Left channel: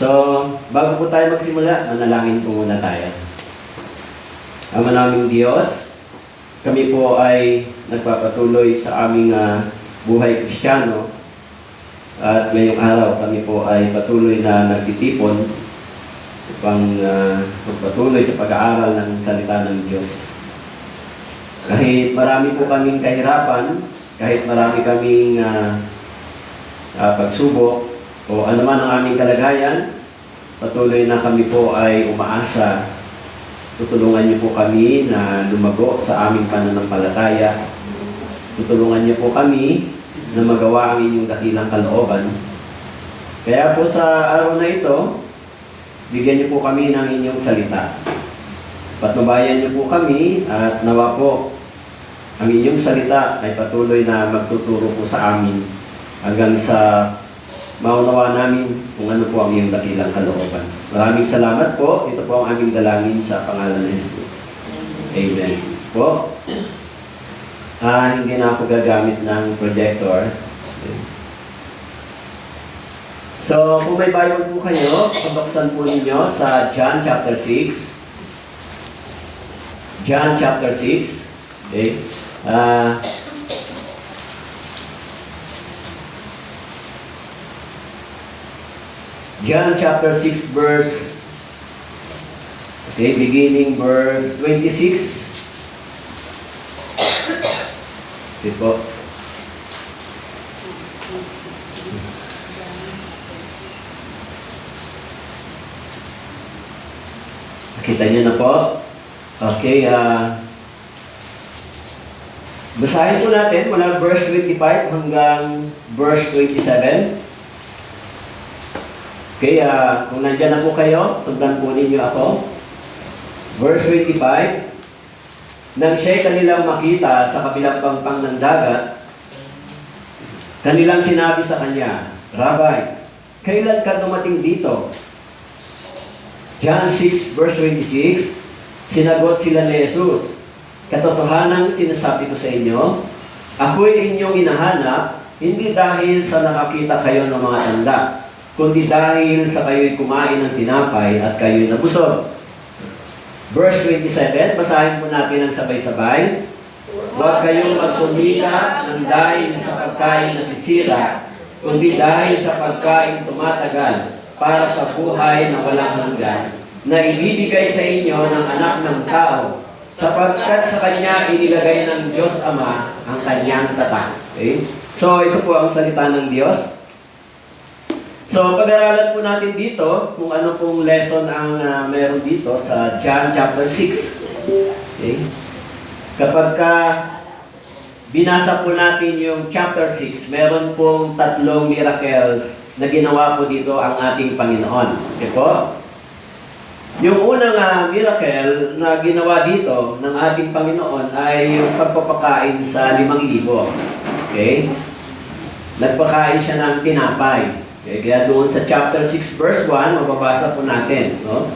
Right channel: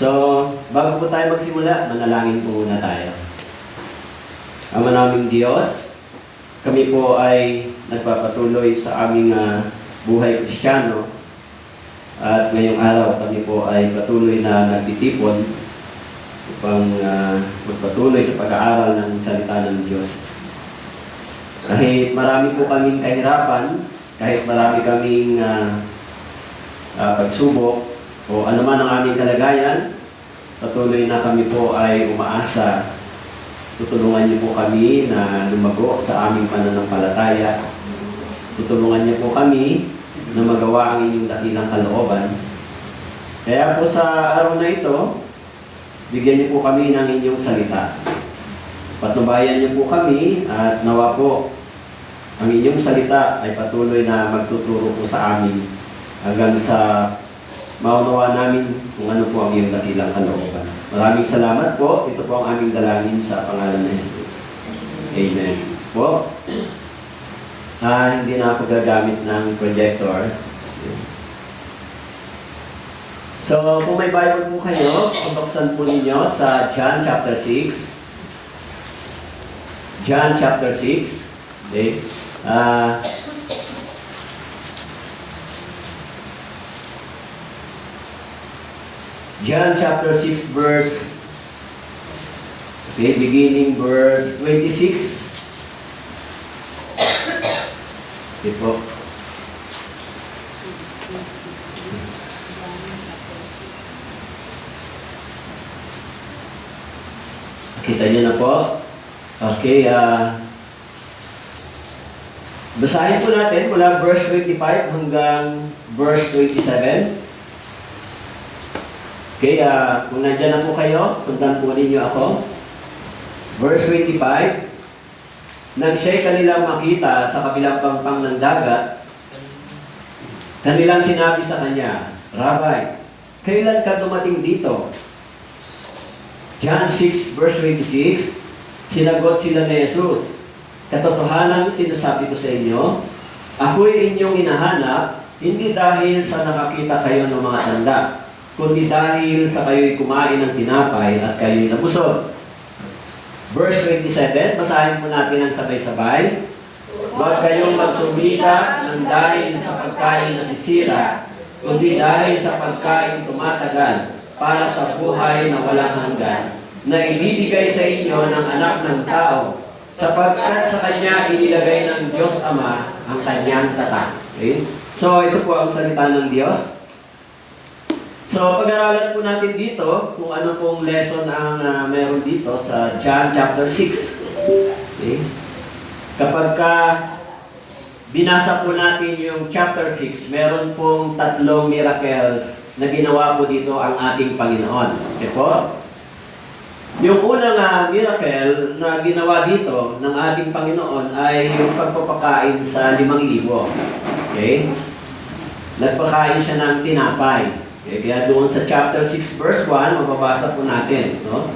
So, bago po tayo magsimula, manalangin po muna tayo. Ama naming Diyos, kami po ay nagpapatuloy sa aming buhay Kristiyano. At ngayong araw kami po ay patuloy na nagtitipon upang magpatuloy sa pag-aaral ng salita ng Diyos. Kahit marami po kaming kahirapan, kahit marami kaming pagsubok, o ano man ang aming kalagayan, patuloy na kami po ay umaasa. Tutulungan niyo po kami na lumago sa aming pananampalataya. Tutulungan niyo po kami na magawa ang inyong dakilang kalooban. Kaya po sa araw na ito, bigyan niyo po kami ng inyong salita. Patnubayan niyo po kami at nawa po ang inyong salita ay patuloy na magtuturo po sa amin hanggang sa maunawa namin kung ano po ang iyong dakilang kalooban. Maraming salamat po. Ito po ang aming dalangin sa pangalan ng Jesus. Amen. Po. Hindi na ako gagamit ng projector. So, kung may Bible po kayo, pabuksan po ninyo sa John chapter 6. John chapter 6. Okay. John chapter 6 verse, beginning verse 26. Okay po. Nakita niyo na po. Okay, basahin po natin mula verse 25 hanggang verse 27. Okay, kung nandyan na po kayo, sundan po ninyo ako. Verse 25, nang siya'y kanilang makita sa kabilang pangpang ng dagat, kanilang sinabi sa kanya, Rabbi, kailan ka dumating dito? John 6 verse 26, sinagot sila ni Jesus, katotohanang sinasabi ko sa inyo, ako'y inyong hinahanap, hindi dahil sa nakakita kayo ng mga tanda, kundi dahil sa kayo'y kumain ng tinapay at kayo'y nabusog. Verse 27, basahin mo natin ang sabay-sabay. Huwag kayong magsumika ng dahil sa pagkain na sisira, kundi dahil sa pagkain tumatagal para sa buhay na walang hanggan, na ibibigay sa inyo ng anak ng tao, sapagkat sa kanya inilagay ng Diyos Ama ang kanyang tatak. Okay? So, ito po ang salita ng Diyos. So, pag-aralan po natin dito kung ano pong lesson ang meron dito sa John chapter 6. Okay? Kapag binasa po natin yung chapter 6, meron pong 3 miracles na ginawa po dito ang ating Panginoon. Okay po? Yung unang miracle na ginawa dito ng ating Panginoon ay yung pagpapakain sa 5,000. Okay? Nagpakain siya ng tinapay. Okay, kaya doon sa chapter 6 verse 1, mababasa po natin, no?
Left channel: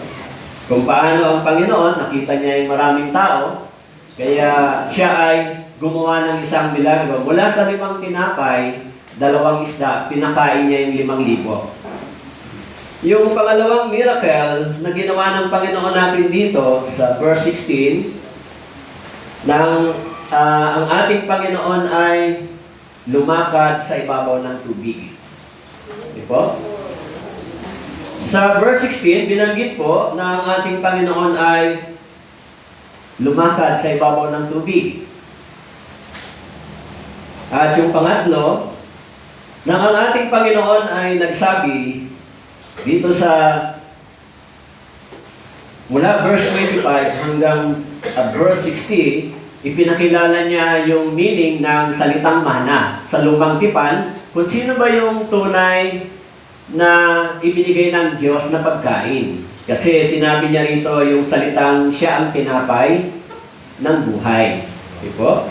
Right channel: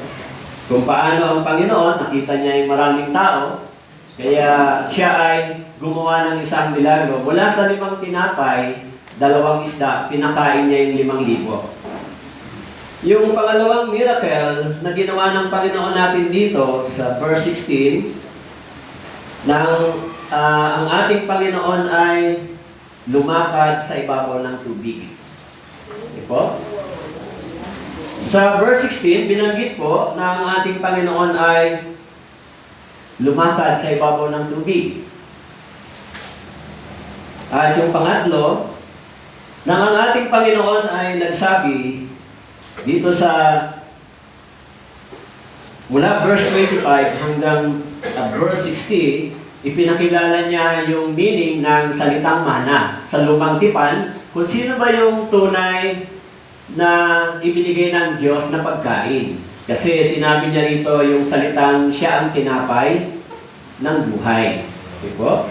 Kung paano ang Panginoon, nakita niya yung maraming tao, kaya siya ay gumawa ng isang milagro. Mula sa 5 tinapay, 2 isda, pinakain niya yung 5,000. Yung pangalawang miracle na ginawa ng Panginoon natin dito sa verse 16, ang ating Panginoon ay lumakad sa ibabaw ng tubig. Okay po? Sa verse 16, binanggit po na ang ating Panginoon ay lumakad sa ibabaw ng tubig. At yung pangatlo, na ang ating Panginoon ay nagsabi dito sa mula verse 25 hanggang verse 60, ipinakilala niya yung meaning ng salitang mana sa lumang tipan, kung sino ba yung tunay na ibinigay ng Diyos na pagkain. Kasi sinabi niya rito yung salitang siya ang tinapay ng buhay. Okay po?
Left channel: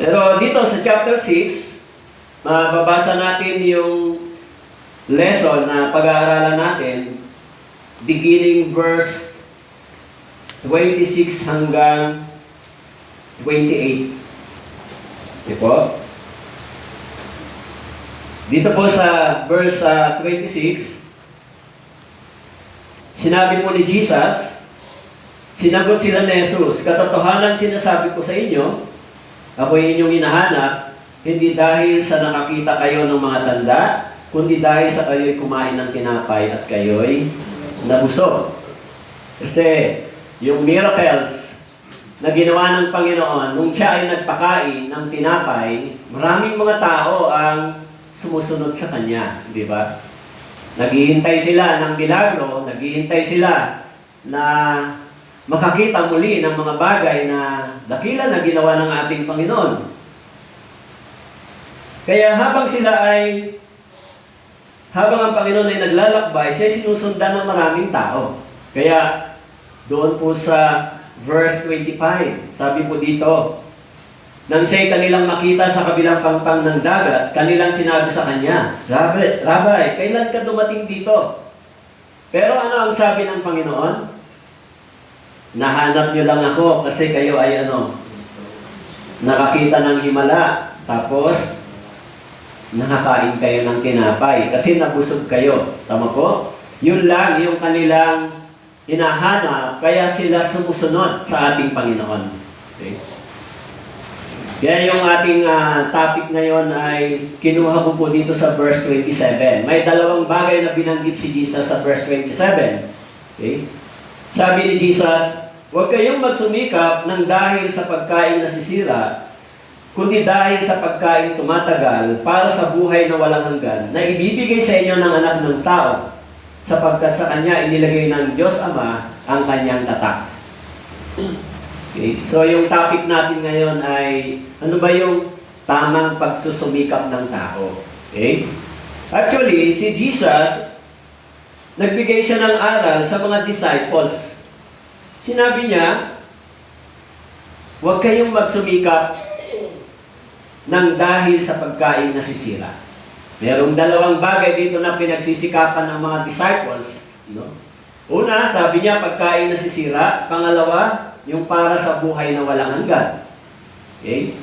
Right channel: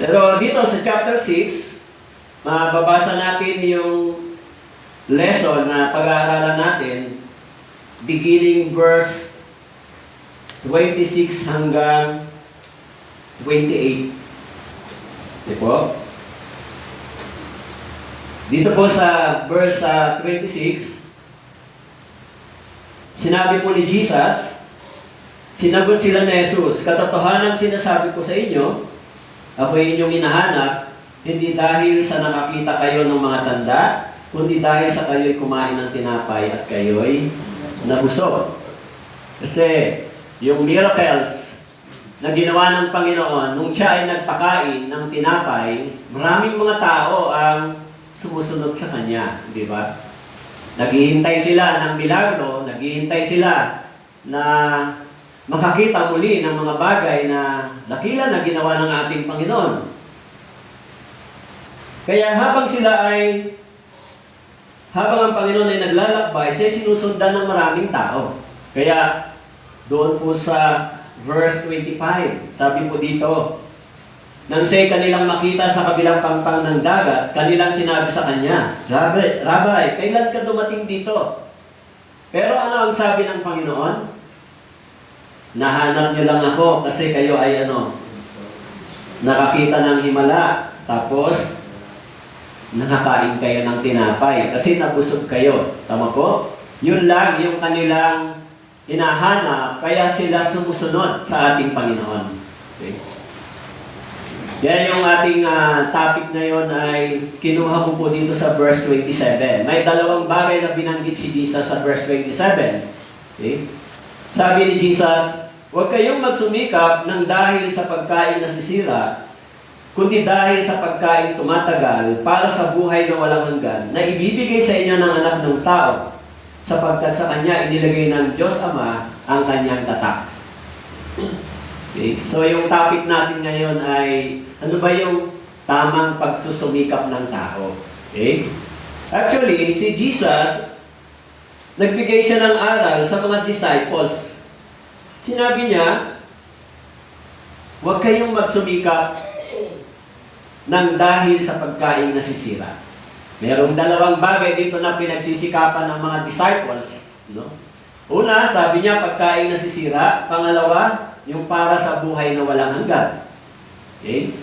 Pero dito sa chapter 6, babasa natin yung lesson na pag-aaralan natin beginning verse 26 hanggang 28. Okay po? Dito po sa verse 26, sinabi po ni Jesus, sinagot sila ni Jesus, katotohanan sinasabi ko sa inyo, ako'y inyong hinahanap, hindi dahil sa nakakita kayo ng mga tanda, kundi dahil sa kayo'y kumain ng tinapay at kayo'y nabusog. Kasi yung miracles na ginawa ng Panginoon, nung siya ay nagpakain ng tinapay, maraming mga tao ang sumusunod sa Kanya, di ba? Naghihintay sila ng milagro, naghihintay sila na makakita muli ng mga bagay na dakila na ginawa ng ating Panginoon. Kaya habang ang Panginoon ay naglalakbay, siya sinusundan ng maraming tao. Kaya doon po sa verse 25, sabi po dito, nang siya'y kanilang makita sa kabilang pampang ng dagat, kanilang sinabi sa kanya, Rabbi, kailan ka dumating dito? Pero ano ang sabi ng Panginoon? Nahanap niyo lang ako kasi kayo ay nakakita ng himala, tapos nakakain kayo ng tinapay kasi nabusog kayo. Tama po? Yun lang yung kanilang hinahanap, kaya sila sumusunod sa ating Panginoon. Okay? Kaya yung ating topic ngayon ay kinuha ko po dito sa verse 27. May dalawang bagay na binanggit si Jesus sa verse 27. Okay? Sabi ni Jesus, huwag kayong magsumikap ng dahil sa pagkain nasisira, kundi dahil sa pagkain tumatagal para sa buhay na walang hanggan, na ibibigay sa inyo ng anak ng tao, sapagkat sa Kanya inilagay ng Diyos Ama ang Kanyang tatak. Okay. So yung topic natin ngayon ay ano ba yung tamang pagsusumikap ng tao? Okay? Actually, si Jesus, nagbigay siya ng aral sa mga disciples. Sinabi niya, huwag kayong magsumikap ng dahil sa pagkain nasisira. Merong dalawang bagay dito na pinagsisikapan ng mga disciples. Una, sabi niya, pagkain nasisira. Pangalawa, yung para sa buhay na walang hanggan. Okay?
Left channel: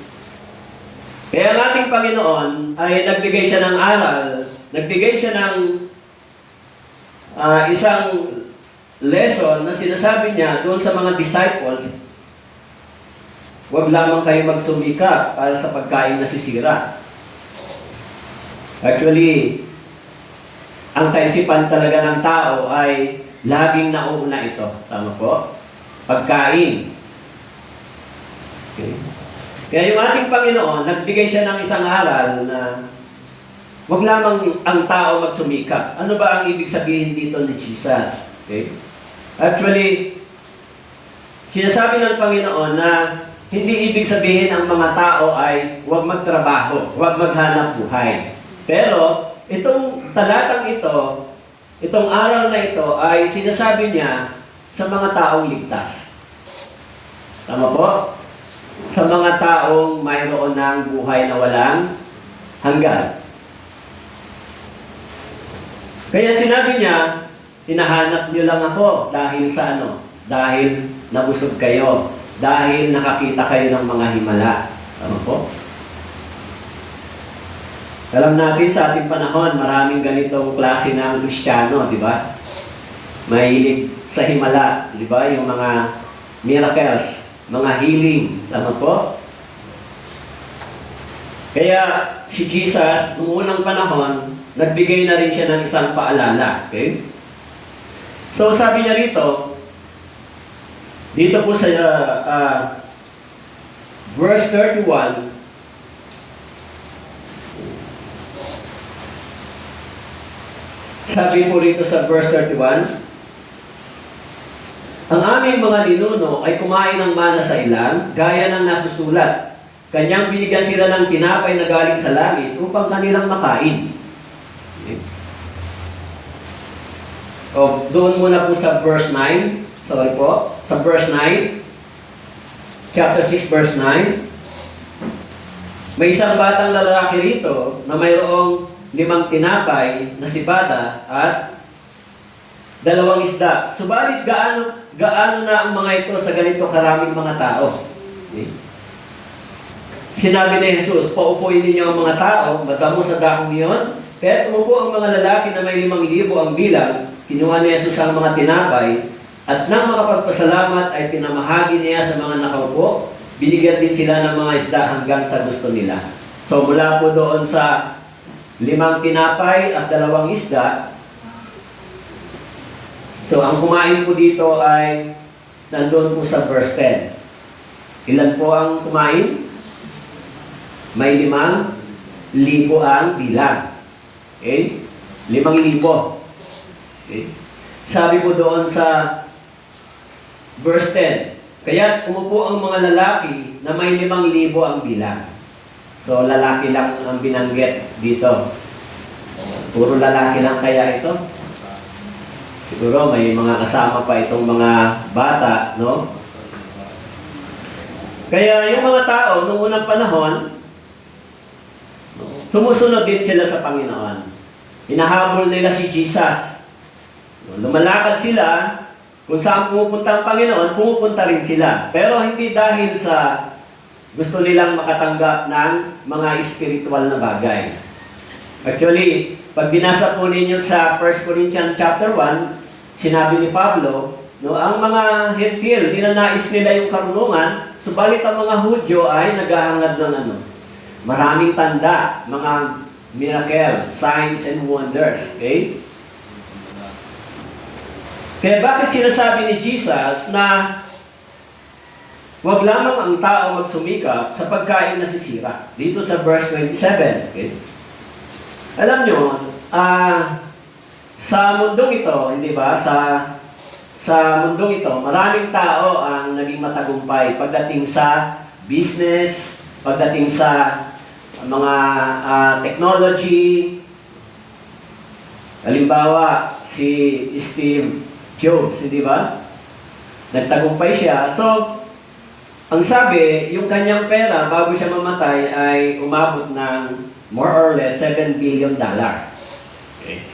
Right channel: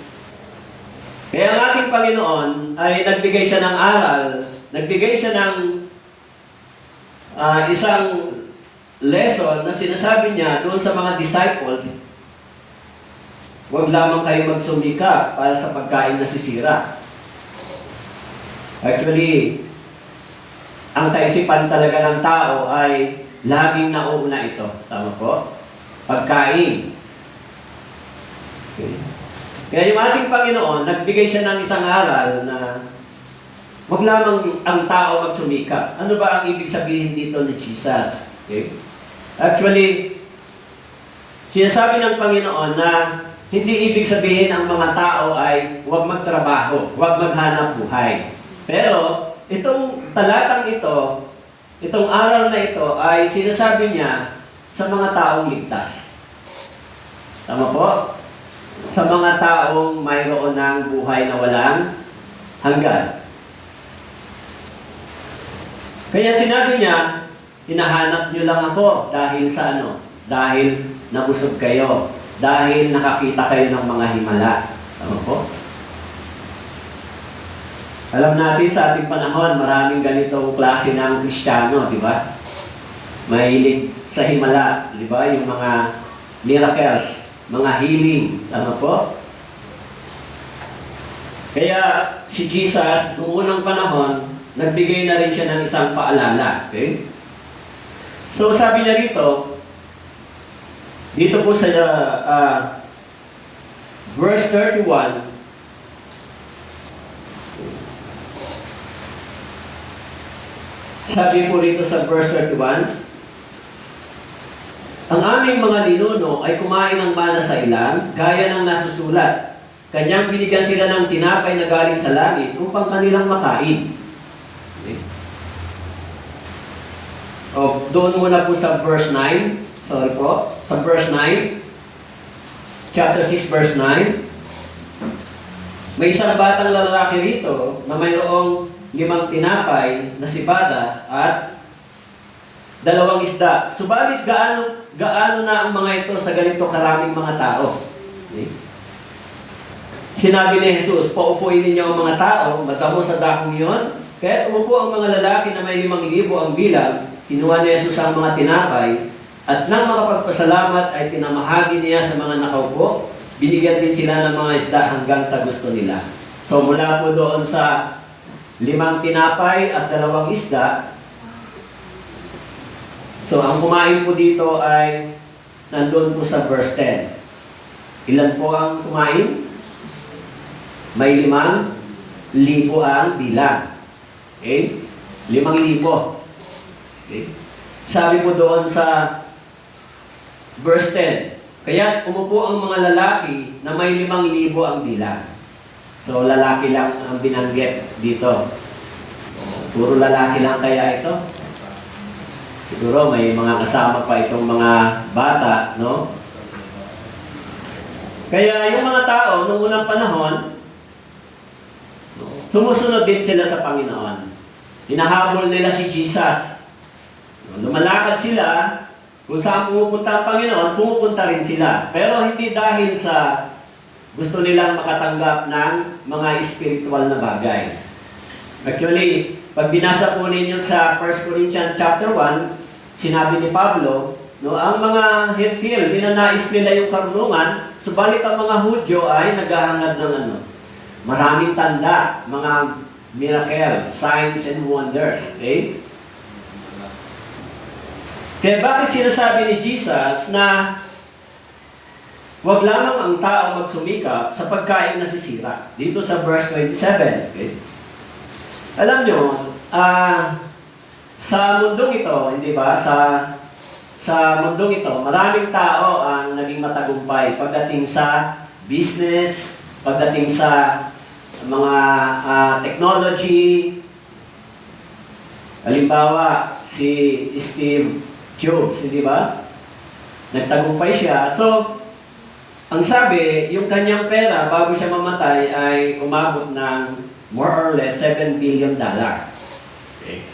Kaya ang ating Panginoon ay nagbigay siya ng aral, nagbigay siya ng isang lesson na sinasabi niya doon sa mga disciples, huwag lamang kayo magsumika para sa pagkain nasisira. Actually, ang kaisipan talaga ng tao ay laging nauuna ito. Tama po? Pagkain. Okay. Kaya yung ating Panginoon, nagbigay siya ng isang aral na huwag lamang ang tao magsumikap. Ano ba ang ibig sabihin dito ni Jesus? Okay. Actually, sinasabi ng Panginoon na hindi ibig sabihin ang mga tao ay huwag magtrabaho, huwag maghanap buhay. Pero, itong talatang ito, itong aral na ito ay sinasabi niya sa mga taong ligtas. Tama po? Sa mga taong mayroon ng buhay na walang hanggan. Kaya sinabi niya, hinahanap niyo lang ako dahil sa Dahil nabusog kayo. Dahil nakakita kayo ng mga himala. Tama po? Alam natin sa ating panahon, maraming ganitong klase ng Kristiyano, di ba? Mahilig sa himala, di ba? Yung mga miracles, mga healing, ano po? Kaya si Jesus, noong unang panahon, nagbigay na rin siya ng isang paalala. Okay? So sabi niya dito po sa verse 31, sabi po rito sa verse 31, ang aming mga ninuno ay kumain ng mana sa ilang, gaya ng nasusulat. Kanyang binigyan sila ng tinapay na galing sa langit upang kanilang makain. Okay. O, doon muna po sa verse 9. Sorry po. Sa verse 9. Chapter 6, verse 9. May isang batang lalaki rito na mayroong 5 tinapay na sibada at 2 isda. Subalit gaano na ang mga ito sa ganito karaming mga tao? Okay. Sinabi ni Jesus, paupuin ninyo ang mga tao, magkamo sa dakong iyon. Kaya umupo ang mga lalaki na may 5,000 ang bilang, kinuha ni Jesus ang mga tinapay, at nang makapagpasalamat ay tinamahagi niya sa mga nakaupo, binigyan din sila ng mga isda hanggang sa gusto nila. So mula po doon sa 5 tinapay at 2 isda, so ang kumain po dito ay nandun po sa verse 10. Ilan po ang kumain? May 5,000 ang bilang. Okay? 5,000. Okay? Sabi po doon sa verse 10, kaya umupo ang mga lalaki na may 5,000 ang bilang. So lalaki lang ang binanggit dito. Puro lalaki lang kaya ito? Siguro may mga kasama pa itong mga bata, no? Kaya yung mga tao noong unang panahon, sumusunod din sila sa Panginoon. Hinahabol nila si Jesus. Lumalakad sila, kung saan pumupunta ang Panginoon, pumupunta rin sila. Pero hindi dahil sa gusto nilang makatanggap ng mga spiritual na bagay. Actually, pag binasa po ninyo sa 1 Corinthians chapter 1, sinabi ni Pablo, no, ang mga Hethil, ninanais nila yung karunungan, subalit ang mga Hudyo ay naghahangad ng maraming tanda, mga miracles, signs and wonders. Okay? Kaya bakit sinasabi ni Jesus na huwag lamang ang tao magsumikap sa pagkain na sisira? Dito sa verse 27. Okay? Alam nyo, sa mundong ito, hindi ba, sa mundong ito, maraming tao ang naging matagumpay pagdating sa business, pagdating sa mga technology. Halimbawa, si Steve Jobs, hindi ba? Nagtagumpay siya. So, ang sabi, yung kanyang pera bago siya mamatay ay umabot ng more or less $7 billion. Okay.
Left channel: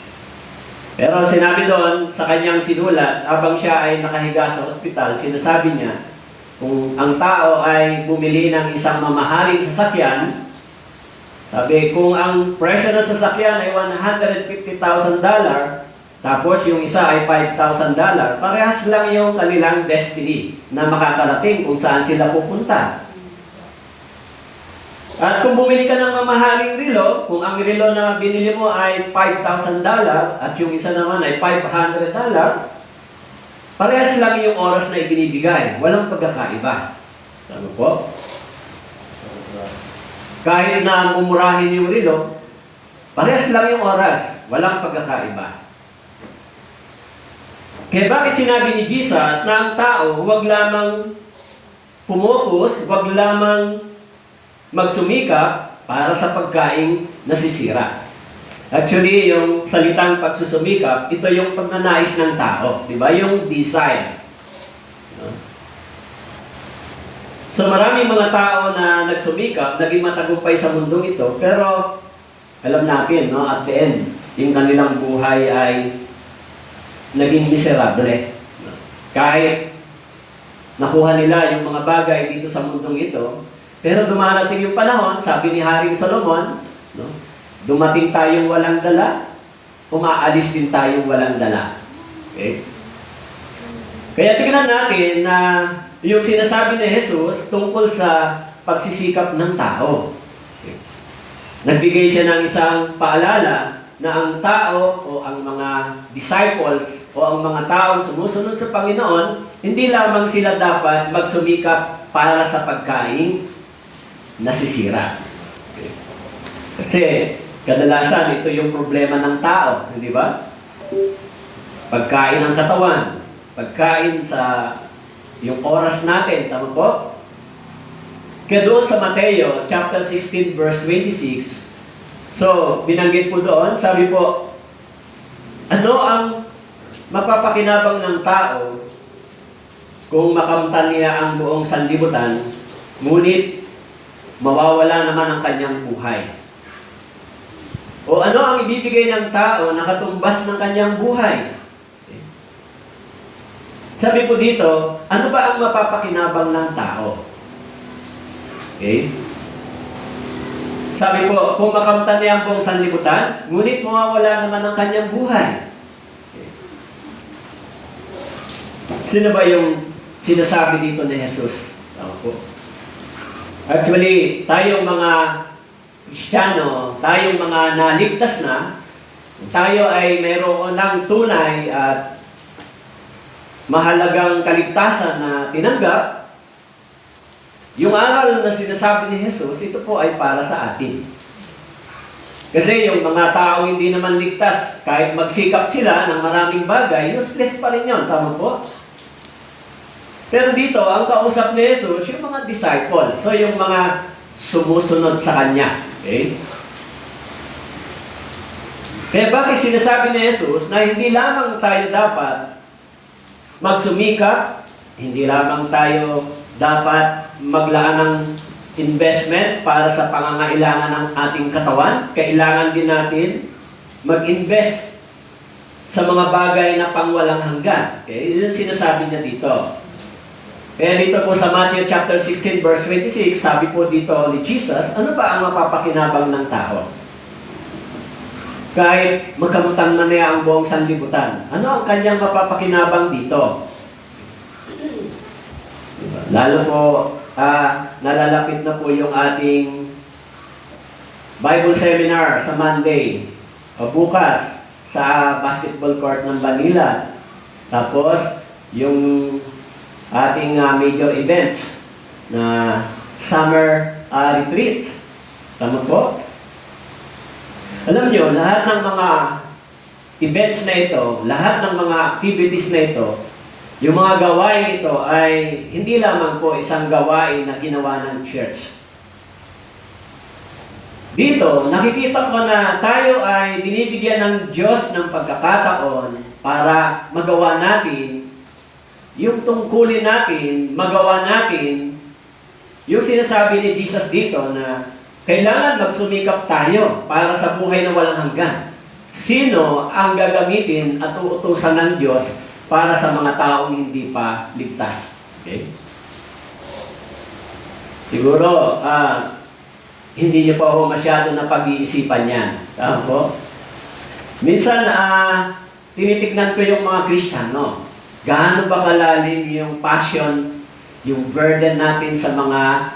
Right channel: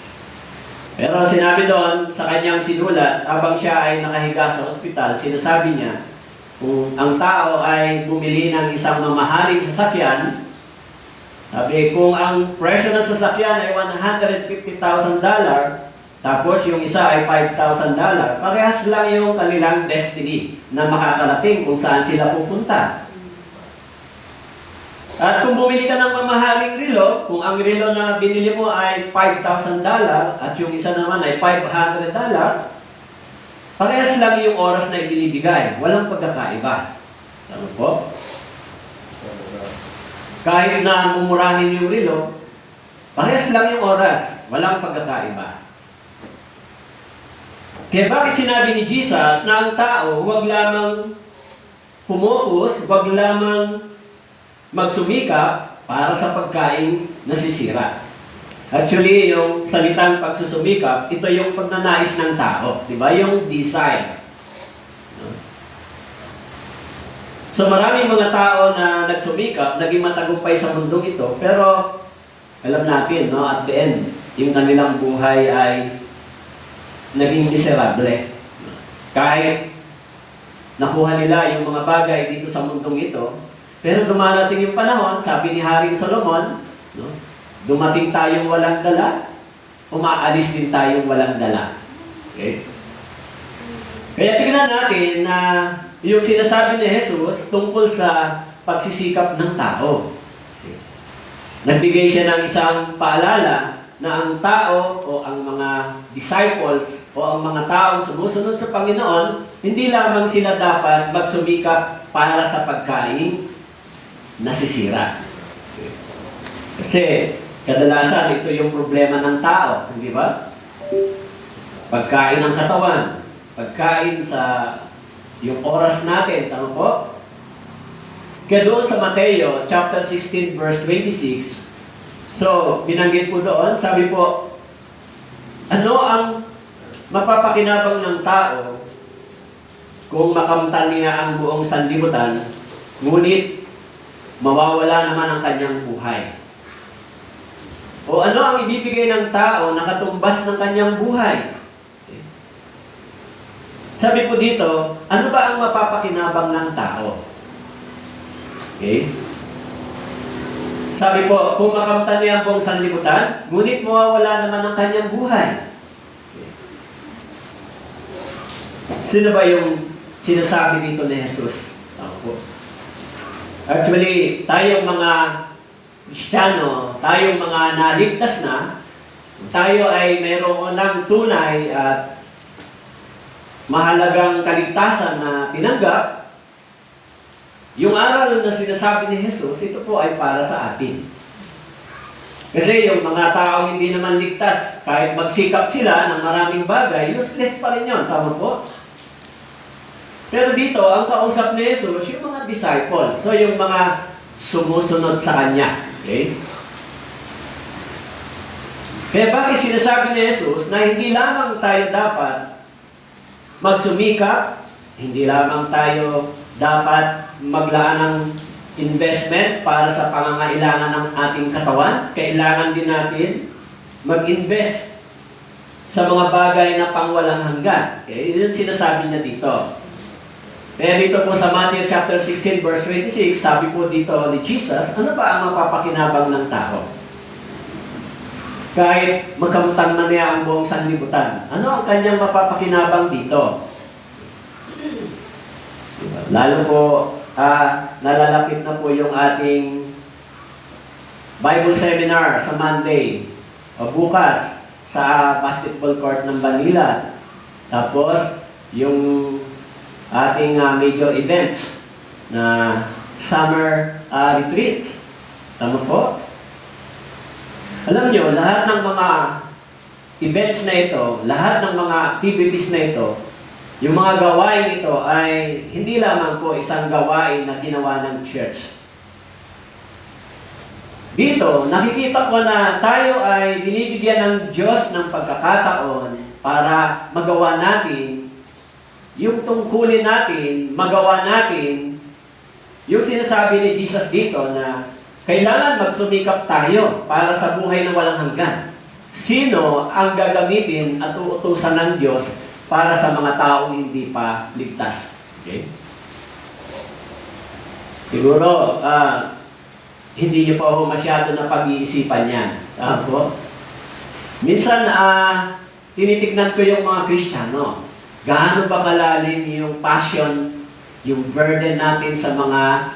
Pero sinabi doon sa kanyang sinulat, habang siya ay nakahiga sa ospital, sinasabi niya, kung ang tao ay bumili ng isang mamahaling sasakyan, sabi, kung ang presyo ng sasakyan ay $150,000, tapos yung isa ay $5,000, parehas lang yung kanilang destiny na makakarating kung saan sila pupunta. At kung bumili ka ng mamahaling relo, kung ang relo na binili mo ay $5,000 at yung isa naman ay $500, parehas lang yung oras na ibinibigay. Walang pagkakaiba. Ano po? Kahit na mumurahin yung relo, parehas lang yung oras. Walang pagkakaiba. Kaya bakit sinabi ni Jesus na ang tao huwag lamang pumokus, huwag lamang magsumikap para sa pagkain nasisira? Actually, yung salitang pagsusumikap, ito yung pagnanais ng tao. Diba? Yung desire. So maraming mga tao na nagsumikap, naging matagumpay sa mundong ito, pero alam natin, no, at the end, yung kanilang buhay ay naging miserable. Kahit nakuha nila yung mga bagay dito sa mundong ito, pero dumarating yung panahon, sabi ni Haring Solomon, no, dumating tayong walang dala, umaalis din tayong walang dala. Okay? Kaya tingnan natin na yung sinasabi ni Jesus tungkol sa pagsisikap ng tao. Okay. Nagbigay siya ng isang paalala na ang tao o ang mga disciples o ang mga taong sumusunod sa Panginoon, hindi lamang sila dapat magsumikap para sa pagkain nasisira. Okay. Kasi kadalasan ito yung problema ng tao, hindi ba? Pagkain ng katawan, pagkain sa yung oras natin, tama po? Kaya doon sa Mateo, chapter 16, verse 26, so, binanggit po doon, sabi po, ano ang mapapakinabang ng tao kung makamtan niya ang buong sanlibutan, ngunit mawawala naman ang kanyang buhay? O ano ang ibibigay ng tao na katumbas ng kanyang buhay? Sabi po dito, ano ba ang mapapakinabang ng tao? Okay? Sabi po, kung makamtan niya ang buong sanlibutan, ngunit mawawala naman ang kanyang buhay. Sino ba yung sinasabi dito ni Jesus? Opo. Actually, tayong mga Kristiyano, tayong mga naligtas na, tayo ay mayroon ng tunay at mahalagang kaligtasan na tinanggap. Yung aral na sinasabi ni Jesus, ito po ay para sa atin. Kasi yung mga tao hindi naman ligtas, kahit magsikap sila ng maraming bagay, useless pa rin yun. Tama po? Pero dito, ang kausap ni Jesus, yung mga disciples. So, yung mga sumusunod sa Kanya. Okay? Kaya bakit sinasabi ni Jesus na hindi lamang tayo dapat magsumikap, hindi lamang tayo dapat maglaan ng investment para sa pangangailangan ng ating katawan, kailangan din natin mag-invest sa mga bagay na pangwalang hanggan. Okay? Yun sinasabi niya dito. Kaya dito po sa Matthew chapter 16 verse 26, sabi po dito ni Jesus, ano ba ang mapapakinabang ng tao? Kahit magkamutan man niya ang buong sanlibutan, ano ang kanyang mapapakinabang dito? Lalo po, nalalapit na po yung ating Bible seminar sa Monday o bukas sa basketball court ng Manila. Tapos, yung ating major event na summer retreat. Tama po? Alam nyo, lahat ng mga events na ito, lahat ng mga activities na ito, yung mga gawain ito ay hindi lamang po isang gawain na ginawa ng church. Dito, nakikita ko na tayo ay binibigyan ng Diyos ng pagkakataon para magawa natin yung tungkulin natin, magawa natin yung sinasabi ni Jesus dito na kailangan magsumikap tayo para sa buhay na walang hanggan. Sino ang gagamitin at uutusan ng Diyos para sa mga taong hindi pa ligtas? Okay? Siguro, hindi niyo pa ako masyado na pag-iisipan yan. Tama. Minsan, tinitignan ko yung mga Kristiyano. Gaano ba kalalim yung passion, yung burden natin sa mga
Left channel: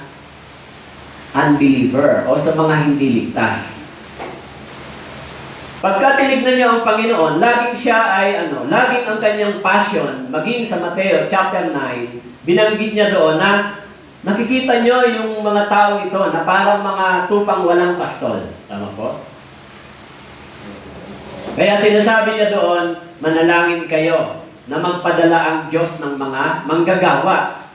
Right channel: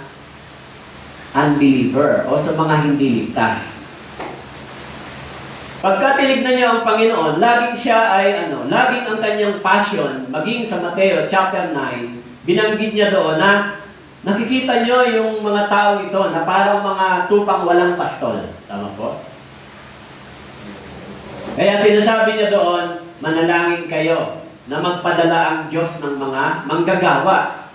unbeliever o sa mga hindi ligtas. Pagka tinignan niyo ang Panginoon, laging siya ay laging ang kanyang passion, maging sa Mateo chapter 9, binanggit niya doon na nakikita niyo yung mga tao ito na parang mga tupang walang pastol. Tama po? Kaya sinasabi niya doon, manalangin kayo na magpadala ang Diyos ng mga manggagawa.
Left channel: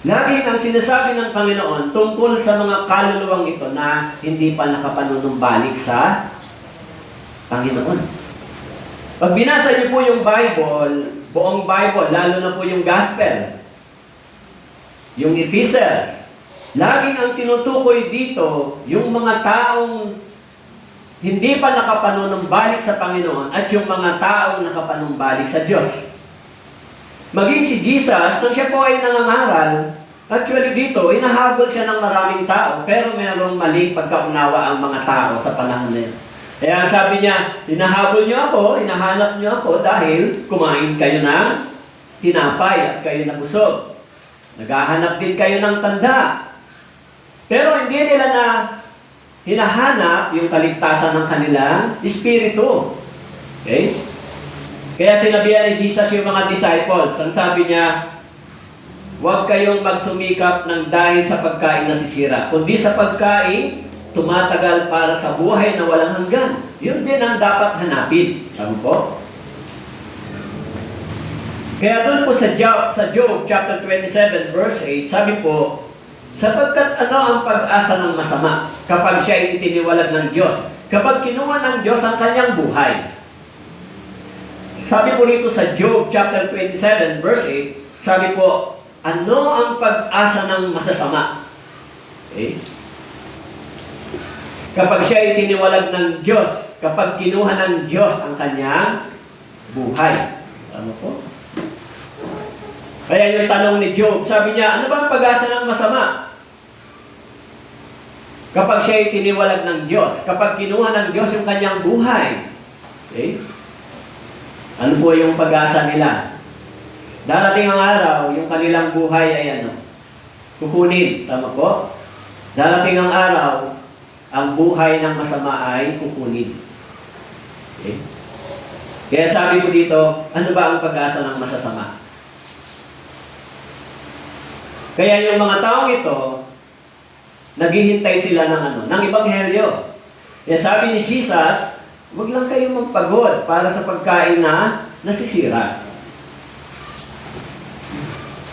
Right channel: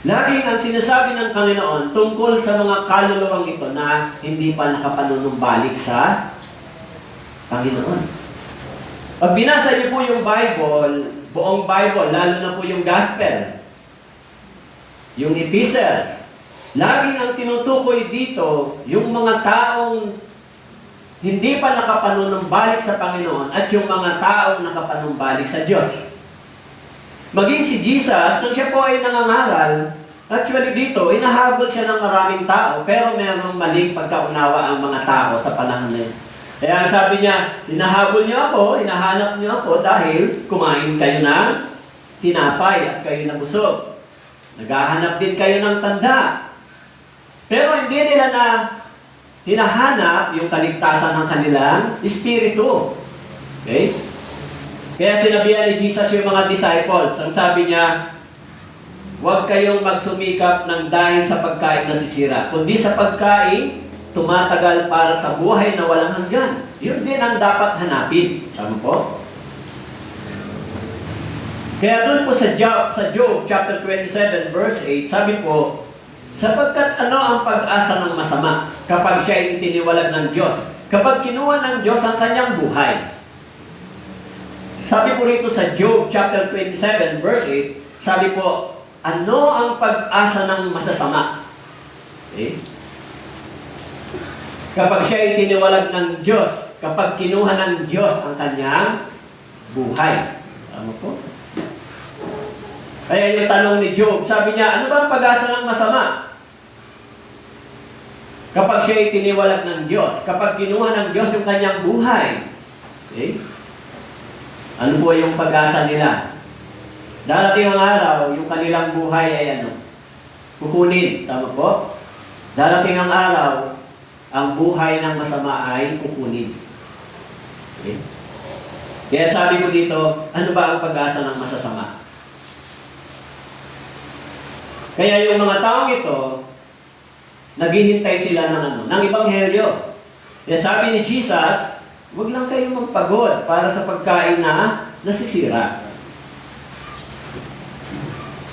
Laging ang sinasabi ng Panginoon tungkol sa mga kaluluwang ito na hindi pa nakapanunumbalik sa Panginoon. Pag binasa niyo po yung Bible, buong Bible, lalo na po yung Gospel, yung Epistles, laging ang tinutukoy dito, yung mga taong hindi pa nakapanunumbalik sa Panginoon at yung mga taong nakapanumbalik sa Diyos. Maging si Jesus, kung siya po ay nangangaral, actually dito, inahabol siya ng maraming tao, pero merong maling pagkaunawa ang mga tao sa panahon na yun. Kaya sabi niya, hinahabol niyo ako, hinahanap niyo ako dahil kumain kayo ng tinapay at kayo nabusog. Naghahanap din kayo ng tanda. Pero hindi nila na hinahanap yung kaligtasan ng kanilang espiritu. Okay? Kaya sinabihan ni Jesus yung mga disciples, ang sabi niya, huwag kayong magsumikap ng dahil sa pagkain na sisira, kundi sa pagkain tumatagal para sa buhay na walang hanggan. Yun din ang dapat hanapin. Tama po? Kaya doon po sa Job chapter 27 verse 8, sabi po, sapagkat ano ang pag-asa ng masama kapag siya ay itiniwalag ng Diyos, kapag kinuha ng Diyos ang kanyang buhay. Sabi po rito sa Job chapter 27 verse 8, sabi po, ano ang pag-asa ng masasama? Okay? Kapag siya ay itiniwalag ng Diyos, kapag kinuha ng Diyos ang kanyang buhay. Tama po? Kaya yung tanong ni Job, sabi niya, ano ba ang pag-asa ng masama? Kapag siya ay tiniwalag ng Diyos, kapag kinuha ng Diyos yung kanyang buhay, okay? Ano po yung pag-asa nila? Darating ang araw, yung kanilang buhay ay kukunin. Tama po? Darating ang araw, ang buhay ng masama ay kukunin. Okay? Kaya sabi ko dito, ano ba ang pag-asa ng masasama? Kaya yung mga taong ito, naghihintay sila ng ebanghelyo. Kaya sabi ni Jesus, huwag lang kayong magpagod para sa pagkain na nasisira.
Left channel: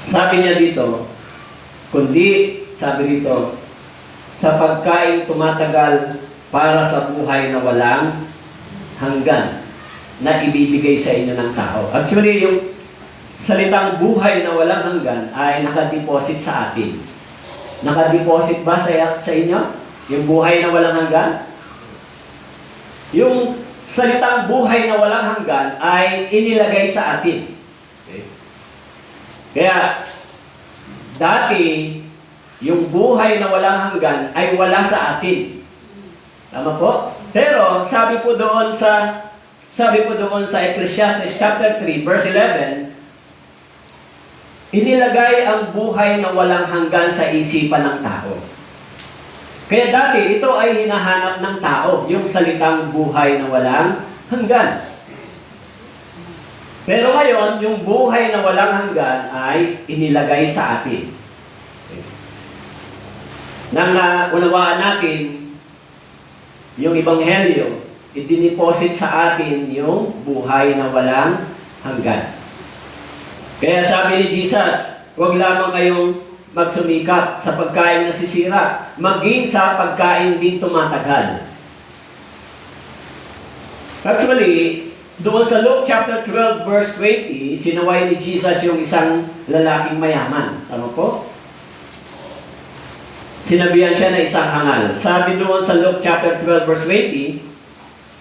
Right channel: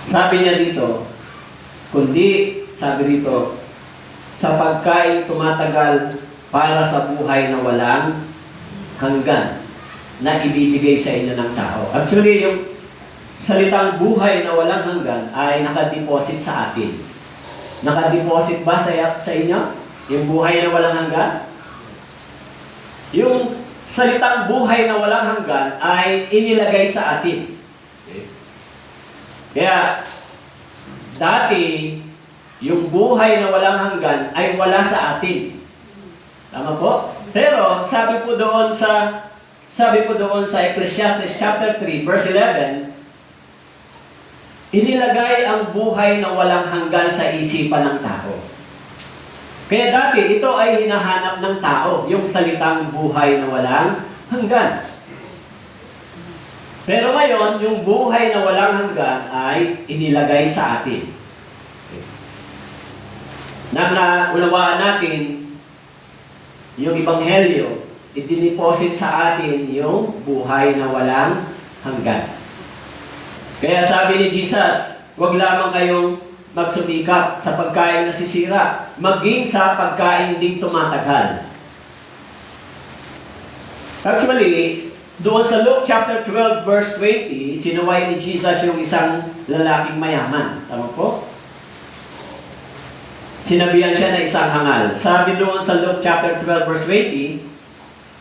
Sabi niya dito, kundi, sabi dito, sa pagkain tumatagal para sa buhay na walang hanggan na ibibigay sa inyo ng tao. Actually, yung salitang buhay na walang hanggan ay nakadeposit sa atin. Nakadeposit ba sa inyo? Yung buhay na walang hanggan? Yung salitang buhay na walang hanggan ay inilagay sa atin. Okay. Kaya, dati, yung buhay na walang hanggan ay wala sa atin. Tama po? Pero, sabi po doon sa Ecclesiastes chapter 3, verse 11, inilagay ang buhay na walang hanggan sa isipan ng tao. Kaya dati, ito ay hinahanap ng tao, yung salitang buhay na walang hanggan. Pero ngayon, yung buhay na walang hanggan ay inilagay sa atin. Nang naunawaan natin yung ebanghelyo, idiniposit sa atin yung buhay na walang hanggan. Kaya sabi ni Jesus, huwag lamang kayong magsumikap sa pagkain na sisira, maging sa pagkain din tumatagal. Actually, doon sa Luke chapter 12 verse 20, sinuway ni Jesus yung isang lalaking mayaman. Tama po? Sinabihan siya na isang hangal. Sabi doon sa Luke chapter 12 verse 20,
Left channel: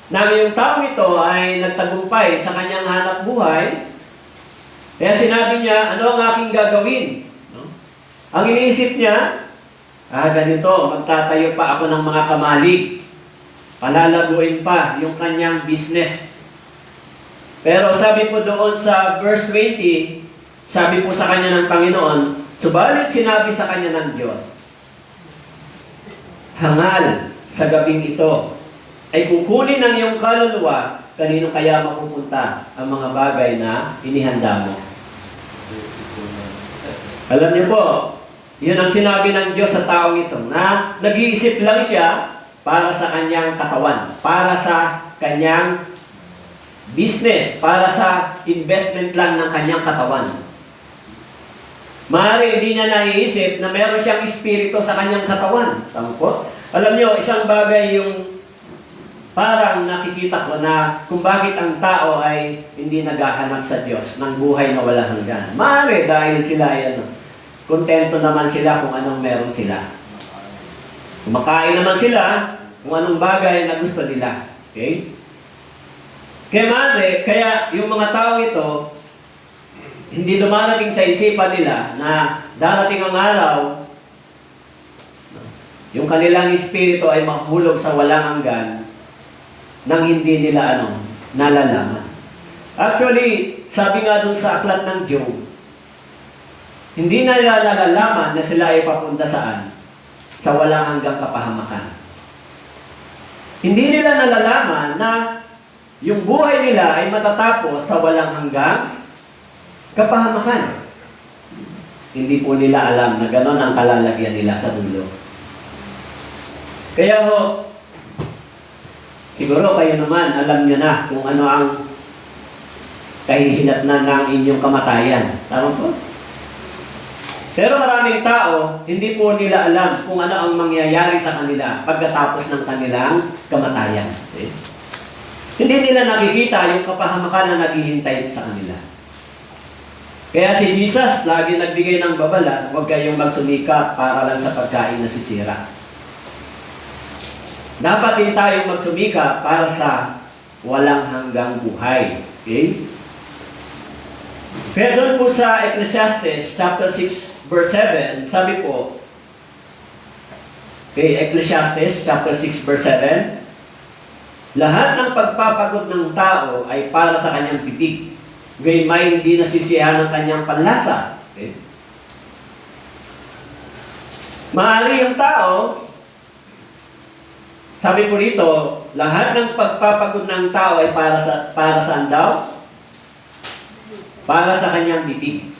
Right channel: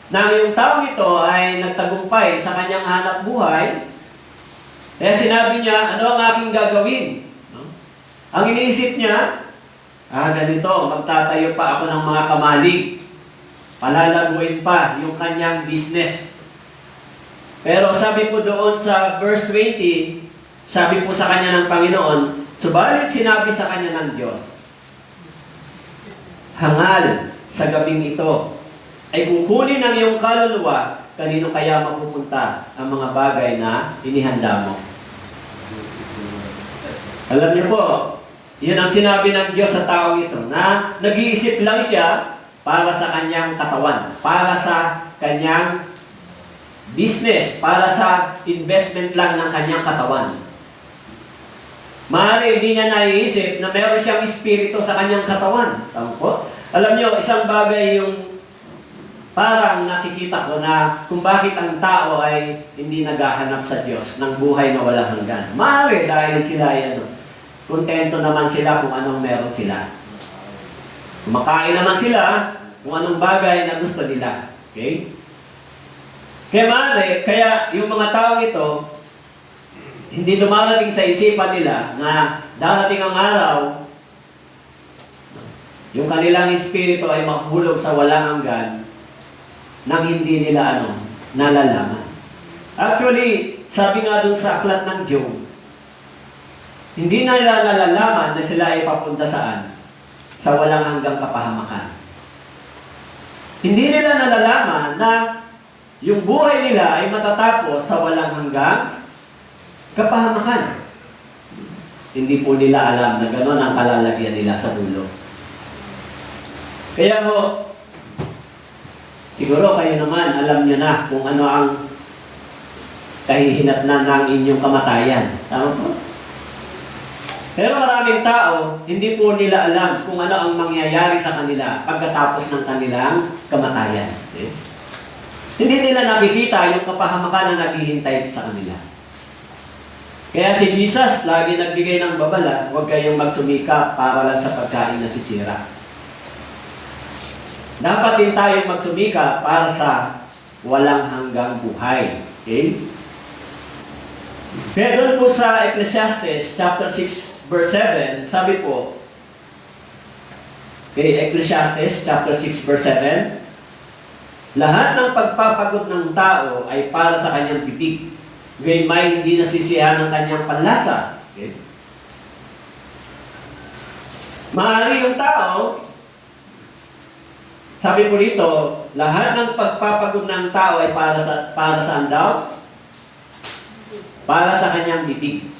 na yung taong ito ay nagtagumpay sa kanyang hanap buhay. Kaya sinabi niya, ano ang aking gagawin? No? Ang iniisip niya, ganito, magtatayo pa ako ng mga kamalig. Palalaguin pa yung kanyang business. Pero sabi po doon sa verse 20, sabi po sa kanya ng Panginoon, subalit sinabi sa kanya ng Diyos, hangal sa gabing ito, ay kukunin ng iyong kaluluwa, kanino kaya mapupunta ang mga bagay na inihanda mo? Alam niyo po, yun ang sinabi ng Diyos sa taong ito, na nag-iisip lang siya para sa kanyang katawan, para sa kanyang business, para sa investment lang ng kanyang katawan. Maaari hindi niya naiisip na meron siyang espiritu sa kanyang katawan. Tama po? Alam niyo, isang bagay yung parang nakikita ko na kung bakit ang tao ay hindi naghahanap sa Diyos ng buhay na wala hanggan. Maaari dahil sila ay kontento naman sila kung anong meron sila. Kumakain naman sila kung anong bagay na gusto nila. Okay? Kaya yung mga tao ito, hindi dumarating sa isipan nila na darating ang araw, yung kanilang espiritu ay mahulog sa walang hanggan nang hindi nila nalalaman. Actually, sabi nga dun sa aklat ng Job, hindi na nila nalalaman na sila ay papunta saan? Sa walang hanggang kapahamakan. Hindi nila nalalaman na yung buhay nila ay matatapos sa walang hanggang kapahamakan. Hindi po nila alam na gano'n ang kalalagyan nila sa dulo. Kaya ho, siguro kayo naman alam nyo na kung ano ang kahihinatnan ng inyong kamatayan. Tama po? Pero maraming tao, hindi po nila alam kung ano ang mangyayari sa kanila pagkatapos ng kanilang kamatayan. Okay? Hindi nila nakikita yung kapahamakan na naghihintay sa kanila. Kaya si Jesus lagi nagbigay ng babala, huwag kayong magsumikap para lang sa pagkain na sisira. Dapat din tayong magsumikap para sa walang hanggang buhay. Okay? Pero doon po sa Ecclesiastes chapter 6 verse 7, sabi po, Okay, Ecclesiastes chapter 6 verse 7. Lahat ng pagpapagod ng tao ay para sa kanyang bibig. Gayun may hindi nasisiyahan ng kanyang panlasa. Okay? Maaari yung tao, sabi po rito, lahat ng pagpapagod ng tao ay para saan daw? Para sa kanyang bibig.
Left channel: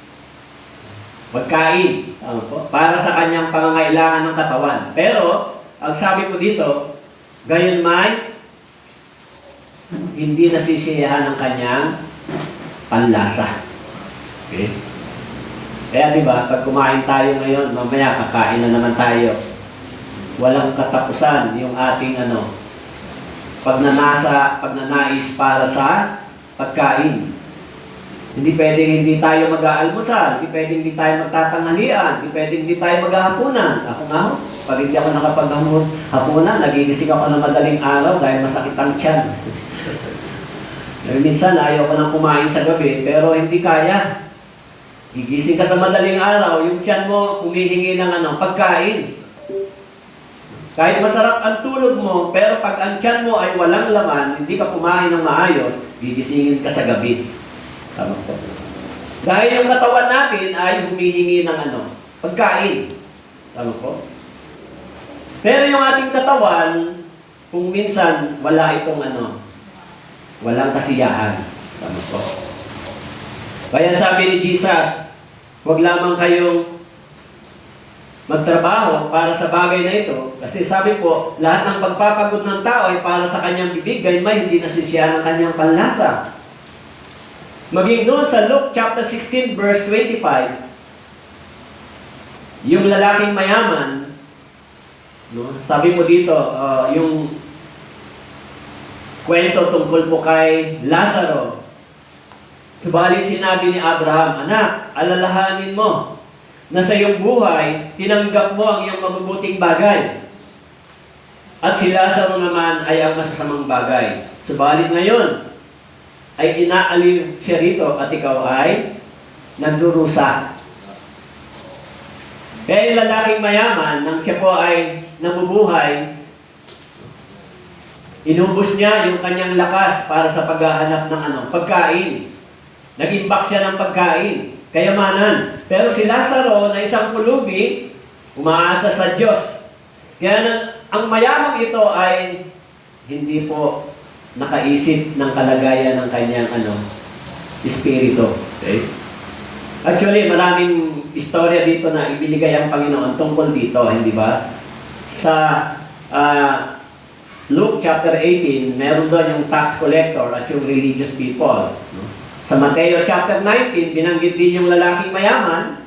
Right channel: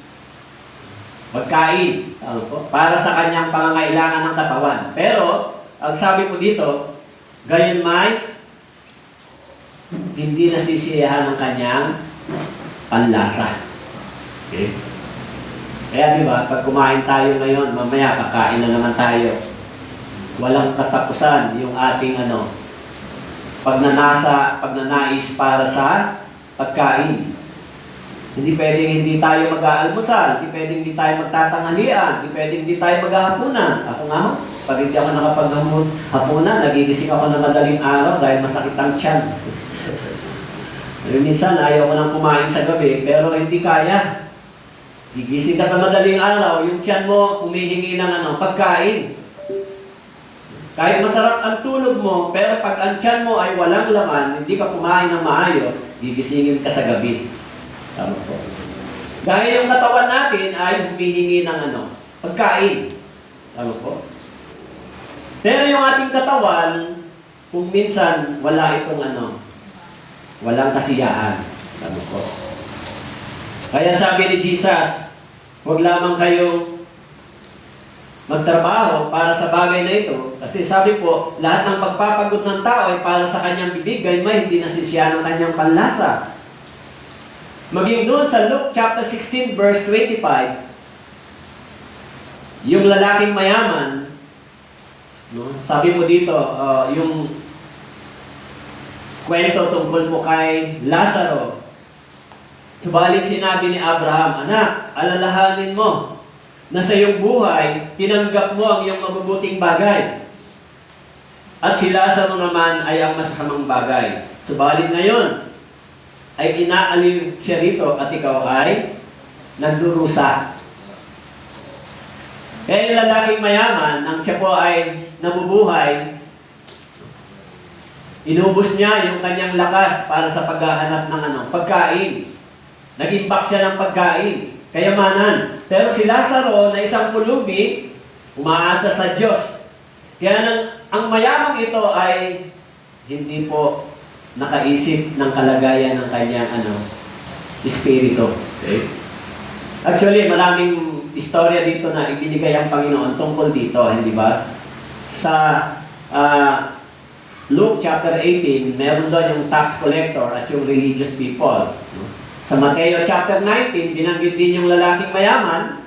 Pagkain. Para sa kanyang pangangailangan ng katawan. Pero, ang sabi po dito, gayon may hindi nasisiyahan ng kanyang panlasa. Okay? Kaya diba, pag kumain tayo ngayon, mamaya kakain na naman tayo. Walang katapusan yung ating pagnanais para sa pagkain. Hindi pwedeng hindi tayo mag-aalmusal, hindi pwedeng hindi tayo magtatanghalian, hindi pwedeng hindi tayo maghahapunan. Ako nga, pag hindi ako nakapaghapunan, nagigising ako ng madaling araw dahil masakit ang tiyan. Minsan, ayaw ko nang kumain sa gabi, pero hindi kaya. Gigising ka sa madaling araw, yung tiyan mo humihingi ng pagkain. Kahit masarap ang tulog mo, pero pag ang tiyan mo ay walang laman, hindi ka kumain ng maayos, gigisingin ka sa gabi. Tama po. Dahil yung katawan natin ay humihingi ng pagkain. Tama po. Pero yung ating katawan, kung minsan wala itong walang kasiyahan. Tama po. Kaya sabi ni Jesus, huwag lamang kayong magtrabaho para sa bagay na ito. Kasi sabi po, lahat ng pagpapagod ng tao ay para sa kanyang bibig, gayon may hindi nasisiyahan ng kanyang panlasa. Maging doon sa Luke chapter 16 verse 25, yung lalaking mayaman, sabi po dito, yung kwento tungkol po kay Lazaro. Subalit sinabi ni Abraham, anak, alalahanin mo na sa iyong buhay, tinanggap mo ang iyong mabubuting bagay. At si Lazaro naman ay ang masasamang bagay. Subalit ngayon, ay inaaliw siya rito at ikaw ay nagdurusa. Kaya yung lalaking mayaman, nang siya po ay nabubuhay, inubos niya yung kanyang lakas para sa paghahanap ng pagkain. Nag-imbak siya ng pagkain, kayamanan. Pero si Lazaro na isang pulubi, umaasa sa Diyos. Kaya ang mayamang ito ay hindi po nakaisip ng kalagayan ng kanyang espiritu. Okay? Actually, maraming istorya dito na ibinigay ang Panginoon tungkol dito, hindi ba? Sa Luke chapter 18, meron doon yung tax collector at yung religious people. Sa Mateo chapter 19, binanggit din yung lalaking mayaman.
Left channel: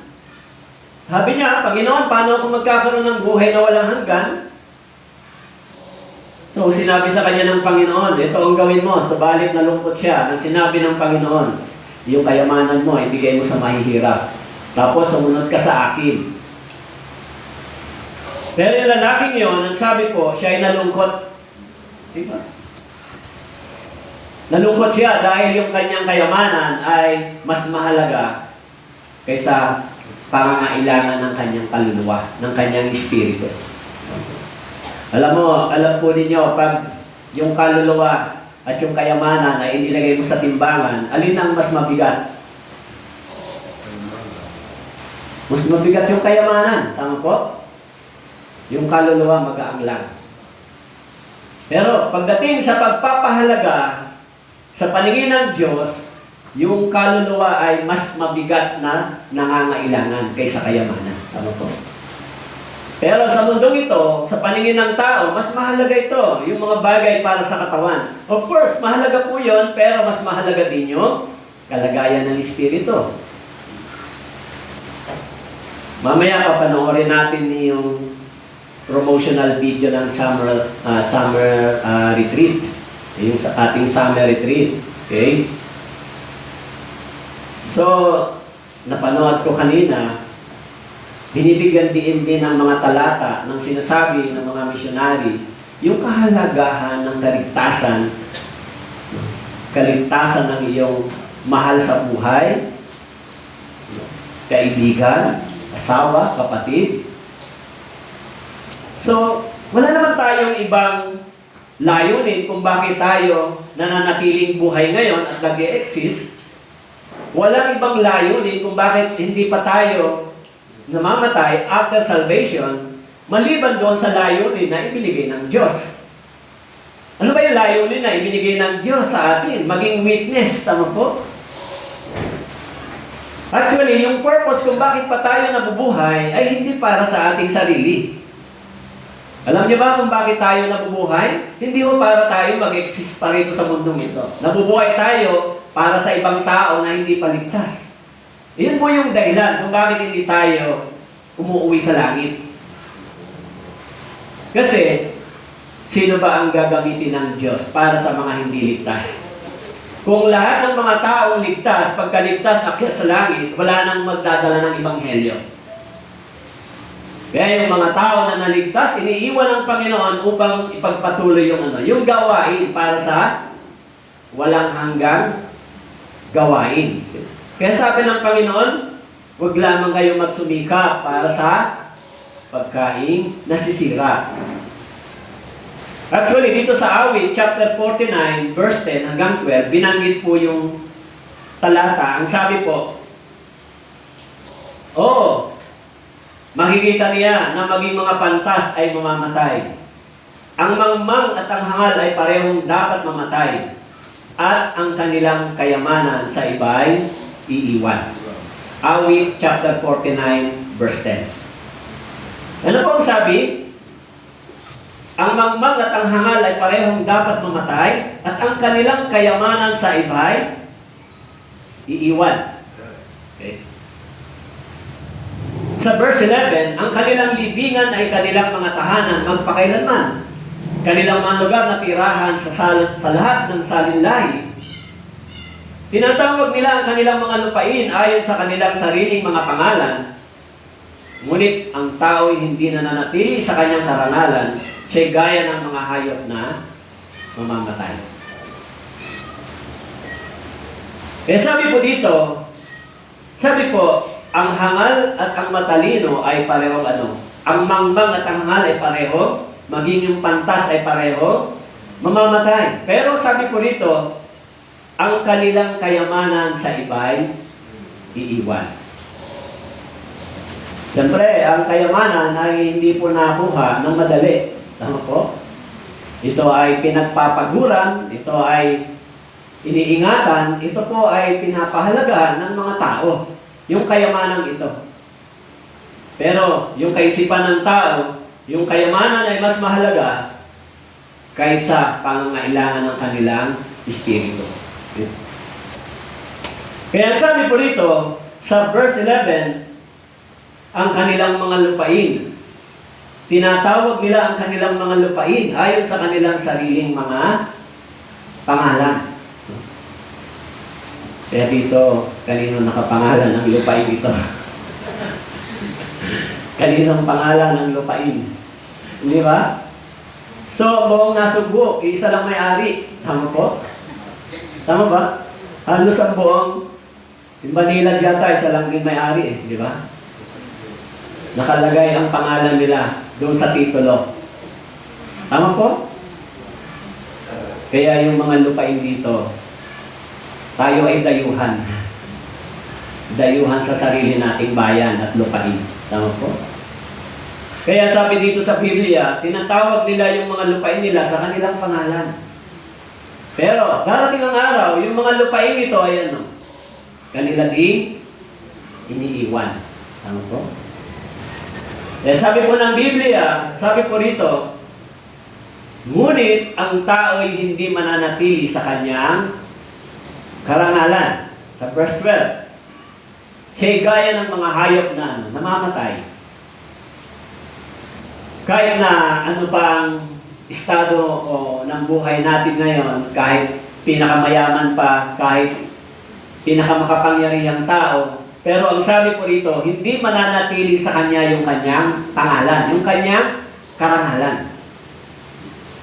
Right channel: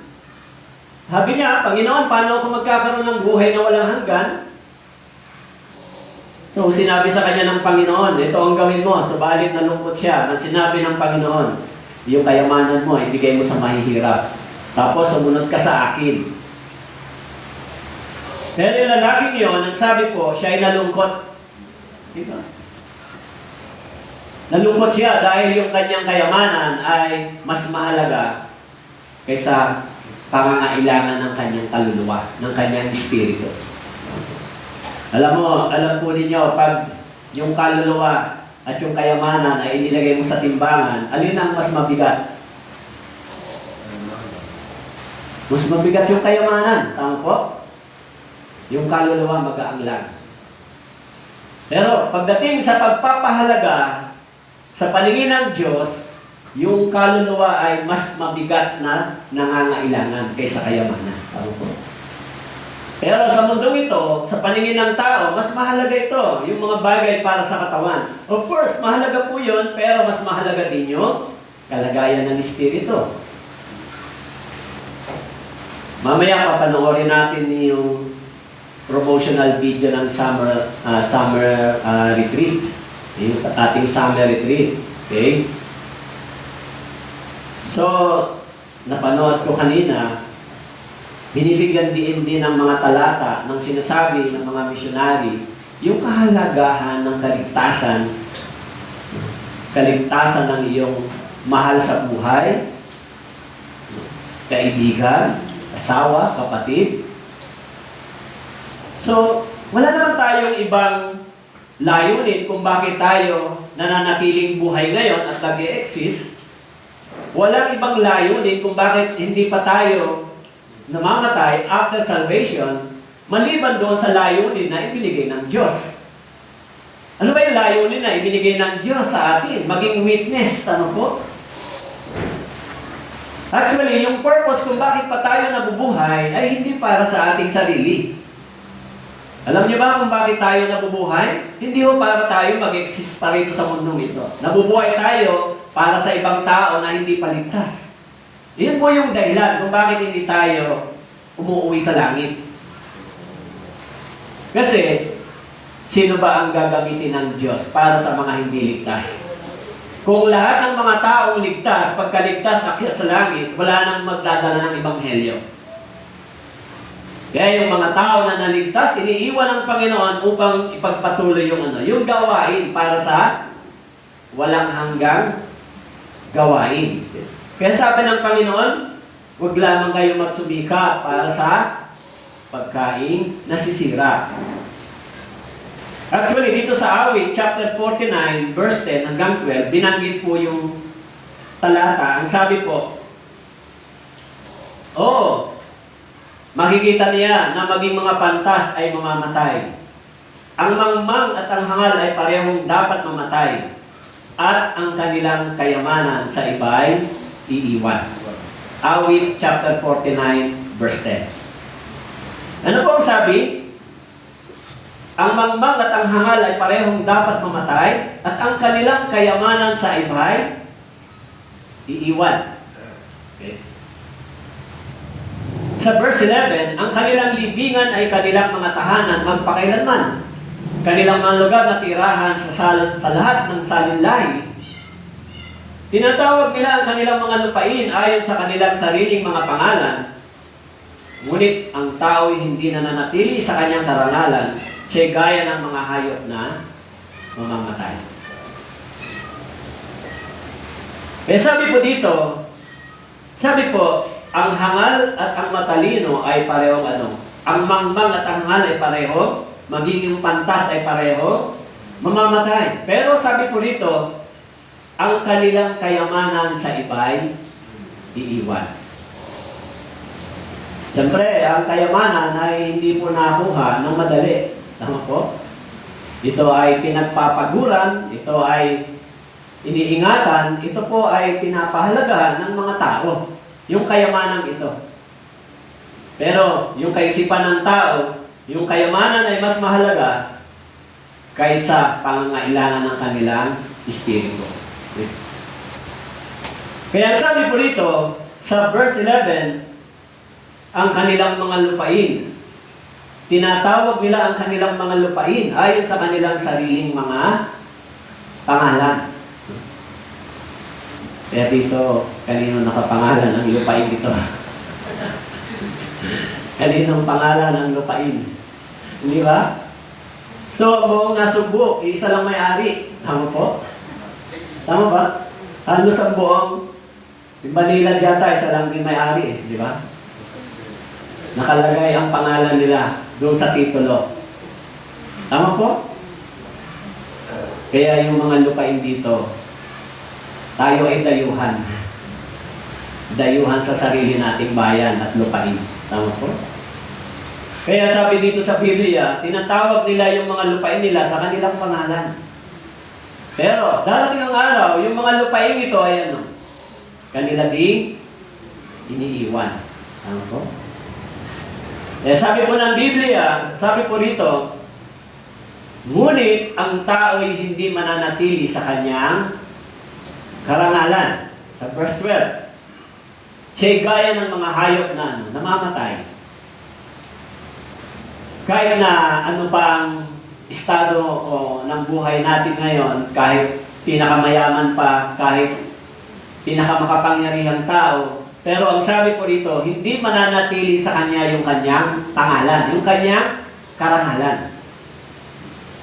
Sabi niya, Panginoon, paano ako magkakaroon ng buhay na walang hanggan? So, sinabi sa kanya ng Panginoon, ito ang gawin mo. Subalit nalungkot siya. Nang sinabi ng Panginoon, yung kayamanan mo, ibigay mo sa mahihirap. Tapos, sumunod ka sa akin. Pero yung lalaking yun, ang sabi po, siya ay nalungkot. Diba? Nalungkot siya dahil yung kanyang kayamanan ay mas mahalaga kaysa pangangailangan ng kanyang kaluluwa, ng kanyang espiritu. Alam po ninyo, pag yung kaluluwa at yung kayamanan ay inilagay mo sa timbangan, alin ang mas mabigat? Mas mabigat yung kayamanan. Tama po? Yung kaluluwa magaang lang. Pero pagdating sa pagpapahalaga sa paningin ng Diyos, yung kaluluwa ay mas mabigat na nangangailangan kaysa kayamanan. Tama po? Pero sa mundong ito, sa paningin ng tao, mas mahalaga ito, yung mga bagay para sa katawan. Of course, mahalaga po yun, pero mas mahalaga din yung kalagayan ng espiritu. Mamaya papanoorin natin yung promotional video ng summer retreat. Yung ating summer retreat. Okay? So, napanood ko kanina, binibigyan din ng mga talata ng sinasabi ng mga misyonary yung kahalagahan ng kaligtasan ng iyong mahal sa buhay, kaibigan, asawa, kapatid. So, wala naman tayong ibang layunin kung bakit tayo nananatiling buhay ngayon at nag-e-exist. Walang ibang layunin kung bakit hindi pa tayo namamatay after salvation, maliban doon sa layunin na ibinigay ng Diyos. Ano ba yung layunin na ibinigay ng Diyos sa atin? Maging witness, tama po? Actually, yung purpose kung bakit pa tayo nabubuhay ay hindi para sa ating sarili. Alam niyo ba kung bakit tayo nabubuhay? Hindi ho para tayo mag-exist pa rito sa mundong ito. Nabubuhay tayo para sa ibang tao na hindi paligtas. Iyon po yung dahilan kung bakit hindi tayo umuwi sa langit. Kasi, sino ba ang gagamitin ng Diyos para sa mga hindi ligtas? Kung lahat ng mga taong ligtas, pagkaligtas, akyat sa langit, wala nang magdadala ng ebanghelyo. Kaya yung mga tao na naligtas, iniiwan ng Panginoon upang ipagpatuloy yung gawain para sa walang hanggang gawain. Kaya sabi ng Panginoon, huwag lamang kayong magsumikap para sa pagkain nasisira. Actually, dito sa Awit, chapter 49, verse 10 hanggang 12, binanggit po yung talata. Ang sabi po, makikita niya na maging mga pantas ay mamamatay. Ang mangmang at ang hangal ay parehong dapat mamatay. At ang kanilang kayamanan sa iba ay iiwan. Awit, chapter 49, verse 10. Ano po ang sabi? Ang mangmang at ang hangal ay parehong dapat mamatay, at ang kanilang kayamanan sa iba ay iiwan. Okay. Sa verse 11, ang kanilang libingan ay kanilang mga tahanan magpakailanman. Kanilang mga lugar na tirahan sa lahat ng salinlahi. Tinatawag nila ang kanilang mga lupain ayon sa kanilang sariling mga pangalan. Ngunit ang tao ay hindi nananatili sa kanyang karangalan. Siya'y gaya ng mga hayop na mamamatay. Kaya sabi po dito, ang hangal at ang matalino ay pareho Ang mangmang at ang hangal ay pareho, maging yung pantas ay pareho, mamamatay. Pero sabi po rito, ang kanilang kayamanan sa iba ay iiwan. Siyempre, ang kayamanan ay hindi po nakuha ng madali. Tama po? Ito ay pinagpapaguran, ito ay iniingatan, ito po ay pinapahalagahan ng mga tao. Yung kayamanan ito. Pero yung kaisipan ng tao, yung kayamanan ay mas mahalaga kaysa pangangailangan ng kanilang espiritu. Okay. Kaya sabi po rito, sa verse 11, ang kanilang mga lupain, tinatawag nila ang kanilang mga lupain ayon sa kanilang sariling mga pangalan. Kaya dito, kanino nakapangalan ang lupain ito? Kaninong pangalan ng lupain? Hindi ba? So, buong nasugbo, isa lang may-ari. Tama po? Tama ba? Halos ang buong, yung Manila yata, isa lang din may-ari di ba? Nakalagay ang pangalan nila doon sa titulo. Tama po? Kaya yung mga lupain dito, tayo ay dayuhan. Dayuhan sa sarili nating bayan at lupain. Tama po? Kaya sabi dito sa Biblia, tinatawag nila yung mga lupain nila sa kanilang pangalan. Pero, darating ang araw, yung mga lupain ito ay kanila ding iniiwan. Tama po? Sabi po ng Biblia, sabi po rito, ngunit ang tao ay hindi mananatili sa kanyang karangalan. Sa verse 12, siya'y gaya ng mga hayop na namamatay. Kahit na ano pang estado o ng buhay natin ngayon, kahit pinakamayaman pa, kahit pinakamakapangyarihang tao, pero ang sabi po rito, hindi mananatili sa kanya yung kanyang pangalan, yung kanyang karangalan.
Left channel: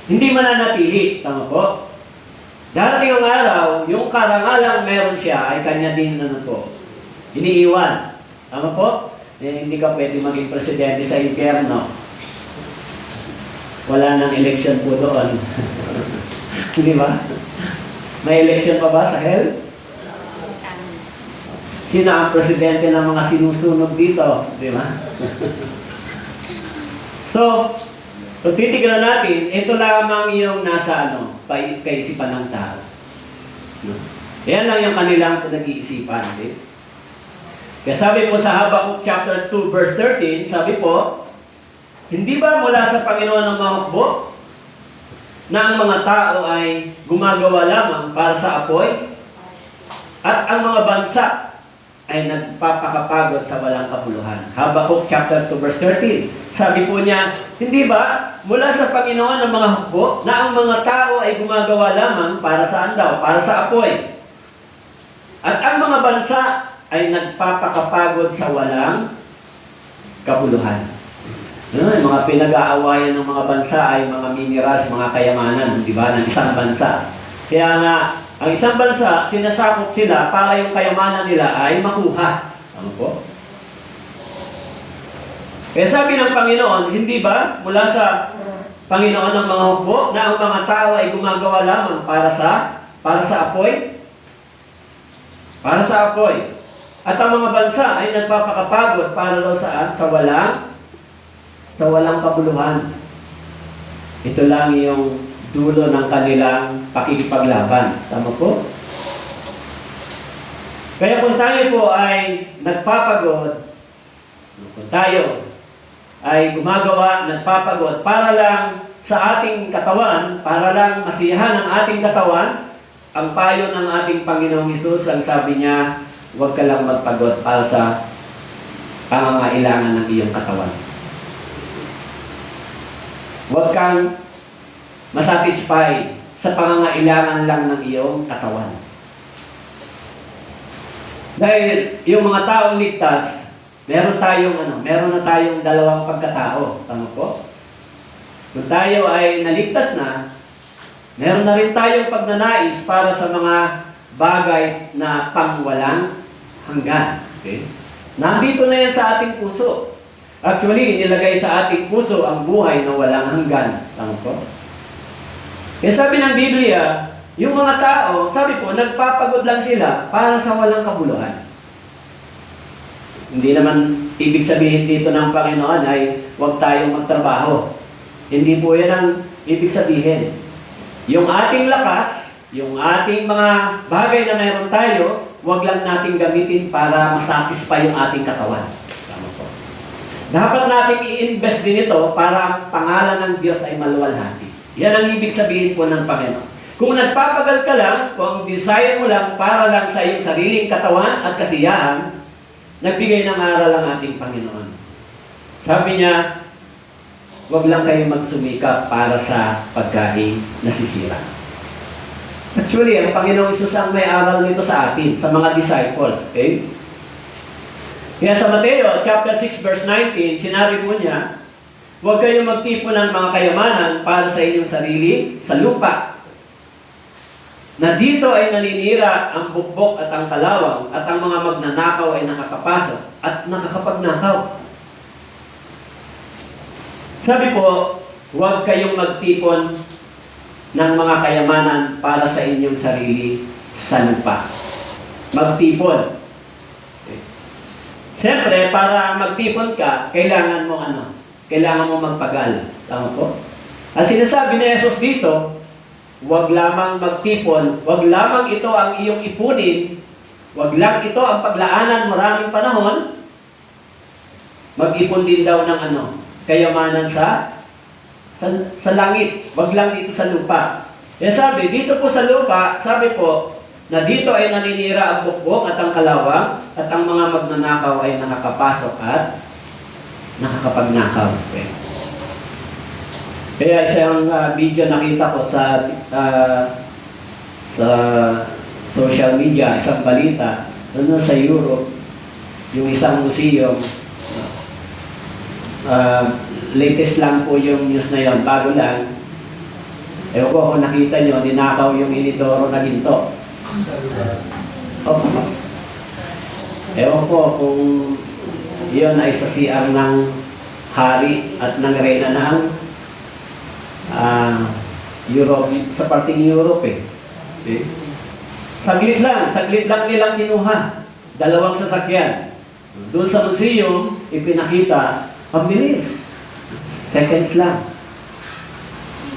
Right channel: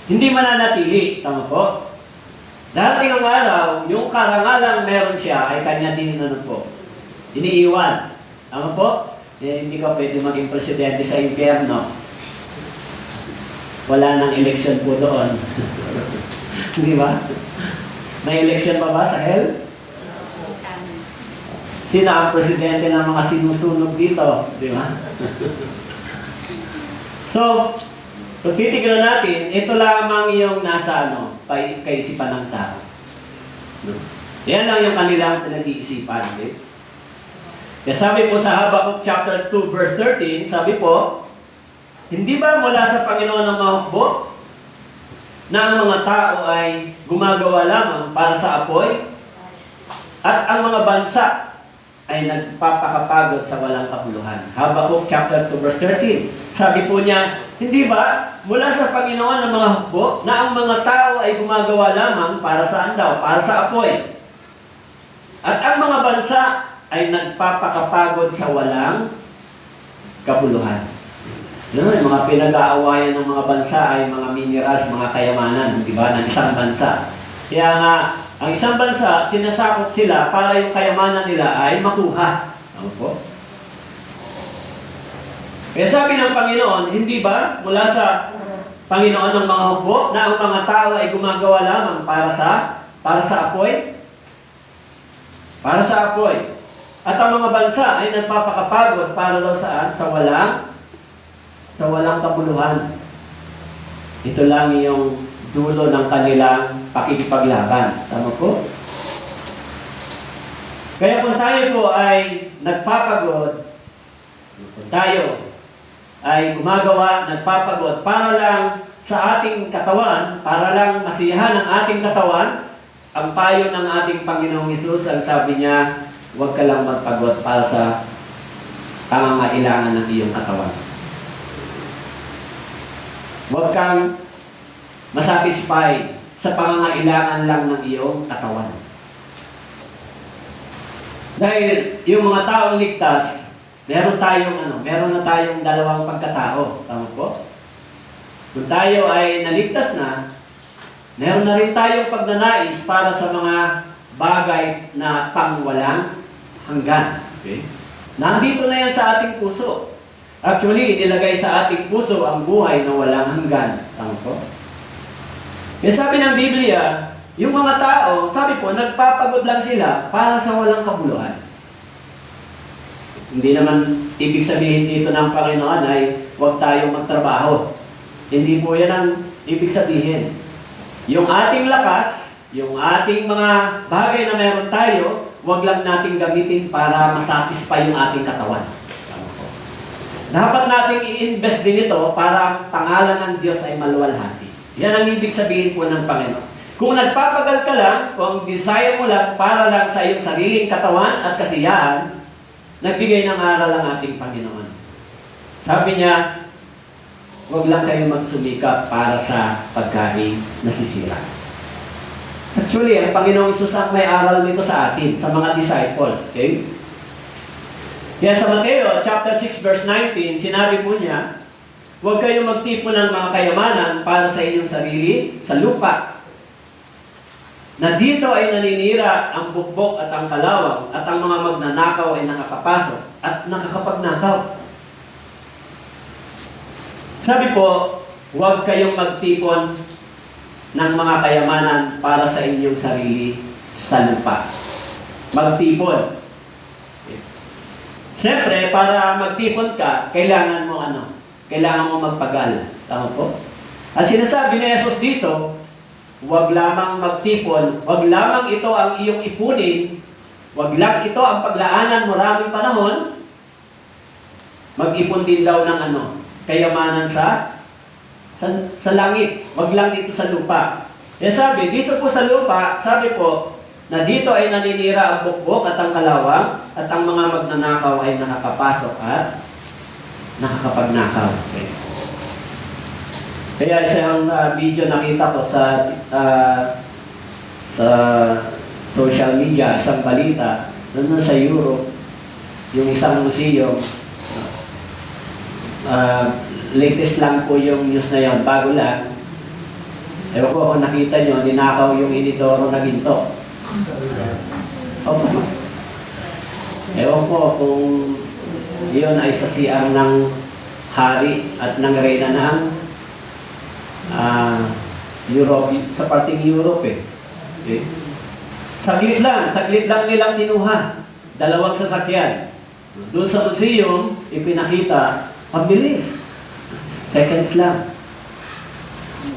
Hindi mananatili, tama po? Darating ang araw, yung karangalang meron siya ay kanya din iniiwan. Tama po? Hindi ka pwede maging presidente sa impyerno. Wala nang election po doon. Di ba? May election pa ba sa hell? Sino ang presidente ng mga sinusunod dito? Di ba? So, kung titignan natin, ito lamang yung nasa kaisipan ng tao. Yan lang yung kanilang pinag-iisipan. Okay? Kaya sabi po sa Habakkuk chapter 2 verse 13, sabi po, hindi ba mula sa Panginoon ang mga hukbo na ang mga tao ay gumagawa lamang para sa apoy at ang mga bansa ay nagpapakapagod sa walang kabuluhan? Habakkuk chapter 2 verse 13. Sabi po niya, hindi ba mula sa Panginoon ang mga hukbo na ang mga tao ay gumagawa lamang para saan daw? Para sa apoy. At ang mga bansa ay nagpapakapagod sa walang kabuluhan. Yung mga pinag-aawayan ng mga bansa ay mga minerals, mga kayamanan, di ba, ng isang bansa. Kaya nga, ang isang bansa, sinasakop sila para yung kayamanan nila ay makuha. Ano po? Kaya sabi ng Panginoon, hindi ba mula sa Panginoon ng mga hukbo na ang mga tao ay gumagawa lamang para sa apoy? Para sa apoy. At ang mga bansa ay nagpapakapagod para daw saan? Sa walang kabuluhan. Ito lang yung dulo ng kanilang pakikipaglaban. Tama po? Kaya kung tayo po ay nagpapagod, kung tayo ay gumagawa, nagpapagod para lang sa ating katawan, para lang masiyahan ang ating katawan, ang payo ng ating Panginoong Hesus, ang sabi niya, huwag ka lang magpagod para sa pangangailangan ng iyong katawan. Huwag kang masatisfy sa pangangailangan lang ng iyong katawan. Dahil yung mga taong ligtas, meron na tayong dalawang pagkatao. Tama po? Kung tayo ay naligtas na, meron na rin tayong pagnanais para sa mga bagay na pangwalang hanggan. Okay? Nandito na yan sa ating puso. Actually, inilagay sa ating puso ang buhay na walang hanggan. Tama po? Kaya sabi ng Biblia, yung mga tao, sabi po, nagpapagod lang sila para sa walang kabuluhan. Hindi naman ibig sabihin dito ng Panginoon ay huwag tayong magtrabaho. Hindi po yan ang ibig sabihin. Yung ating lakas, yung ating mga bagay na meron tayo, huwag lang nating gamitin para masatisfy yung ating katawan. Dapat nating i-invest din ito para pangalan ng Diyos ay maluwalhati. Yan ang ibig sabihin po ng Panginoon. Kung nagpapagal ka lang, kung ang desire mo lang para lang sa iyong sariling katawan at kasiyahan, nagbigay ng aral ang ating Panginoon. Sabi niya, huwag lang kayong magsumikap para sa pagkain nasisira. Actually, ang Panginoong Isus ang may aral nito sa atin, sa mga disciples. Okay? Kaya sa Mateo chapter 6 verse 19, sinabi po niya, huwag kayong magtipon ng mga kayamanan para sa inyong sarili sa lupa, na dito ay naninira ang bukbok at ang kalawang, at ang mga magnanakaw ay nakakapasok at nakakapagnakaw. Sabi po, huwag kayong magtipon ng mga kayamanan para sa inyong sarili sa lupa. Magtipon. Siyempre, para magtipon ka, kailangan mo Kailangan mo magpagal. Tama po? Ang sinasabi ni Jesus dito, huwag lamang magtipon, huwag lamang ito ang iyong ipunin, huwag lang ito ang paglaanan maraming panahon, mag-ipon din daw ng kayamanan sa langit, huwag lang dito sa lupa. Kaya sabi, dito po sa lupa, sabi po, na dito ay naninira ang bukbok at ang kalawang, at ang mga magnanakaw ay nakakapasok at nakakapagnakaw. Okay. Kaya siyang video nakita ko sa social media, isang balita, doon sa Europe, yung isang museum, latest lang po yung news na yun, bago lang. Ewan ko kung nakita nyo, ninakaw yung inidoro na ginto. Ewan ko kung yun ay sa CR ng hari at ng reyna ng Europe, sa parting Europe eh. Okay? Saglit lang nilang kinuha. 2 sasakyan. Doon sa museum, ipinakita, ang bilis. Seconds lang.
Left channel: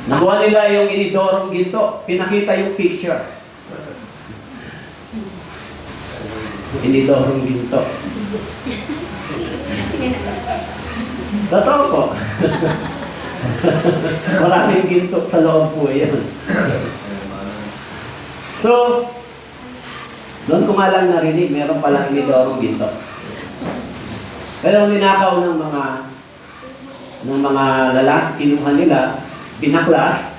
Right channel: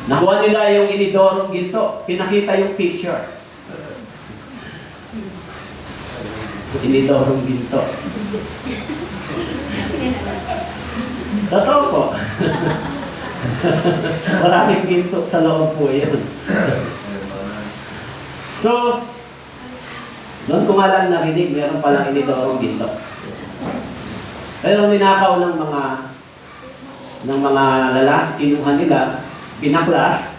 Nakuha nila yung inidorong ginto. Pinakita yung picture. Inidorong ginto. Totoo po. Maraming ginto sa loob po yun. So, doon ko nga lang narinig, meron palang inidorong ginto. Pero ninakaw ng mga lalaki, kinuha nila, pinaklas,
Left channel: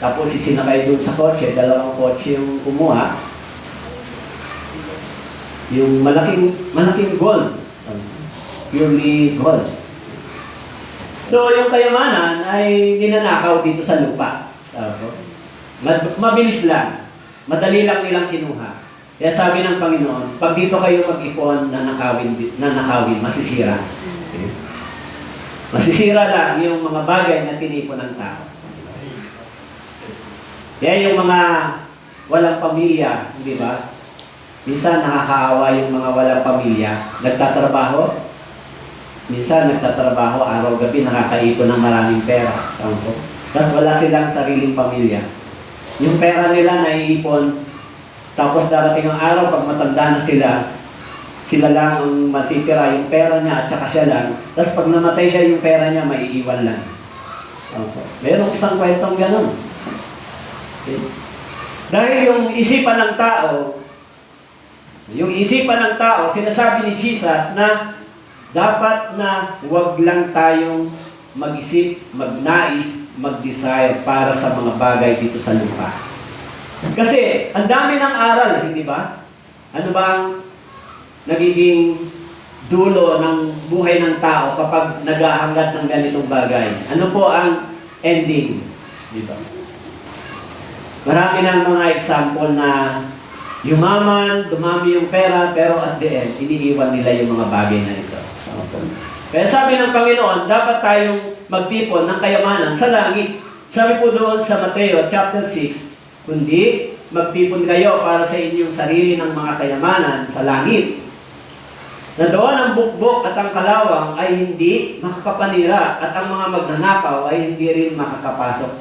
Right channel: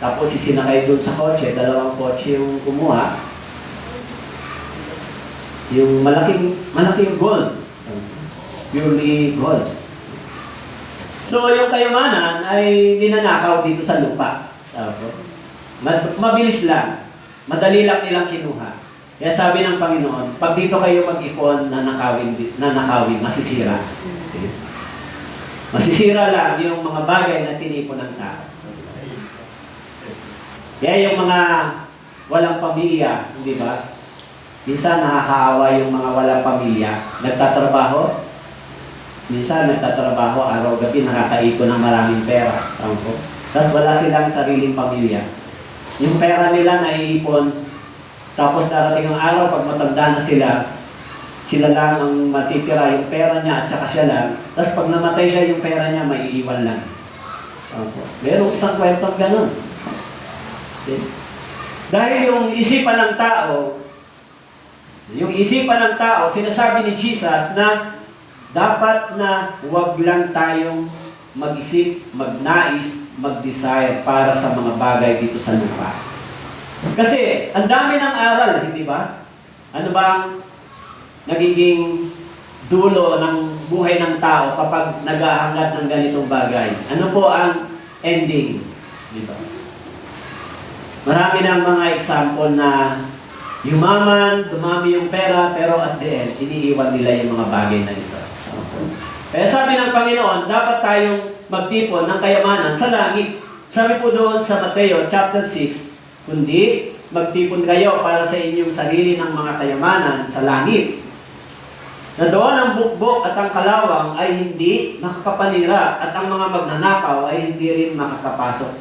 tapos isinakay doon sa kotse, 2 kotse yung kumuha. Yung malaking gold. Purely gold. So, yung kayamanan ay ninanakaw dito sa lupa. Mabilis lang. Madali lang nilang kinuha. Kaya sabi ng Panginoon, pag dito kayo mag-ipon na nakawin, masisira. Okay? Masisira lang yung mga bagay na tinipon ng tao. Kaya yung mga walang pamilya, di ba? Minsan nakakaawa yung mga walang pamilya. Nagtatrabaho. Minsan nagtatrabaho, araw-gabi nakakaipon ng maraming pera. Tapos wala silang sariling pamilya. Yung pera nila naiipon, tapos darating ang araw, pag matanda na sila lang ang matitira, yung pera niya at saka siya lang. Tapos pag namatay siya, yung pera niya maiiwan lang. Meron isang kwentong ganun. Okay. Dahil yung isipan ng tao, sinasabi ni Jesus na dapat na huwag lang tayong mag-isip, magnais, mag-desire para sa mga bagay dito sa lupa. Kasi ang dami ng aral, hindi ba? Ano ba ang nagiging dulo ng buhay ng tao kapag naghahangad ng ganitong bagay? Ano po ang ending? Di ba? Marami ng mga example na yumaman, dumami yung pera, pero at the end, iniiwan nila yung mga bagay na ito. Kaya sabi ng Panginoon, dapat tayong magtipon ng kayamanan sa langit. Sabi po doon sa Mateo chapter 6, kundi magtipon kayo para sa inyong sarili ng mga kayamanan sa langit. Na doon ang bukbok at ang kalawang ay hindi makakapanira at ang mga magnanakaw ay hindi rin makakapasok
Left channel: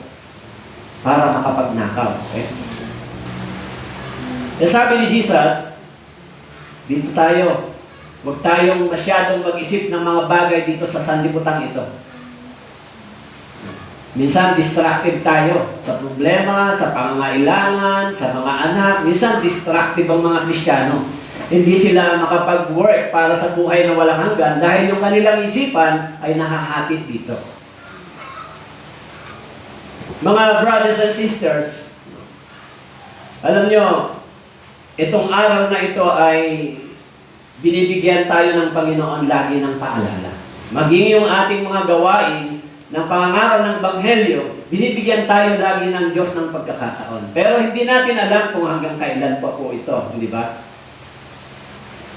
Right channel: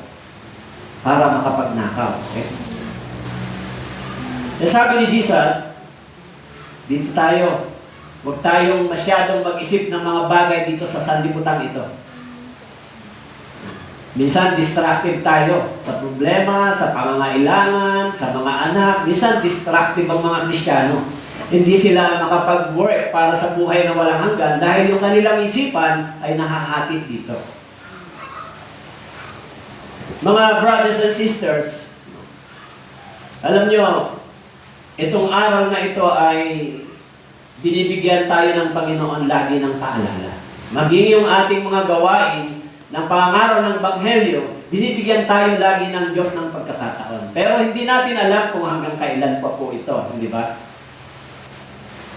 para makapagnakaw. Okay? Kaya sabi ni Jesus, dito tayo. Huwag tayong masyadong mag-isip ng mga bagay dito sa sanlibutan ito. Minsan distracted tayo sa problema, sa pangangailangan, sa mga anak. Minsan distracted ang mga Kristiyano. Hindi sila makapag-work para sa buhay na walang hanggan dahil yung kanilang isipan ay nahahatid dito. Mga brothers and sisters, alam nyo, itong araw na ito ay binibigyan tayo ng Panginoon lagi ng paalala. Maging yung ating mga gawain ng pangangaraw ng Ebanghelyo, binibigyan tayo lagi ng Diyos ng pagkakataon. Pero hindi natin alam kung hanggang kailan po ito, hindi ba?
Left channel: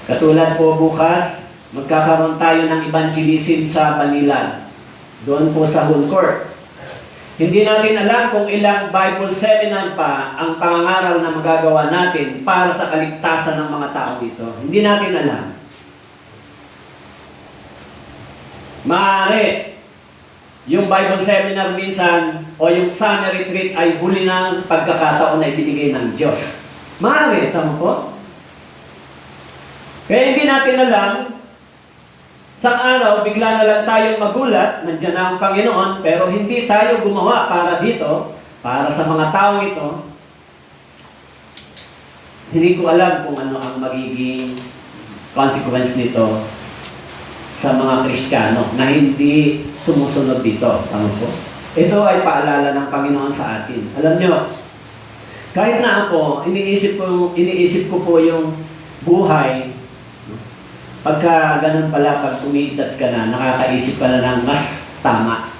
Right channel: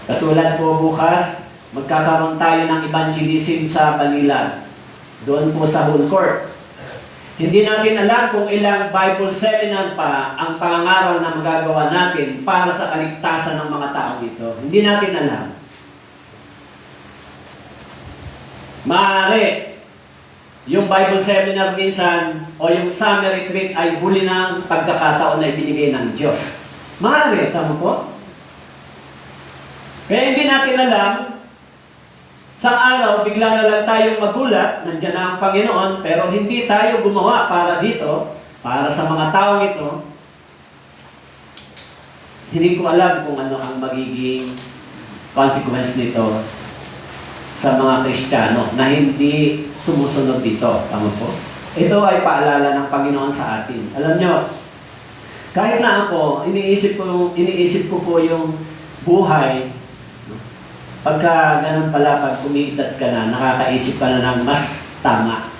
Katulad po bukas, magkakaroon tayo ng evangelism sa Manila. Doon po sa Whole Court. Hindi natin alam kung ilang Bible seminar pa ang pangangaral na magagawa natin para sa kaligtasan ng mga tao dito. Hindi natin alam. Maaari, yung Bible seminar minsan o yung summer retreat ay huli ng pagkakataon na ibinigay ng Diyos. Maaari, tama po? Kaya hindi natin alam. Sa araw, bigla na lang tayong magulat, nandiyan na ang Panginoon, pero hindi tayo gumawa para dito, para sa mga tao ito. Hindi ko alam kung ano ang magiging consequence nito sa mga Kristiyano na hindi sumusunod dito. Ano po? Ito ay paalala ng Panginoon sa atin. Alam nyo, kahit na ako, iniisip ko po yung buhay. Pagka ganun pala, pag umiidad ka na, nakakaisip ka na ng mas tama.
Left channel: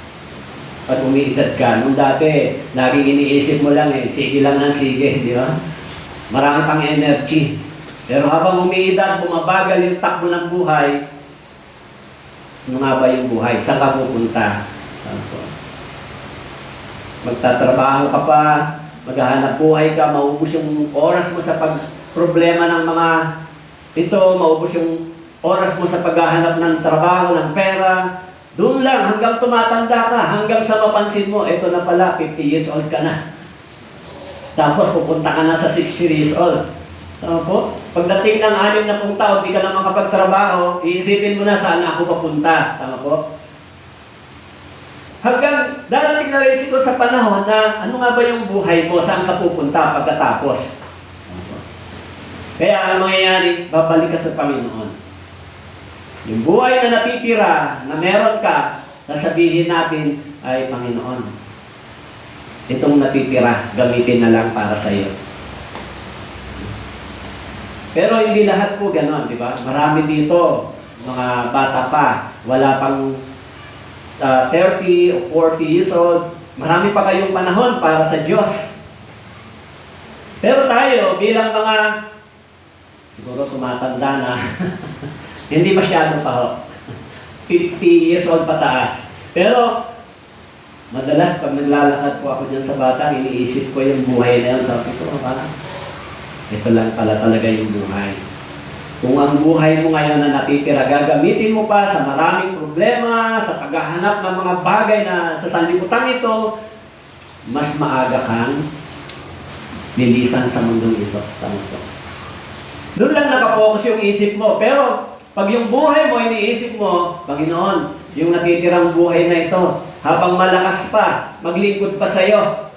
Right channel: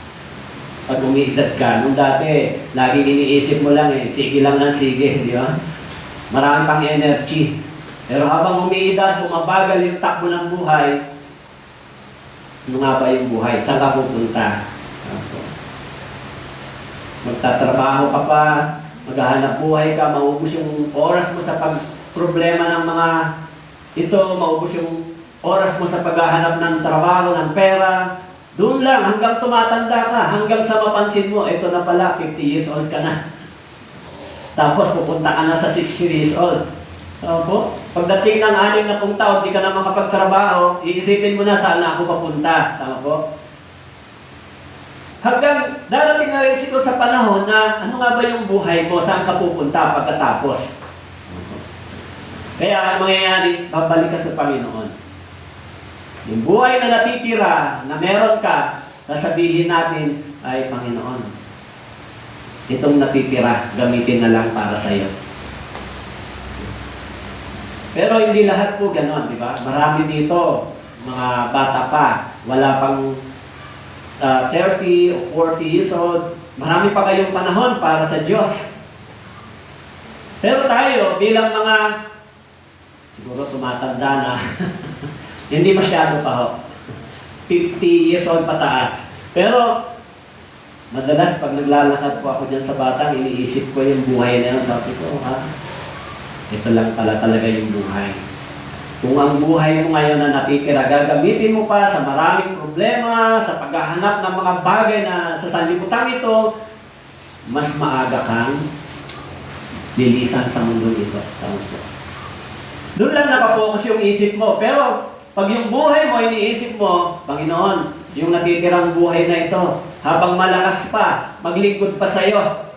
Pag umiidad ka, nung dati, laging iniisip mo lang sige lang, sige, di ba? Marami kang energy. Pero habang umiidad, bumabagal yung takbo ng buhay, ano nga ba yung buhay? Saan ka pupunta? Magtatrabaho ka pa, maghahanap buhay ka, maubos yung oras mo sa problema ng mga ito, maubos yung oras mo sa paghahanap ng trabaho, ng pera. Doon lang, hanggang tumatanda ka, hanggang sa mapansin mo, ito na pala, 50 years old ka na. Tapos pupunta ka na sa 60 years old. Tama po? Pagdating ng 60 taon, di ka na makapagtrabaho, iisipin mo na saan ako papunta. Tama po? Hanggang darating na rin ito sa panahon na ano nga ba yung buhay mo, saan ka pupunta pagkatapos. Kaya ang mangyayari, babalik ka sa Panginoon. Yung buhay na natitira, na meron ka, nasabihin natin, ay Panginoon, itong natitira, gamitin na lang para sa iyo. Pero hindi lahat po gano'n, di ba? Marami dito, mga bata pa, wala pang 30 o 40 years old, marami pa kayong panahon para sa Diyos. Pero tayo, bilang mga, siguro tumatanda na, hindi masyado pa ho. 50 years old pataas. Pero, madalas pag naglalakad po ako dyan sa bata, iniisip ko yung buhay na yun. Sabi ko, ito lang pala talaga yung buhay. Kung ang buhay mo ngayon na natitira, gagamitin mo pa sa maraming problema, sa paghahanap ng mga bagay na sa sanlibutan ito, mas maaga kang lilisan sa mundo ito. Doon lang nakapokus yung isip mo. Pero, pag yung buhay mo, iniisip mo, Panginoon, yung natitirang buhay na ito, habang malakas pa, maglingkod pa sa iyo,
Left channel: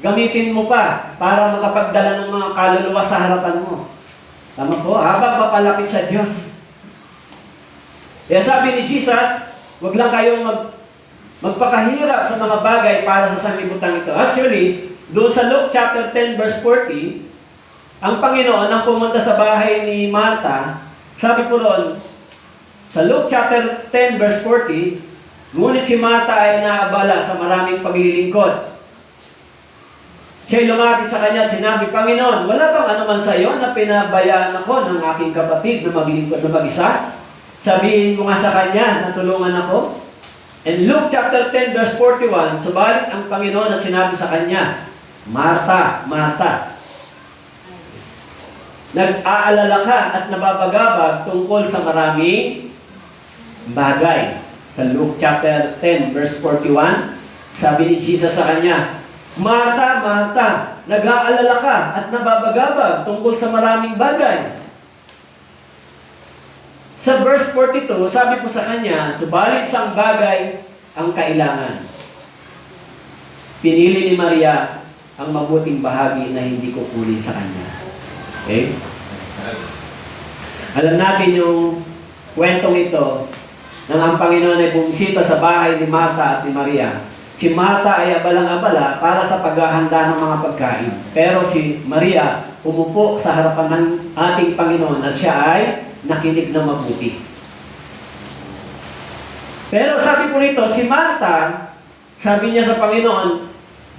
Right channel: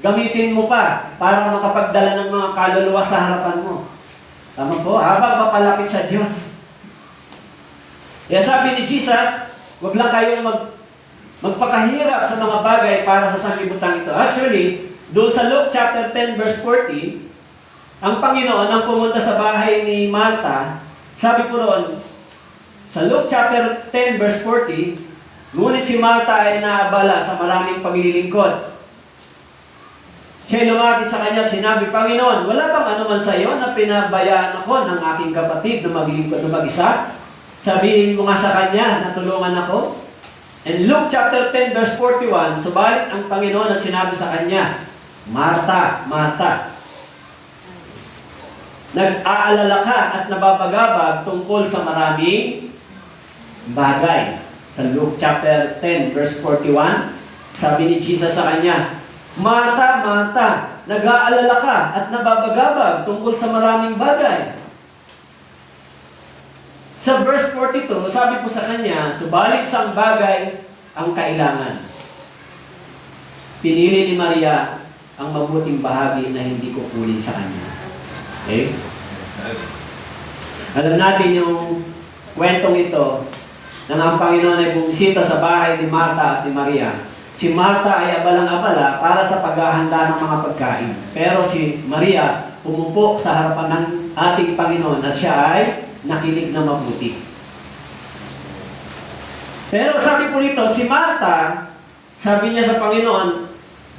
gamitin mo pa para makapagdala ng mga kaluluwa sa harapan mo. Tama po? Habang papalapit sa Diyos. Kaya sabi ni Jesus, huwag lang kayong magpakahirap sa mga bagay para sa sanlibutan ito. Actually, doon sa Luke chapter 10 verse 40, ang Panginoon ang pumunta sa bahay ni Martha. Sabi po doon, sa Luke chapter 10 verse 40, ngunit si Martha ay naabala sa maraming paglilingkod. Siya'y lumapit sa kanya, sinabi, Panginoon, wala bang anuman sa iyo na pinabayaan ako ng aking kapatid na maglingkod na mag-isa? Sabihin mo nga sa kanya na tulungan ako. In Luke chapter 10 verse 41, subalit ang Panginoon at sinabi sa kanya, Martha, Martha, nag-aalala ka at nababagabag tungkol sa maraming bagay. Sa Luke chapter 10 verse 41, sabi ni Jesus sa kanya, Martha, Martha, nag-aalala ka at nababagabag tungkol sa maraming bagay. Sa verse 42, sabi po sa kanya, subalit isang bagay ang kailangan. Pinili ni Maria ang mabuting bahagi na hindi kukunin sa kanya. Okay? Alam natin yung kwentong ito nang ang Panginoon ay bumisita sa bahay ni Martha at ni Maria. Si Martha ay abalang-abala para sa paghahanda ng mga pagkain. Pero si Maria umupo sa harapan ng ating Panginoon at siya ay nakinig na mabuti. Pero sabi po rito, si Martha, sabi niya sa Panginoon,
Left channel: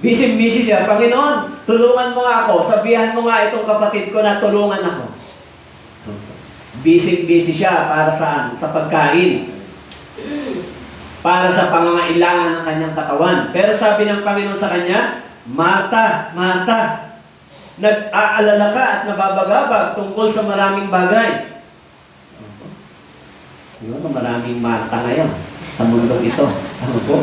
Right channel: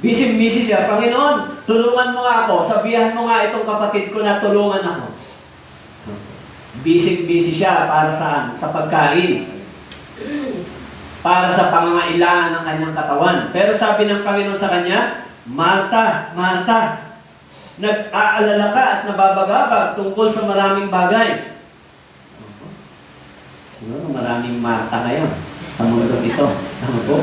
busy-busy siya, Panginoon, tulungan mo nga ako, sabihan mo nga itong kapatid ko na tulungan ako. Busy-busy siya para saan? Sa pagkain. Para sa pangangailangan ng kanyang katawan. Pero sabi ng Panginoon sa kanya, Martha, Martha, nag-aalala ka at nababagabag tungkol sa maraming bagay. Siguro maraming Martha ngayon sa mundo ito. Ano po?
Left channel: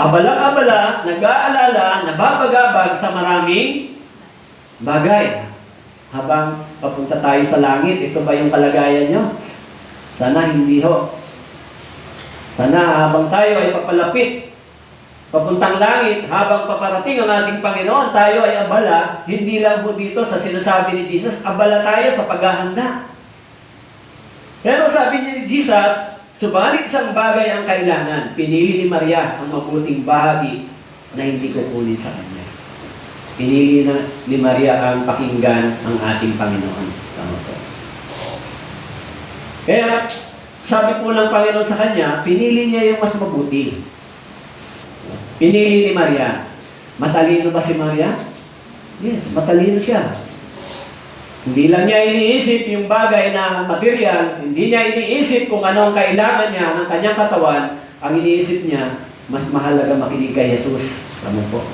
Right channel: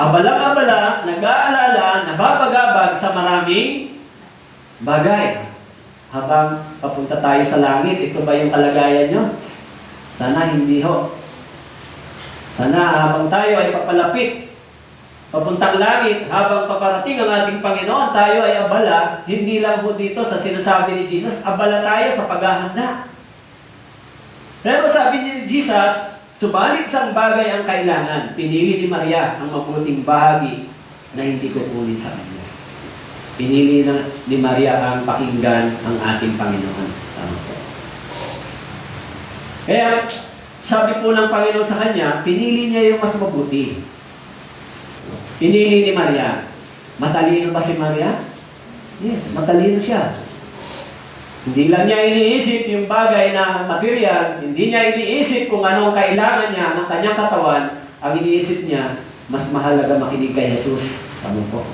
Abala-abala, nag-aalala, nababagabag sa maraming bagay. Habang papunta tayo sa langit, ito ba yung kalagayan nyo? Sana hindi ho. Sana habang tayo ay papalapit, papuntang langit, habang paparating ang ating Panginoon, tayo ay abala, hindi lang po dito sa sinasabi ni Jesus, abala tayo sa paghahanda. Pero sabi ni Jesus, subalit isang bagay ang kailangan. Pinili ni Maria ang mabuting bahagi na hindi kukunin sa kanya. Pinili ni Maria ang pakinggan ang ating Panginoon. Tama po. Kaya, sabi po ng Panginoon sa kanya, pinili niya yung mas mabuti. Pinili ni Maria. Matalino ba si Maria? Yes, matalino siya. Hindi lang niya iniisip yung bagay na material, hindi niya iniisip kung anong kailangan niya ng kanyang katawan, ang iniisip niya, mas mahalaga makinig kay Jesus. Tama po.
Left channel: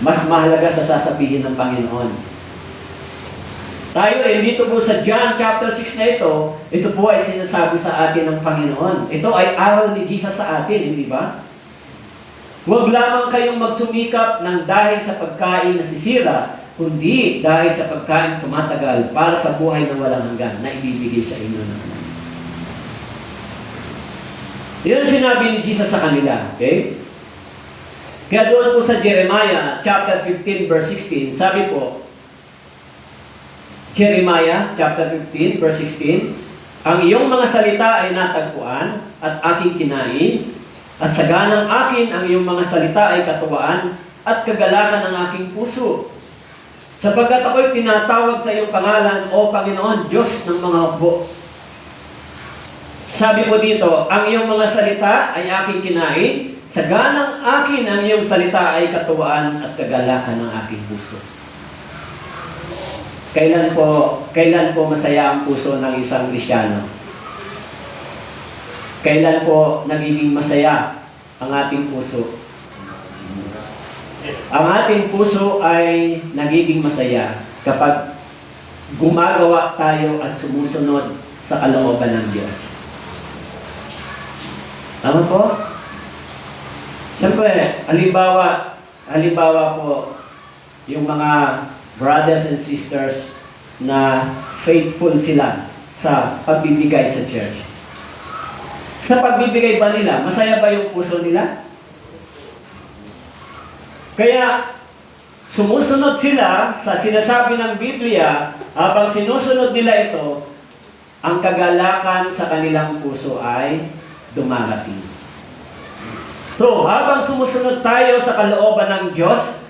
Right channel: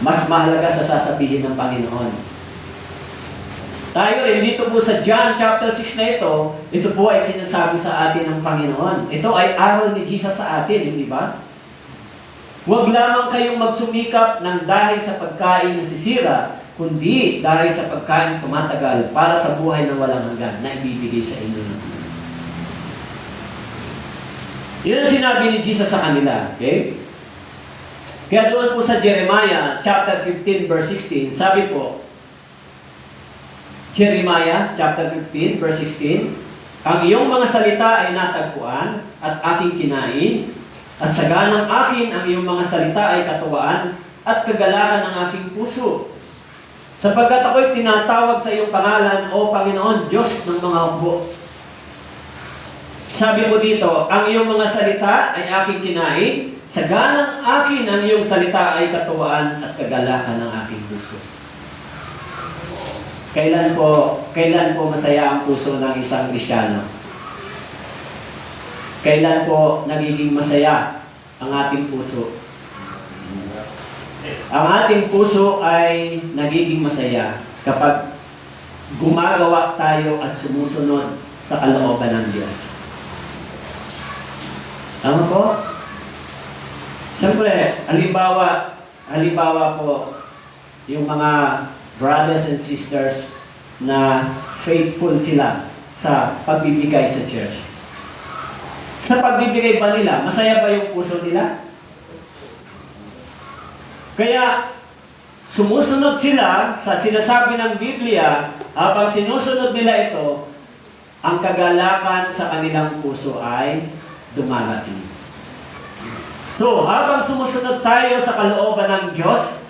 Mas mahalaga sa sasabihin ng Panginoon. Tayo dito po sa John chapter 6 na ito po ay sinasabi sa atin ng Panginoon. Ito ay aral ni Jesus sa atin, hindi ba? Huwag lamang kayong magsumikap ng dahil sa pagkain na sisira, kundi dahil sa pagkain tumatagal para sa buhay ng walang hanggan na ibibigay sa inyo ng Panginoon. Yan ang sinabi ni Jesus sa kanila. Okay? Kaya doon po sa Jeremiah chapter 15 verse 16, sabi po, Jeremiah chapter 15 verse 16, ang iyong mga salita ay natagpuan at aking kinain, at saganang akin ang iyong mga salita ay katuwaan at kagalakan ng aking puso. Sapagkat ako'y tinatawag sa iyong pangalan, O Panginoon, Diyos ng mga hukbo. Sabi po dito, ang iyong mga salita ay aking kinain, saganang akin ang iyong salita ay katuwaan at kagalakan ng aking puso. Kailan po masaya ang puso ng isang Kristiyano? Kailan po nagiging masaya ang ating puso? Ang ating puso ay nagiging masaya kapag gumagawa tayo at sumusunod sa kalooban ng Diyos. Ano po? Siyempre, halimbawa po, yung mga brothers and sisters na faithful sila sa pagbibigay sa church. Sa pagbibigay ba nila, masaya ba yung puso nila? Kaya, sumusunod sila sa sinasabi ng Biblia, habang sinusunod nila ito, ang kagalakan sa kanilang puso ay dumarating. So, habang sumusunod tayo sa kalooban ng Diyos,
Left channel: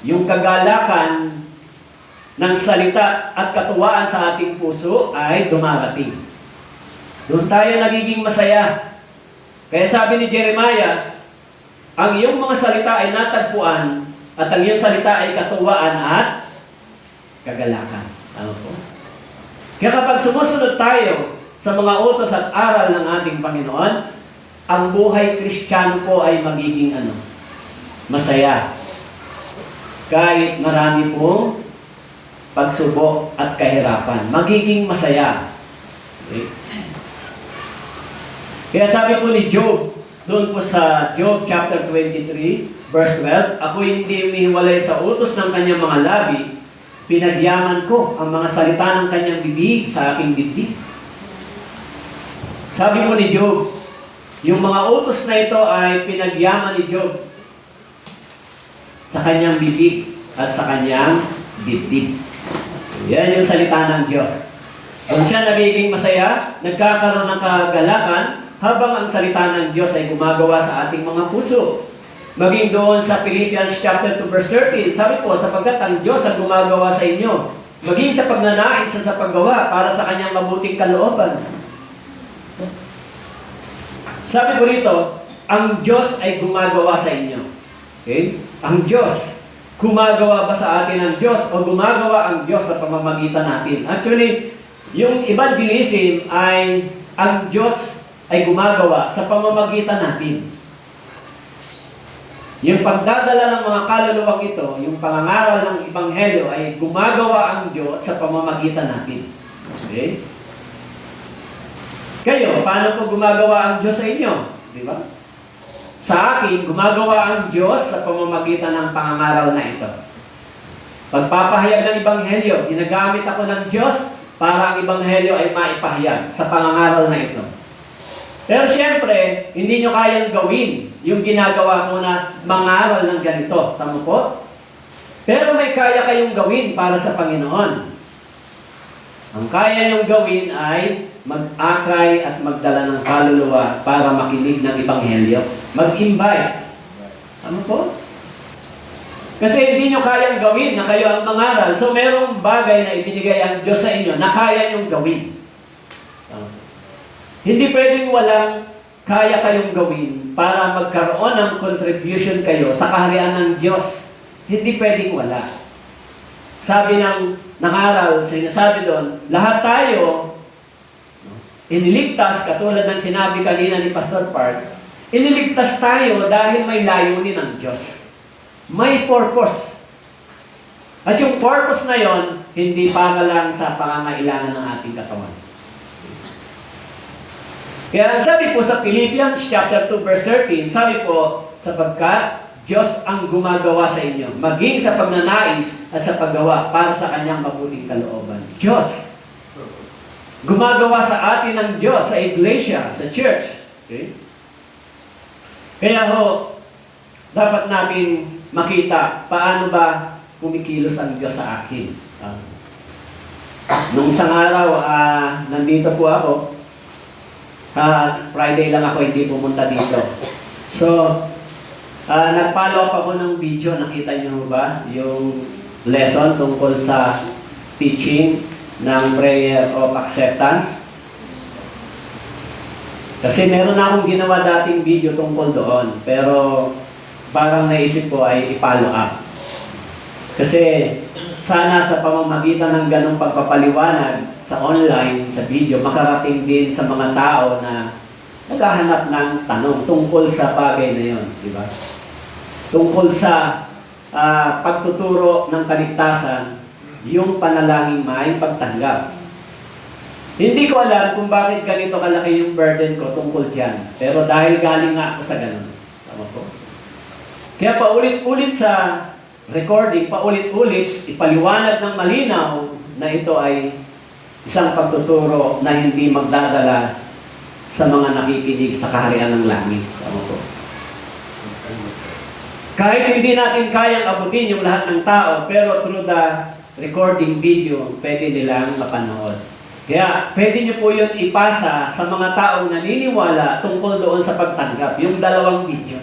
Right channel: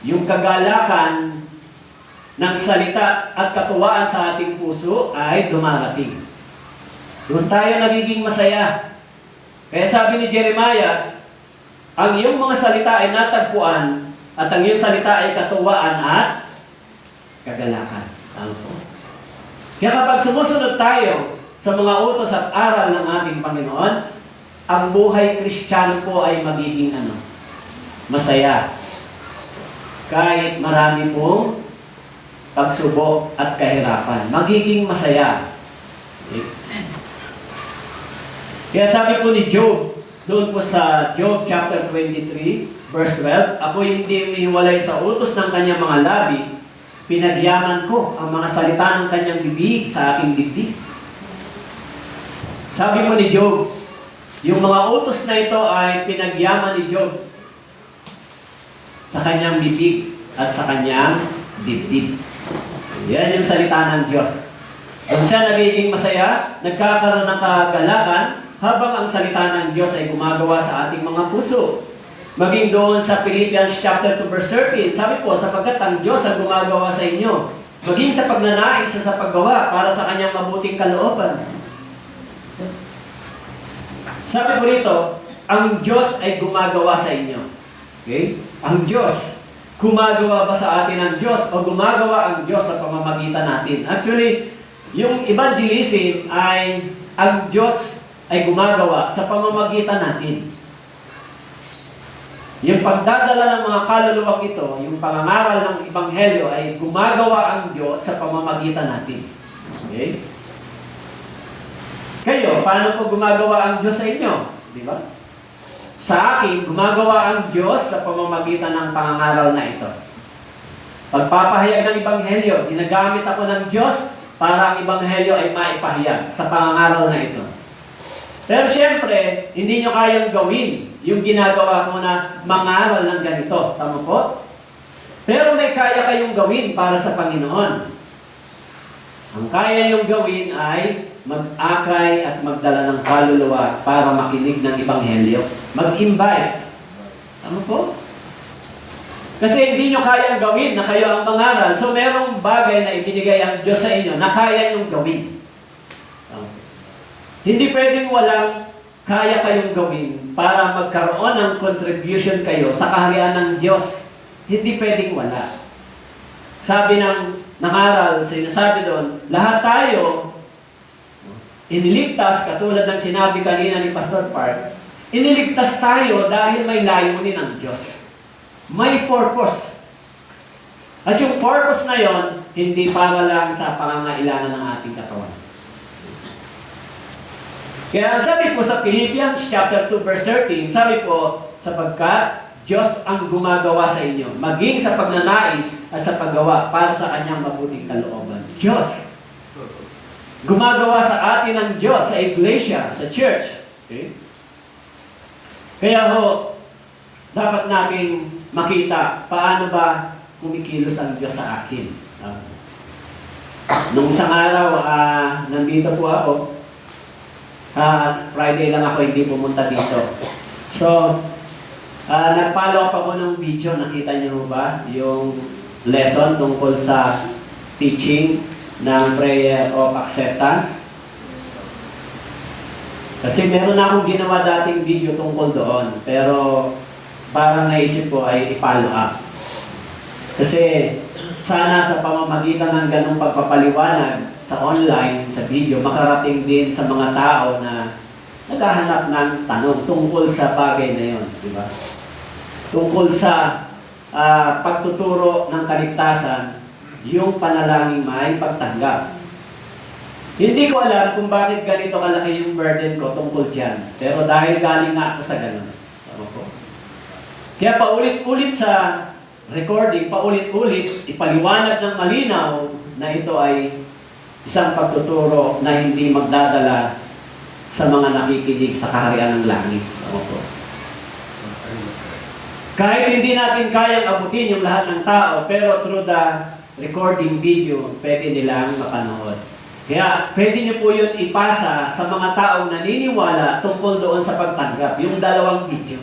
yung kagalakan ng salita at katuwaan sa ating puso ay dumarating. Doon tayo nagiging masaya. Kaya sabi ni Jeremiah, ang iyong mga salita ay natagpuan at ang iyong salita ay katuwaan at kagalakan. Tama po. Kaya kapag sumusunod tayo sa mga utos at aral ng ating Panginoon, ang buhay Kristiyano po ay magiging masaya. Kahit marami pong pagsubok at kahirapan, magiging masaya. Okay? Kaya sabi po ni Job, doon po sa Job chapter 23, verse 12, ako'y hindi umihiwalay sa utos ng kanyang mga labi, pinagyaman ko ang mga salita ng kanyang bibig sa aking dibdib. Sabi po ni Job, yung mga utos na ito ay pinagyaman ni Job sa kanyang bibig at sa kanyang dibdib. Yan yung salita ng Diyos. Kung siya nagiging masaya, nagkakaroon ng kagalakan, habang ang salita ng Diyos ay gumagawa sa ating mga puso. Maging doon sa Philippians chapter 2 verse 13, sabi po, sapagkat ang Diyos ang gumagawa sa inyo, maging sa pagnanais sa paggawa para sa kanyang mabuting kalooban. Sabi po rito, ang Diyos ay gumagawa sa inyo. Okay? Ang Diyos, gumagawa ba sa atin ang Diyos o gumagawa ang Diyos sa pamamagitan natin? Actually, yung evangelism ay ang Diyos ay gumagawa sa pamamagitan natin. Yung pagdadala ng mga kaluluwang ito, yung pangangaral ng Ebanghelyo ay gumagawa ang Diyos sa pamamagitan natin. Okay? Kayo, paano po gumagawa ang Diyos sa inyo? Di ba? Sa akin, gumagawa ang Diyos sa pamamagitan ng pangangaral na ito. Pagpapahayag ng Ebanghelyo, ginagamit ako ng Diyos para ang Ebanghelyo ay maipahayag sa pangangaral na ito. Pero siyempre, hindi nyo kayang gawin yung ginagawa ko na mangaral ng ganito. Tama po? Pero may kaya kayong gawin para sa Panginoon. Ang kaya nyong gawin ay mag-akay at magdala ng kaluluwa para makinig ng Ebanghelyo. Mag-invite. Tama po? Kasi hindi nyo kayang gawin na kayo ang mangaral. So merong bagay na ibinigay ang Diyos sa inyo na kaya nyong gawin. Hindi pwedeng walang kaya kayong gawin para magkaroon ng contribution kayo sa kaharian ng Diyos. Hindi pwedeng wala. Sabi ng nangaral, sinasabi doon, lahat tayo iniligtas, katulad ng sinabi kanina ni Pastor Park, Iniligtas tayo dahil may layunin ng Diyos. May purpose. At yung purpose na yon, hindi para lang sa pangangailangan ng ating katawan. Kaya sabi po sa Philippians chapter 2 verse 13, sabi po, sapagkat Diyos ang gumagawa sa inyo, maging sa pagnanais at sa paggawa para sa kanyang mabuting kalooban. Diyos. Gumagawa sa atin ng Diyos, sa iglesia, sa church. Okay? Kaya ho, dapat natin makita paano ba kumikilos ang Diyos sa akin. Nung isang araw, nandito po ako. Friday lang ako hindi pumunta dito. So, nag-follow up ako ng video. Nakita niyo ba yung lesson tungkol sa teaching ng prayer of acceptance? Kasi meron na akong ginawa dating video tungkol doon. Pero parang naisip ko ay i-follow up. Kasi sana sa pamamagitan ng ganong pagpapaliwanag sa online, sa video, makarating din sa mga tao na naghahanap ng tanong tungkol sa bagay na yon, di ba? Tungkol sa pagtuturo ng kaligtasan, yung panalangin may pagtanggap. Hindi ko alam kung bakit ganito kalaki yung burden ko tungkol dyan. Pero dahil galing nga ako sa ganon. Tama po? Kaya paulit-ulit sa recording, paulit-ulit, ipaliwanag ng malinaw na ito ay isang pagtuturo na hindi magdadala sa mga nakikinig sa kaharian ng langit. Tama po? Kahit hindi natin kayang abutin yung lahat ng tao, pero through the recording video, pwede nilang mapanood. Kaya pwede niyo po yun ipasa sa mga taong naniniwala tungkol doon sa pagtanggap. Yung dalawang video.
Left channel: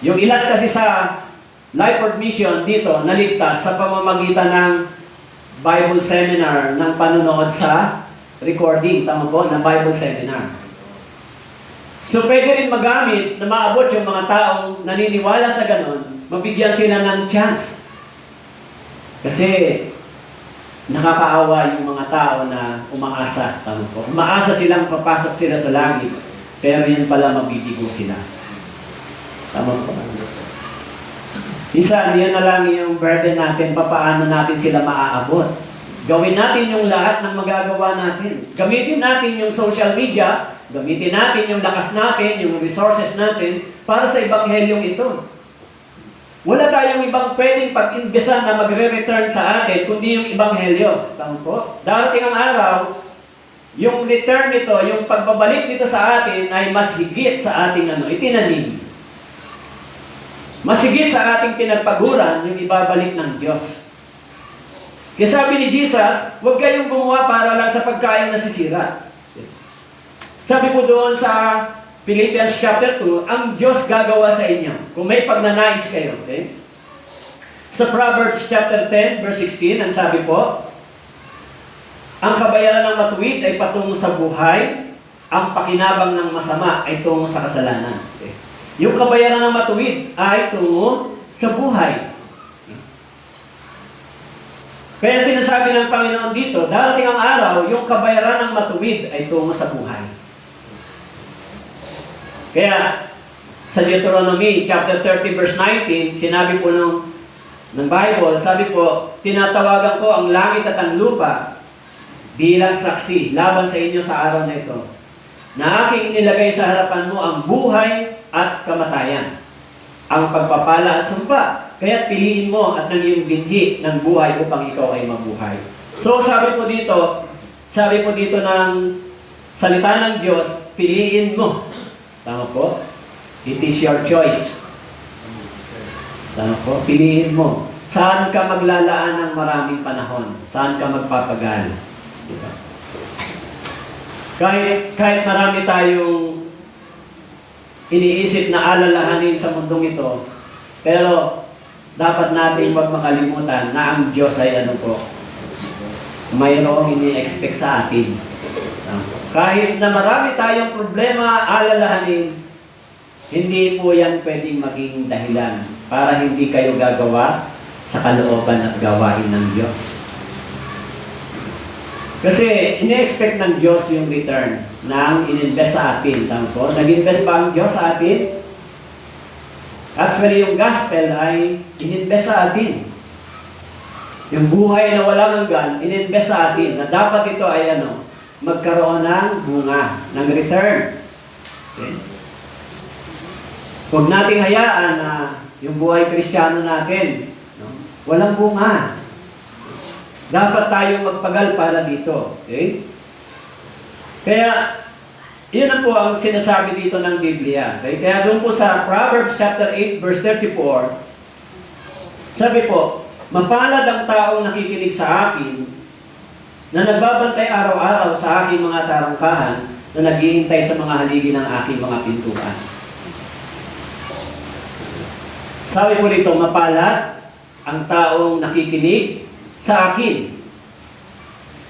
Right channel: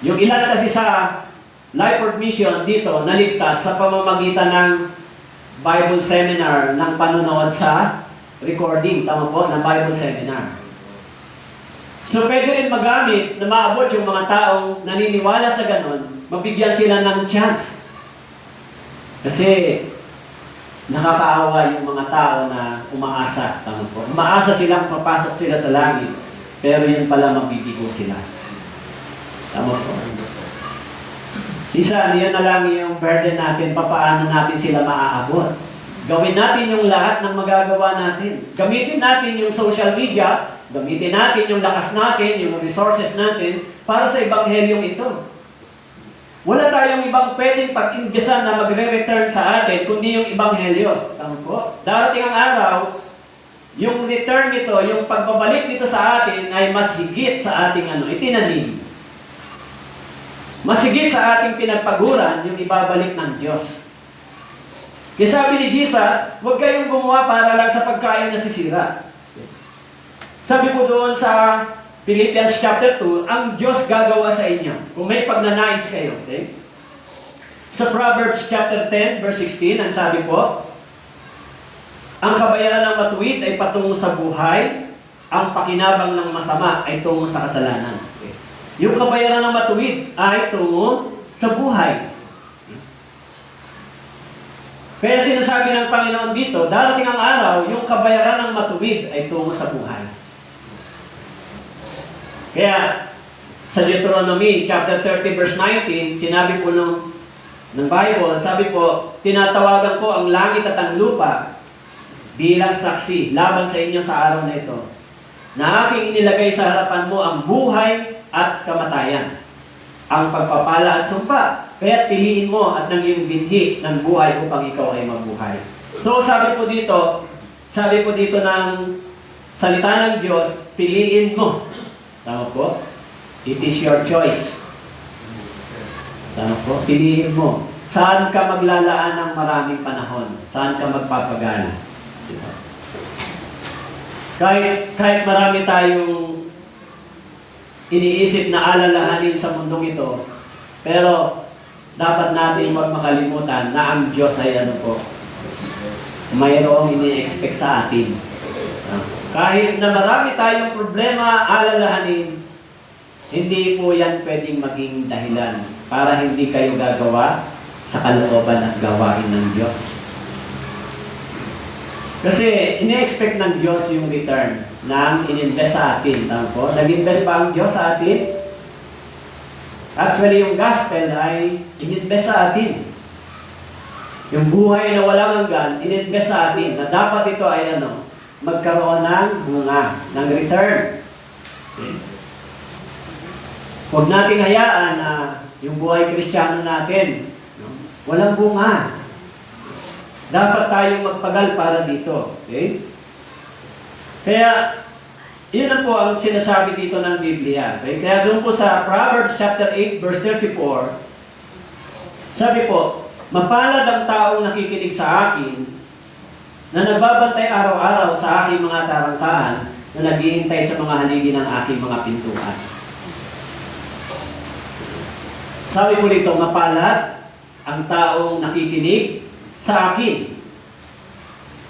Yung ilan kasi sa Life Word Mission dito, naligtas sa pamamagitan ng Bible Seminar ng panonood sa recording. Tama po, ng Bible Seminar. So pwede rin magamit na maabot yung mga taong naniniwala sa ganon, mabigyan sila ng chance. Kasi nakakaawa yung mga tao na umaasa. Tama po. Umaasa silang papasok sila sa langit, pero yun pala mabibigo sila. Tama po. Isa, yan na lang yung burden natin, papaano natin sila maaabot. Gawin natin yung lahat ng magagawa natin. Gamitin natin yung social media, gamitin natin yung lakas natin, yung resources natin, para sa ebanghelyong ito. Wala tayong ibang pwedeng pag-imbisan na magre-return sa atin, kundi yung ebanghelyo. Tama po? Darating ang araw, yung return nito, yung pagbabalik nito sa atin ay mas higit sa ating itinanim. Mas higit sa ating pinagpaguran, yung ibabalik ng Diyos. Kaya sabi ni Jesus, huwag kayong gumawa para lang sa pagkain na sisira. Sabi po doon sa Philippians chapter 2, ang Diyos gagawa sa inyo kung may pagnanais kayo. Okay? Sa Proverbs chapter 10, verse 16, ang sabi po, ang kabayaran ng matuwid ay patungo sa buhay, ang pakinabang ng masama ay tungo sa kasalanan. Okay? Yung kabayaran ng matuwid ay tungo sa buhay. Kaya sinasabi ng Panginoon dito, darating ang araw, yung kabayaran ng matuwid ay tungo sa buhay. Kaya, sa Deuteronomy chapter 30 verse 19, sinabi po ng Bible, sabi po, tinatawagan ko ang langit at ang lupa bilang saksi laban sa inyo sa araw na ito, na aking inilagay sa harapan mo ang buhay at kamatayan, ang pagpapala at sumpa. Kaya piliin mo at ng iyong binhi ng buhay upang ikaw ay mabuhay. So sabi po dito ng salita ng Diyos, piliin mo. Tama po? It is your choice. Tama po? Piliin mo. Saan ka maglalaan ng maraming panahon? Saan ka magpapagal? Diba? Kahit marami tayong iniisip na alalahanin sa mundong ito, pero dapat natin huwag makalimutan na ang Diyos ay mayroong ini-expect sa atin. Kahit na marami tayong problema, alalahanin, hindi po yan pwedeng maging dahilan para hindi kayo gagawa sa kalooban at gawain ng Diyos. Kasi ini-expect ng Diyos yung return ng in-invest sa atin. Tama po? Nag-invest ba ang Diyos sa atin? Actually, yung gospel ay in-invest sa atin. Yung buhay na walang hanggan, in-invest sa atin na dapat ito ay magkaroon ng bunga, ng return. Okay? Huwag nating hayaan na yung buhay Kristiyano natin, walang bunga. Dapat tayong magpagal para dito. Okay? Kaya, yun na po ang sinasabi dito ng Biblia. Okay? Kaya doon po sa Proverbs chapter 8, verse 34, sabi po, mapalad ang taong nakikinig sa akin, na nagbabantay araw-araw sa aking mga tarangkahan, na naghihintay sa mga haligi ng aking mga pintuan. Sabi po rito, mapalad ang taong nakikinig sa akin,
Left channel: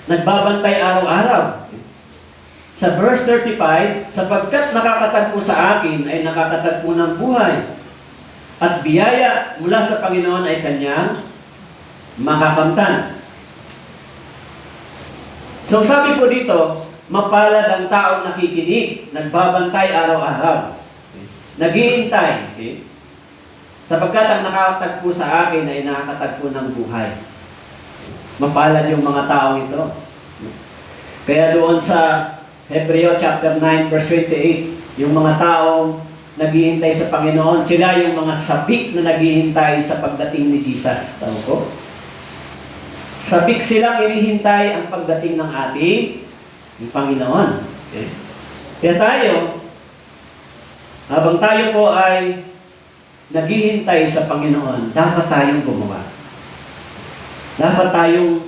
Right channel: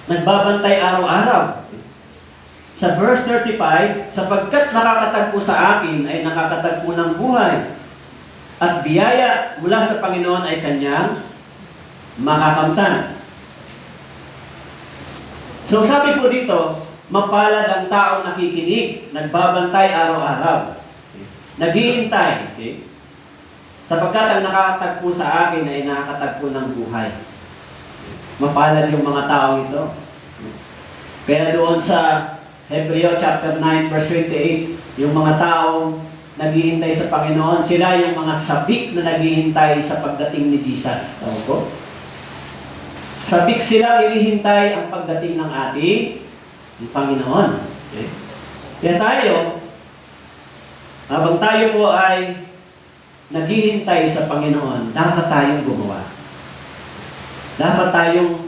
nagbabantay araw-araw. Sa verse 35, sapagkat nakakatagpo sa akin ay nakakatagpo ng buhay, at biyaya mula sa Panginoon ay kanyang makakamtan. So sabi po dito, mapalad ang taong nakikinig, nagbabantay araw-araw, naghihintay, okay? Sapagkat ang nakakatagpo sa akin ay nakakatagpo ng buhay. Mapalad yung mga tao ito. Kaya doon sa Hebreo chapter 9 verse 28, yung mga tao naghihintay sa Panginoon, sila yung mga sabik na naghihintay sa pagdating ni Jesus. Tama ko? Sabik silang inihintay ang pagdating ng ating Panginoon. Okay? Kaya tayo, habang tayo po ay naghihintay sa Panginoon, dapat tayong gumawa. Dapat tayong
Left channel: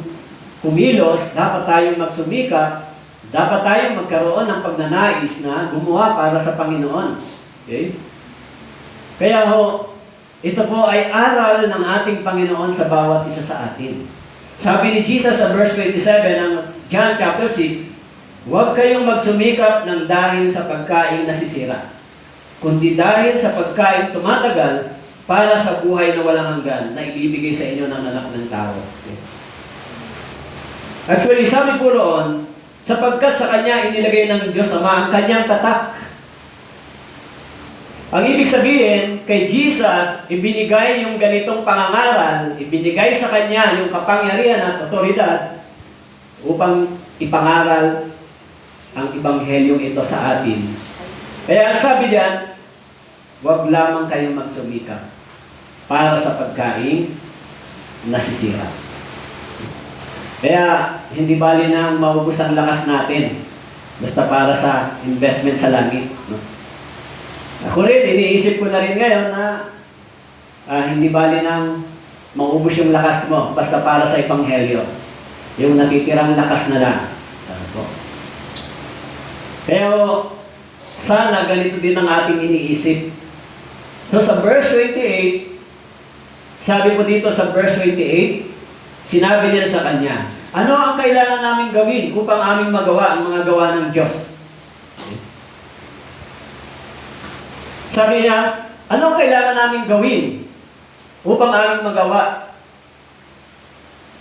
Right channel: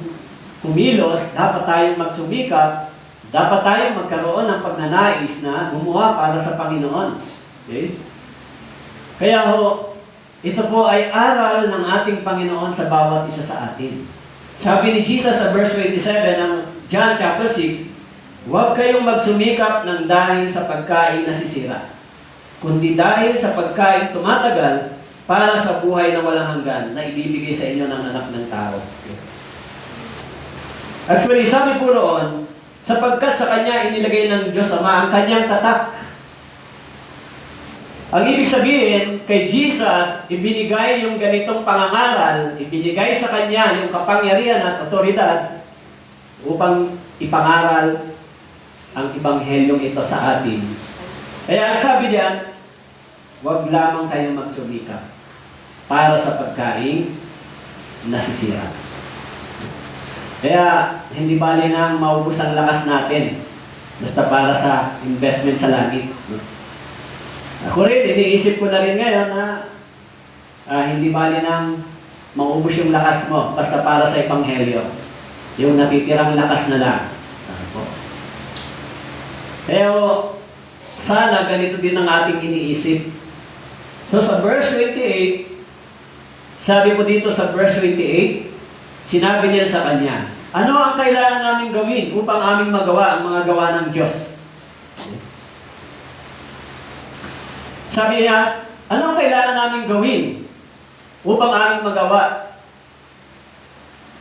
kumilos, dapat tayong magsumikap, dapat tayong magkaroon ng pagnanais na gumawa para sa Panginoon. Okay? Kaya ito po ay aral ng ating Panginoon sa bawat isa sa atin. Sabi ni Jesus sa verse 27 ng John chapter 6, huwag kayong magsumikap ng dahil sa pagkain nasisira, kundi dahil sa pagkain tumatagal para sa buhay na walang hanggan na ibibigay sa inyo ng anak ng tao. Actually, sabi po roon, sapagkat sa Kanya inilagay ng Diyos Ama ang Kanyang tatak. Ang ibig sabihin, kay Jesus, ibinigay yung ganitong pangangaral, ibinigay sa Kanya yung kapangyarihan at otoridad upang ipangaral ang Ebanghelyong ito sa atin. Kaya ang sabi diyan, huwag lamang kayong magsumikap para sa pagkain nasisira. Kaya hindi bali na maubos ang lakas natin basta para sa investment sa langit. No? Ako rin, iniisip ko na rin ngayon na hindi bali na maubos yung lakas mo basta para sa Ebanghelyo. Yung natitirang lakas na lang. Pero sana ganito din ang ating iniisip. So sa verse 28, sabi po dito sa verse 28, sinabi niya sa kanya, ano ang kailangan namin gawin upang aming magawa ang mga gawa ng Diyos? Sabi niya, ano ang kailangan namin gawin upang aming magawa?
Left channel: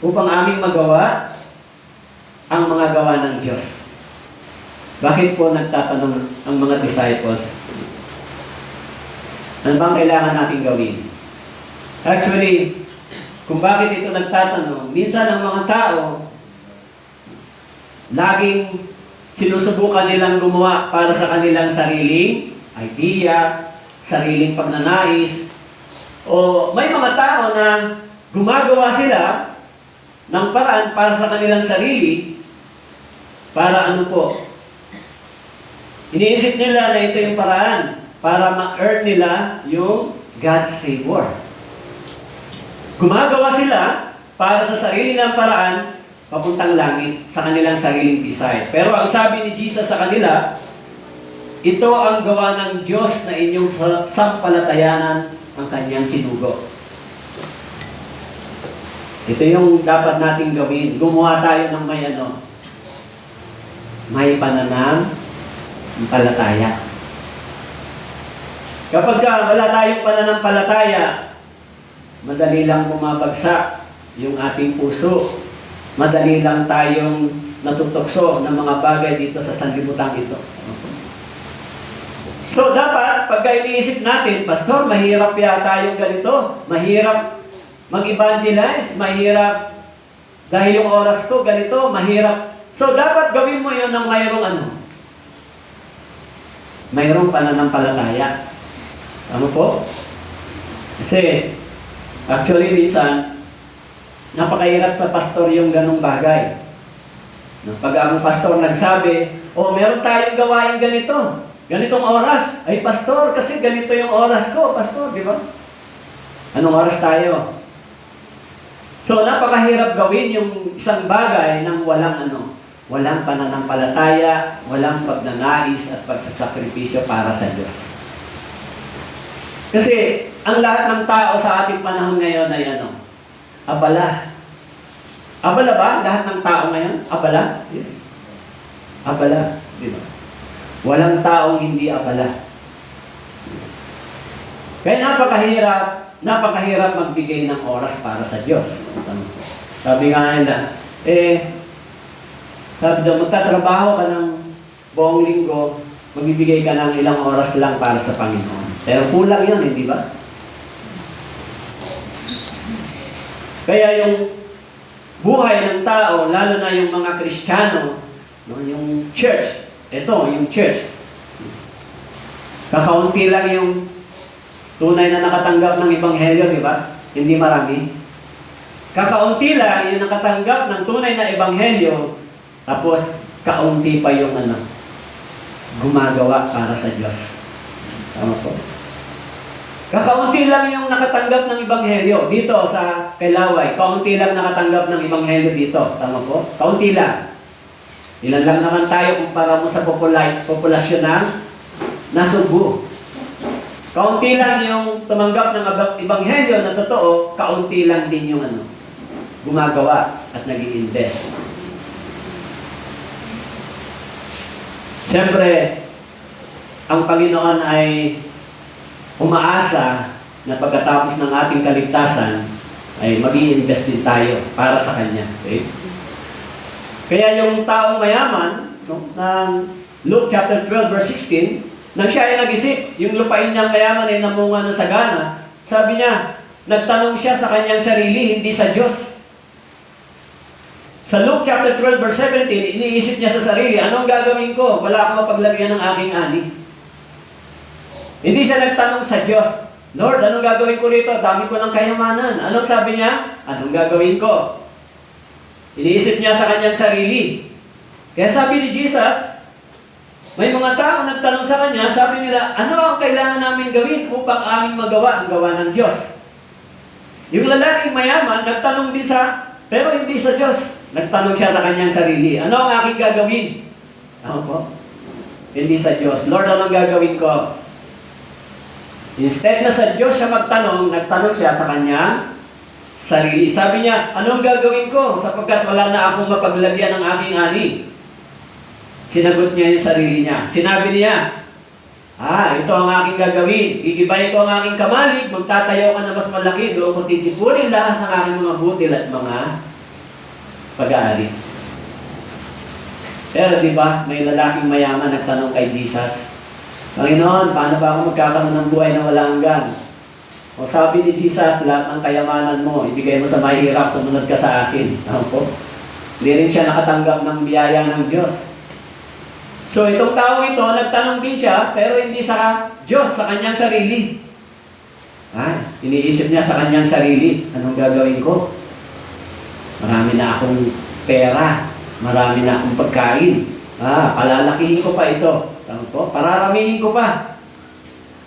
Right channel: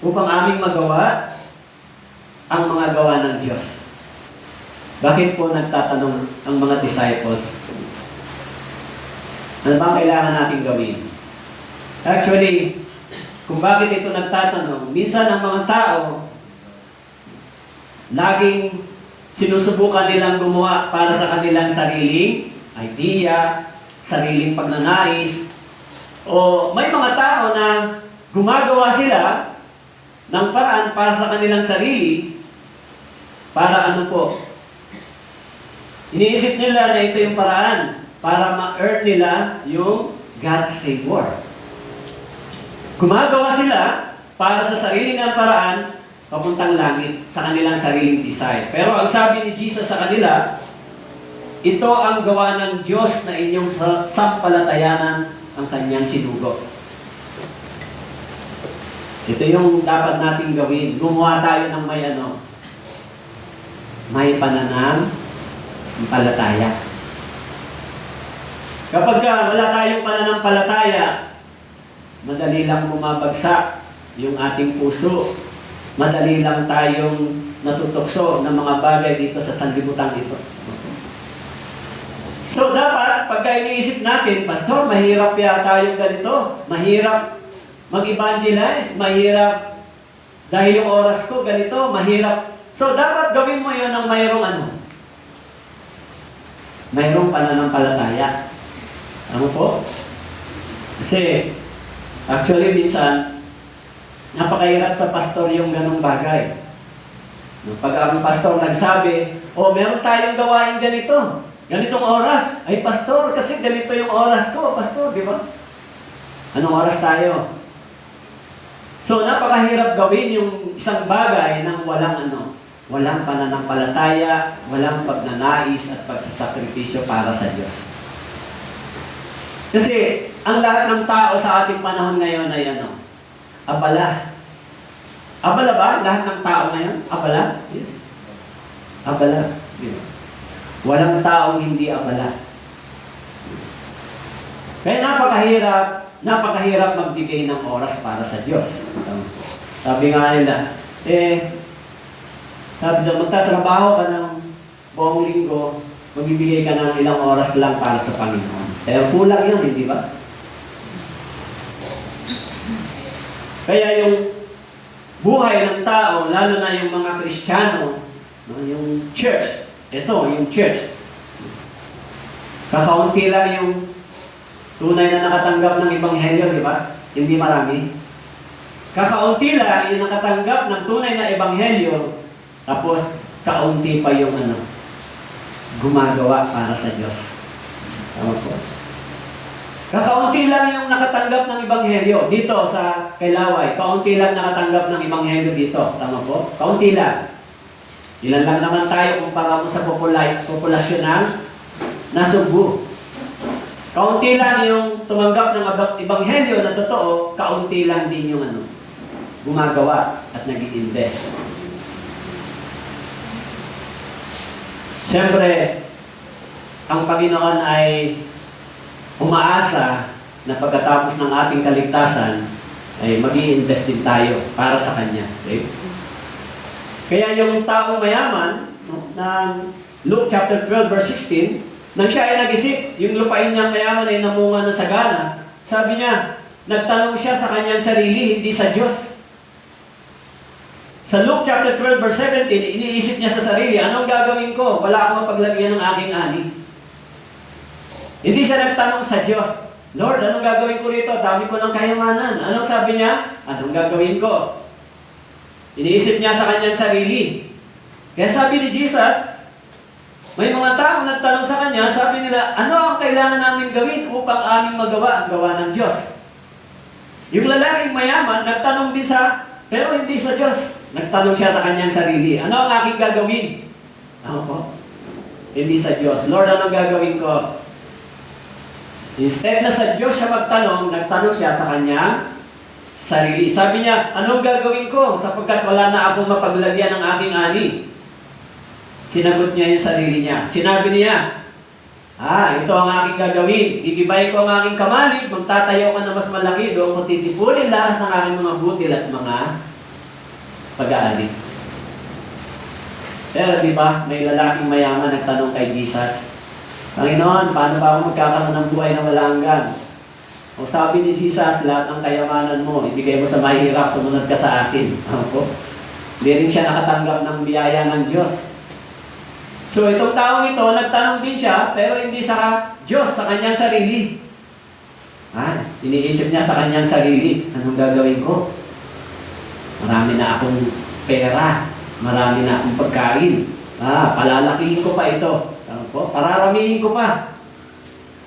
Upang aming magawa ang mga gawa ng Diyos. Bakit po nagtatanong ang mga disciples? Ano bang kailangan natin gawin? Actually, kung bakit ito nagtatanong, minsan ang mga tao, laging sinusubukan nilang gumawa para sa kanilang sariling idea, sariling pagnanais, o may mga tao na gumagawa sila ng paraan para sa kanilang sarili, para ano po, iniisip nila na ito yung paraan para ma-earn nila yung God's favor. Gumagawa sila para sa sarili ng paraan papuntang langit sa kanilang sariling desire. Pero ang sabi ni Jesus sa kanila, ito ang gawa ng Diyos na inyong sampalatayanan ng kanyang sinugo. Ito yung dapat nating gawin. Gumawa tayo ng may pananampalataya. Kapag wala tayong pananampalataya, madali lang bumabagsak yung ating puso. Madali lang tayong natutokso ng mga bagay dito sa sanlibutan ito. So dapat, pagka iniisip natin, Pastor, mahirap yata yung ganito, mahirap mag-evangelize, mahirap dahil yung oras ko ganito, mahirap. So dapat gawin mo yun ng mayroong ano? Mayroong pananampalataya. Ano po? Kasi, actually minsan, napakahirap sa pastor yung ganong bagay. Pag ang pastor nagsabi, meron tayong gawain ganito, ganitong oras. Ay, pastor, kasi ganito yung oras ko, pastor, di ba? Anong oras tayo? So, napakahirap gawin yung isang bagay ng walang pananampalataya, walang pagnanais at pagsasakripisyo para sa Diyos. Kasi, ang lahat ng tao sa ating panahon ngayon ay abala. Abala ba? Lahat ng tao ngayon? Abala? Yes. Abala. Diba? Walang taong hindi abala. Kaya napakahirap magbigay ng oras para sa Diyos. Sabi nga nila, magtatrabaho ka ng buong linggo, magbibigay ka ng ilang oras lang para sa Panginoon. Pero kulang yun, hindi ba? Kaya yung buhay ng tao, lalo na yung mga Kristiyano, yung church, yung church, kakaunti lang yung tunay na nakatanggap ng Ebanghelyo, di ba? Hindi marami. Kakaunti lang yung nakatanggap ng tunay na Ebanghelyo, tapos kaunti pa yung gumagawa para sa Diyos. Ano po? Kakaunti lang yung nakatanggap ng Ebanghelyo dito sa Pelaway. Kaunti lang nakatanggap ng Ebanghelyo dito. Tama po? Kaunti lang. Ilan lang naman tayo kumpara mo sa populasyon ng Nasugbu. Kaunti lang yung tumanggap ng Ebanghelyo na totoo, kaunti lang din yung gumagawa at nag-i-invest. Siyempre, ang Panginoon ay umaasa na pagkatapos ng ating kaligtasan ay mag-i-invest din tayo para sa Kanya. Okay? Kaya yung taong mayaman, ng Luke chapter 12 verse 16, nang siya ay nag-isip, yung lupain niyang mayaman ay namunga ng sagana, sabi niya, nagtanong siya sa kanyang sarili, hindi sa Diyos. Sa Luke chapter 12 verse 17, iniisip niya sa sarili, anong gagawin ko? Wala akong mapaglagyan ng aking ani. Hindi siya nagtanong sa Diyos, Lord, anong gagawin ko rito? Dami ko ng kayamanan. Anong sabi niya? Anong gagawin ko? Iniisip niya sa kanyang sarili. Kaya sabi ni Jesus, may mga tao nagtanong sa kanya, sabi nila, ano ang kailangan namin gawin upang aming magawa ang gawa ng Diyos? Yung lalaking mayaman, nagtanong din pero hindi sa Diyos. Nagtanong siya sa kanyang sarili, ano ang aking gagawin? Ano po? Hindi sa Diyos. Lord, anong gagawin ko? Instead na sa Diyos siya magtanong, nagtanong siya sa kanyang sarili. Sabi niya, anong gagawin ko sapagkat wala na akong mapaglagyan ng aking ani? Sinagot niya yung sarili niya. Sinabi niya, ito ang aking gagawin. Gigibay ko ang aking kamalig, magtatayo ka na mas malaki, doon ko titipunin lahat ng aking mga butil at mga pag-aari. Pero di ba, may lalaking mayaman nagtanong kay Jesus, Panginoon, paano ba ako magkakaroon ng buhay na wala hanggan? O sabi ni Jesus, lahat ng kayamanan mo, ibigay mo sa mahirap, sumunod ka sa akin. Ano po? Hindi rin siya nakatanggap ng biyaya ng Diyos. So itong tao ito, nagtanong din siya, pero hindi sa Diyos, sa kanyang sarili. Iniisip niya sa kanyang sarili, anong gagawin ko? Marami na akong pera, marami na akong pagkain. Palalakihin ko pa ito. Ano po? Pararamihin ko pa.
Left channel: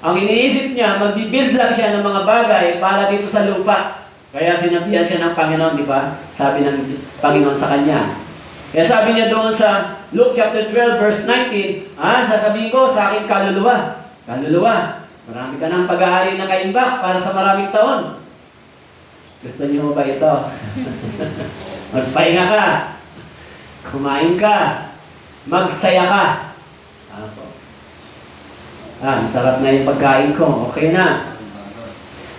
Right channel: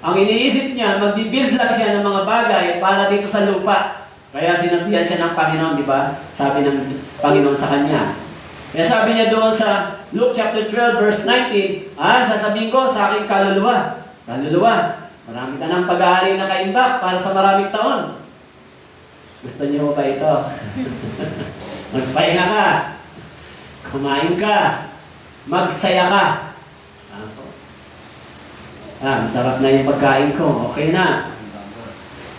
Ang iniisip niya, mag-build lang siya ng mga bagay para dito sa lupa. Kaya sinabihan siya ng Panginoon, di ba? Sabi ng Panginoon sa kanya. Kaya sabi niya doon sa Luke chapter 12 verse 19, sasabihin ko sa aking kaluluwa, marami ka ng pag-aari na kaimbak para sa maraming taon. Gusto niyo ba ito? Magpahinga ka, kumain ka, magsaya ka. Masarap na yung pagkain ko, okay na.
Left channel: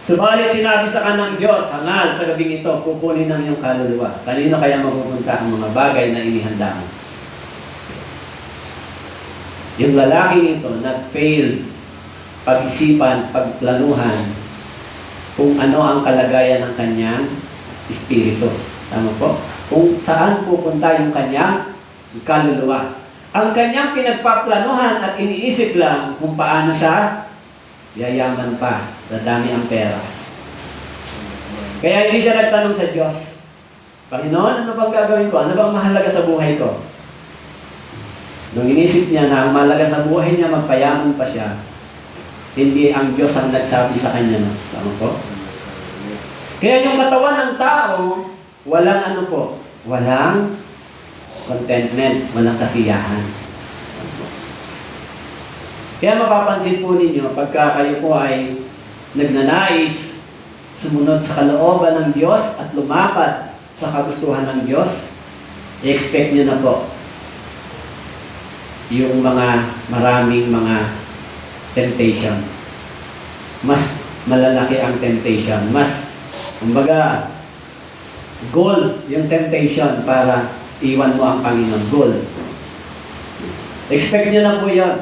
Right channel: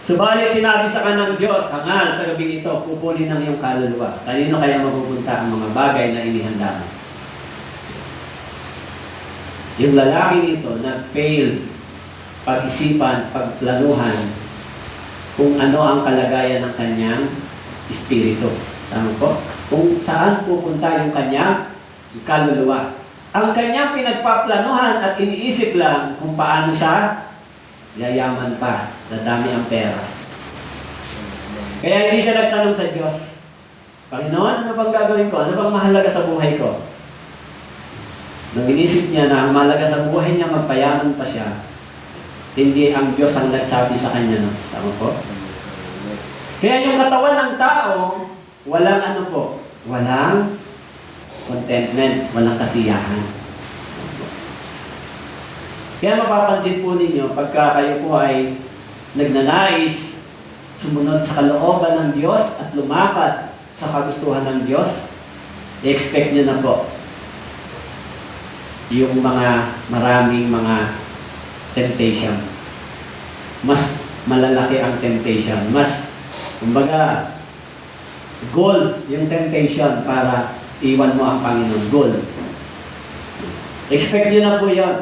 Subalit sinabi sa kanang Diyos, hangal sa gabing ito, kukunin ng iyong kaluluwa. Kanino kaya mapupunta ang mga bagay na inihanda mo? Yung lalaking ito, nag-fail pag-isipan, pagplanuhan, kung ano ang kalagayan ng kanyang espiritu. Tama po? Kung saan pupunta yung kanyang kaluluwa. Ang kanyang pinagpaplanuhan at iniisip lang kung paano siya yayaman pa, dadami ang pera. Kaya hindi siya nagtanong sa Diyos, Panginoon, ano bang gagawin ko? Ano bang mahalaga sa buhay ko? Nung inisip niya na ang mahalaga sa buhay niya, magpayaman pa siya, hindi ang Diyos ang nagsabi sa kanya. No? Tama po? Kaya yung katawan ng tao, walang ano po, walang contentment, walang kasiyahan. Kaya mapapansin po ninyo, pagka kayo po ay nagnanais sumunod sa kalooban ng Diyos at lumakad sa kagustuhan ng Diyos, i-expect nyo na po yung maraming mga temptation. Mas malalaki ang temptation. Mas, kumbaga, goal yung temptation para iwan mo ang Panginoon. Goal. Expect nyo na po yun.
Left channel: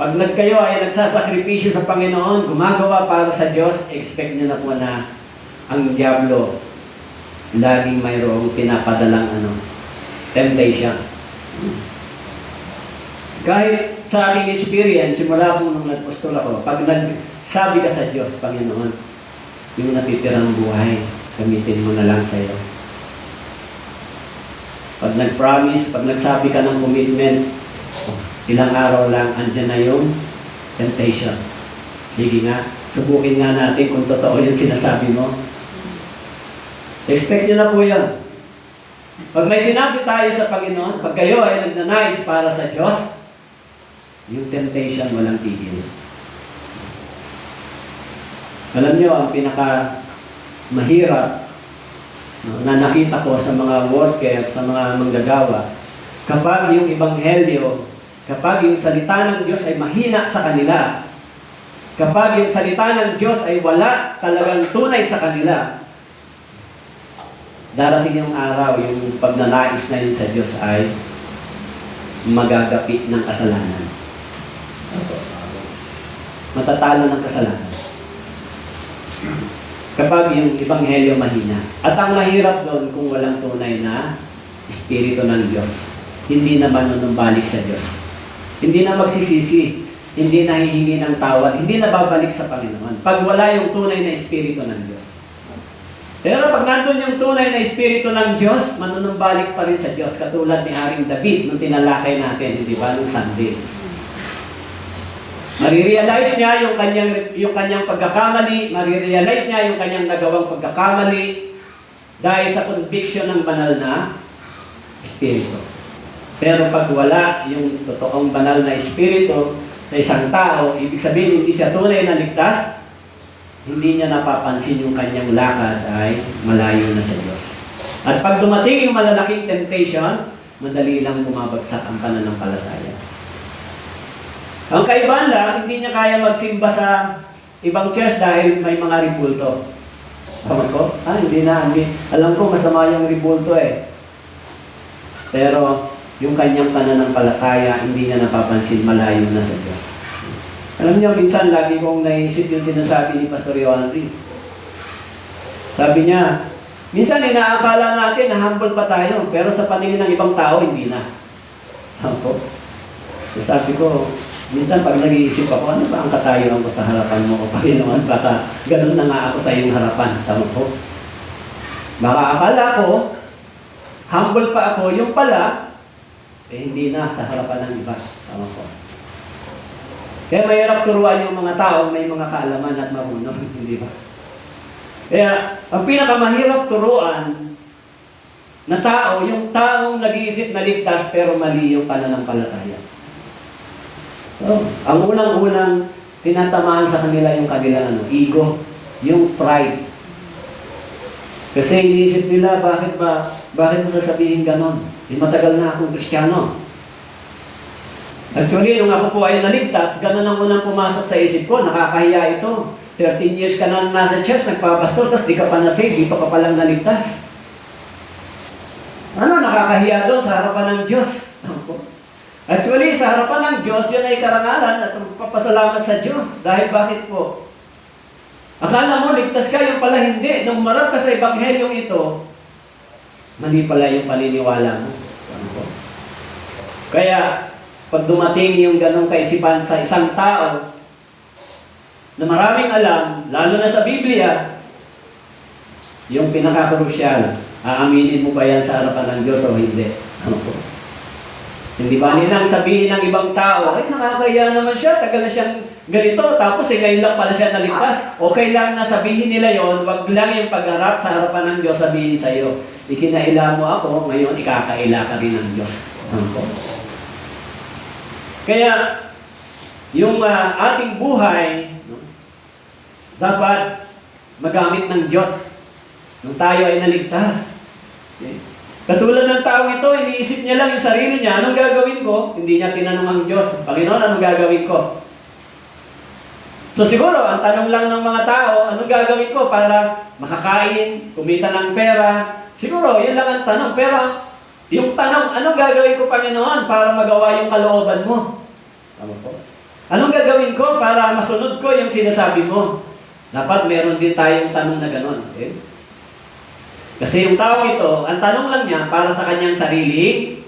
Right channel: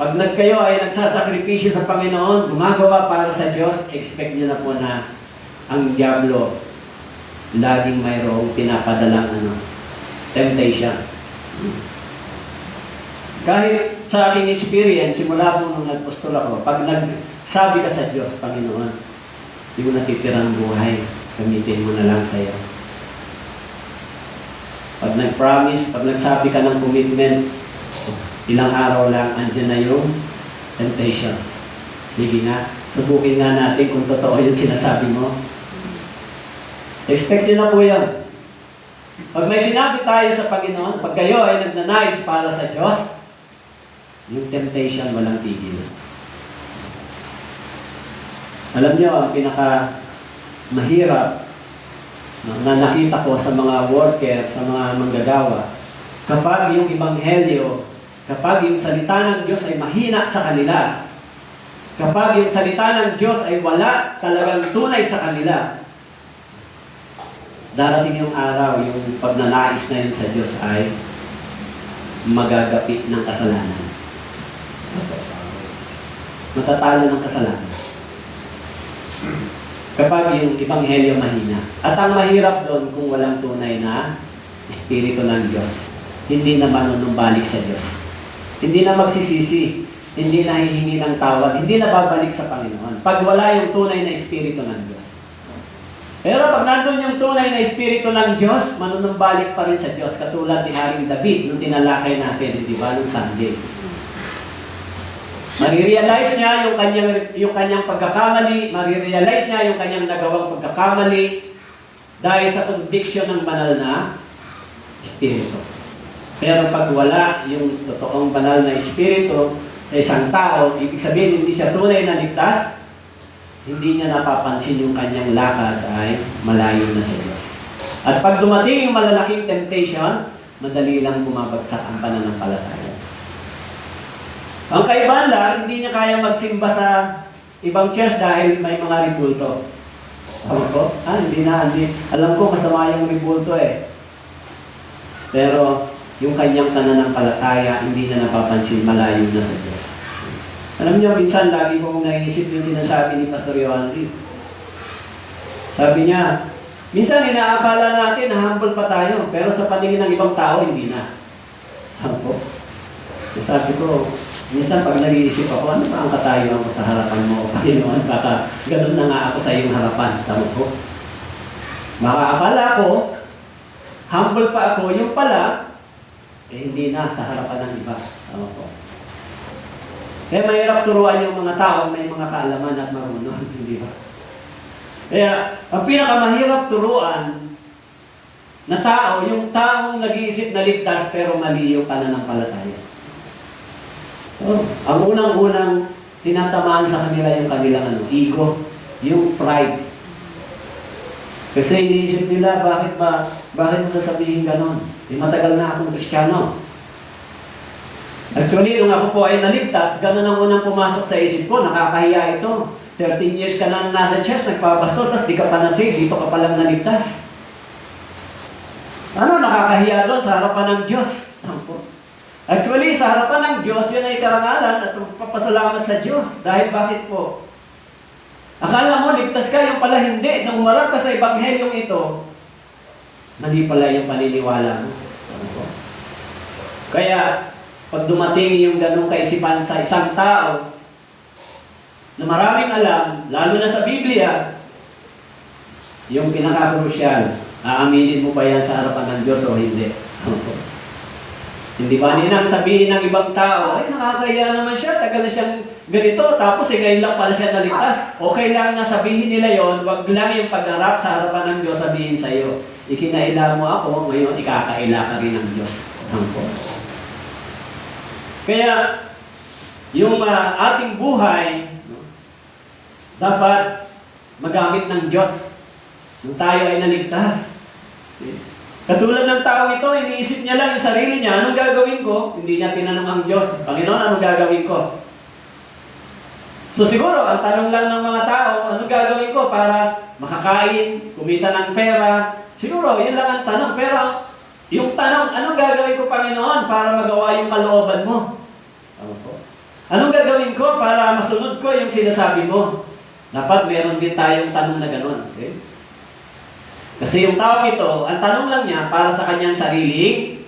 Pag kayo ay nagsasakripisyo sa Panginoon, gumagawa para sa Diyos, expect nyo na po na ang Diablo laging mayroong pinapadalang temptation. Kahit sa aking experience, simula po nung nagpastol ako, pag nagsabi ka sa Diyos, Panginoon, yung natitirang buhay, gamitin mo na lang sa iyo. Pag nag-promise, pag nagsabi ka ng commitment, ilang araw lang, andyan na yung temptation. Sige na, subukin nga natin kung totoo yung sinasabi mo. Expect nyo na po yan. Pag may sinabi tayo sa Panginoon, pag kayo ay nagnanais para sa Diyos, yung temptation walang tigil. Alam nyo, ang pinaka mahirap na nakita ko sa mga worker, sa mga manggagawa, kapag yung ebanghelyo, kapag yung salita ng Diyos ay mahina sa kanila, kapag yung salita ng Diyos ay wala talagang tunay sa kanila, darating yung araw, yung pagnanais na yun sa Diyos ay magagapi ng kasalanan. Matatalo ng kasalanan. Kapag yung ebanghelyo mahina. At ang mahirap doon kung walang tunay na Espiritu ng Diyos. Hindi na manunumbalik sa Diyos. Hindi na magsisisi. Hindi na hihingi ng tawad. Hindi na babalik sa Panginoon. Pag wala yung tunay na Espiritu ng Diyos. Pero pag nandun yung tunay na Espiritu ng Diyos, manunumbalik pa rin sa Diyos. Katulad ni Haring David nung tinalakay natin, di ba, nung Sunday. Marirealize niya yung kanyang pagkakamali, marirealize niya yung kanyang nagawang pagkakamali dahil sa conviction ng banal na Espiritu. Pero pag wala yung totoong banal na Espiritu sa isang tao, ibig sabihin hindi siya tunay na ligtas, hindi niya napapansin yung kanyang lakad ay malayo na sa Diyos. At pag dumating yung malalaking temptation, madali lang bumabagsak ang pananampalataya. Ang kaibahan lang, hindi niya kaya magsimba sa ibang church dahil may mga ribulto. Tama ko? Hindi na. Alam ko masama yung ribulto eh. Pero yung kanyang pananampalataya, hindi na napapansin, malayo na sa Diyos. Alam niyo, minsan lagi kong naisip yung sinasabi ni Pastor Yohandy. Sabi niya, minsan inaakala natin na humble pa tayo, pero sa paningin ng ibang tao, hindi na. Ako. Sabi ko, minsan pag nag-iisip ako, ano ba ang katayuan ko sa harapan mo? O Panginoon, baka ganun na nga ako sa iyong harapan. Tama ko. Baka akala ko, humble pa ako, yung pala, hindi na sa harapan ng iba. Tama ko. Kaya mahirap turuan yung mga tao, may mga kaalaman at marunong, hindi ba? Kaya, ang pinakamahirap turuan na tao, yung taong nag-iisip na ligtas pero mali yung pananampalataya. Ang unang-unang tinatamaan sa kanila yung kanilang ego, yung pride. Kasi iniisip nila, bakit mo sasabihin ganon? Matagal na akong Kristiyano. Actually, nung ako po ay naligtas, ganon ang unang pumasok sa isip ko, nakakahiya ito. 13 years ka na nasa church, nagpapastor, tapos di ka pa na-save, dito ka palang naligtas. Ano, nakakahiya doon sa harapan ng Diyos. Actually, sa harapan ng Diyos, yun ay karangalan at papasalamat sa Diyos. Dahil bakit po? Akala mo, ligtas ka, yung pala hindi. Nung marap ka sa ebanghelyong ito, mali pala yung paniniwala mo. Kaya, pag dumating yung ganong kaisipan sa isang tao, na maraming alam, lalo na sa Biblia, yung pinaka-crucial, aaminin mo ba yan sa harapan ng Diyos o hindi? Hindi ba nilang sabihin ng ibang tao, ay nakakaya naman siya, tagal na siyang ganito, tapos ngayon lang pala siya naligtas. Okay lang na sabihin nila yon, wag lang yung pagharap sa harapan ng Diyos sabihin sa iyo, ikinaila mo ako, ngayon ikakaila ka rin ng Diyos. Kaya, yung ating buhay, dapat magamit ng Diyos nung tayo ay naligtas. Katulad ng tao ito, iniisip niya lang yung sarili niya, anong gagawin ko? Hindi niya tinanong ang Diyos, Panginoon, anong gagawin ko? So siguro, ang tanong lang ng mga tao, anong gagawin ko para makakain, kumita ng pera? Siguro, yun lang ang tanong. Pero yung tanong, anong gagawin ko, Panginoon, para magawa yung kalooban mo? Anong gagawin ko para masunod ko yung sinasabi mo? Dapat meron din tayong tanong na gano'n. Okay? Kasi yung tao ito, ang tanong lang niya para sa kanyang sariling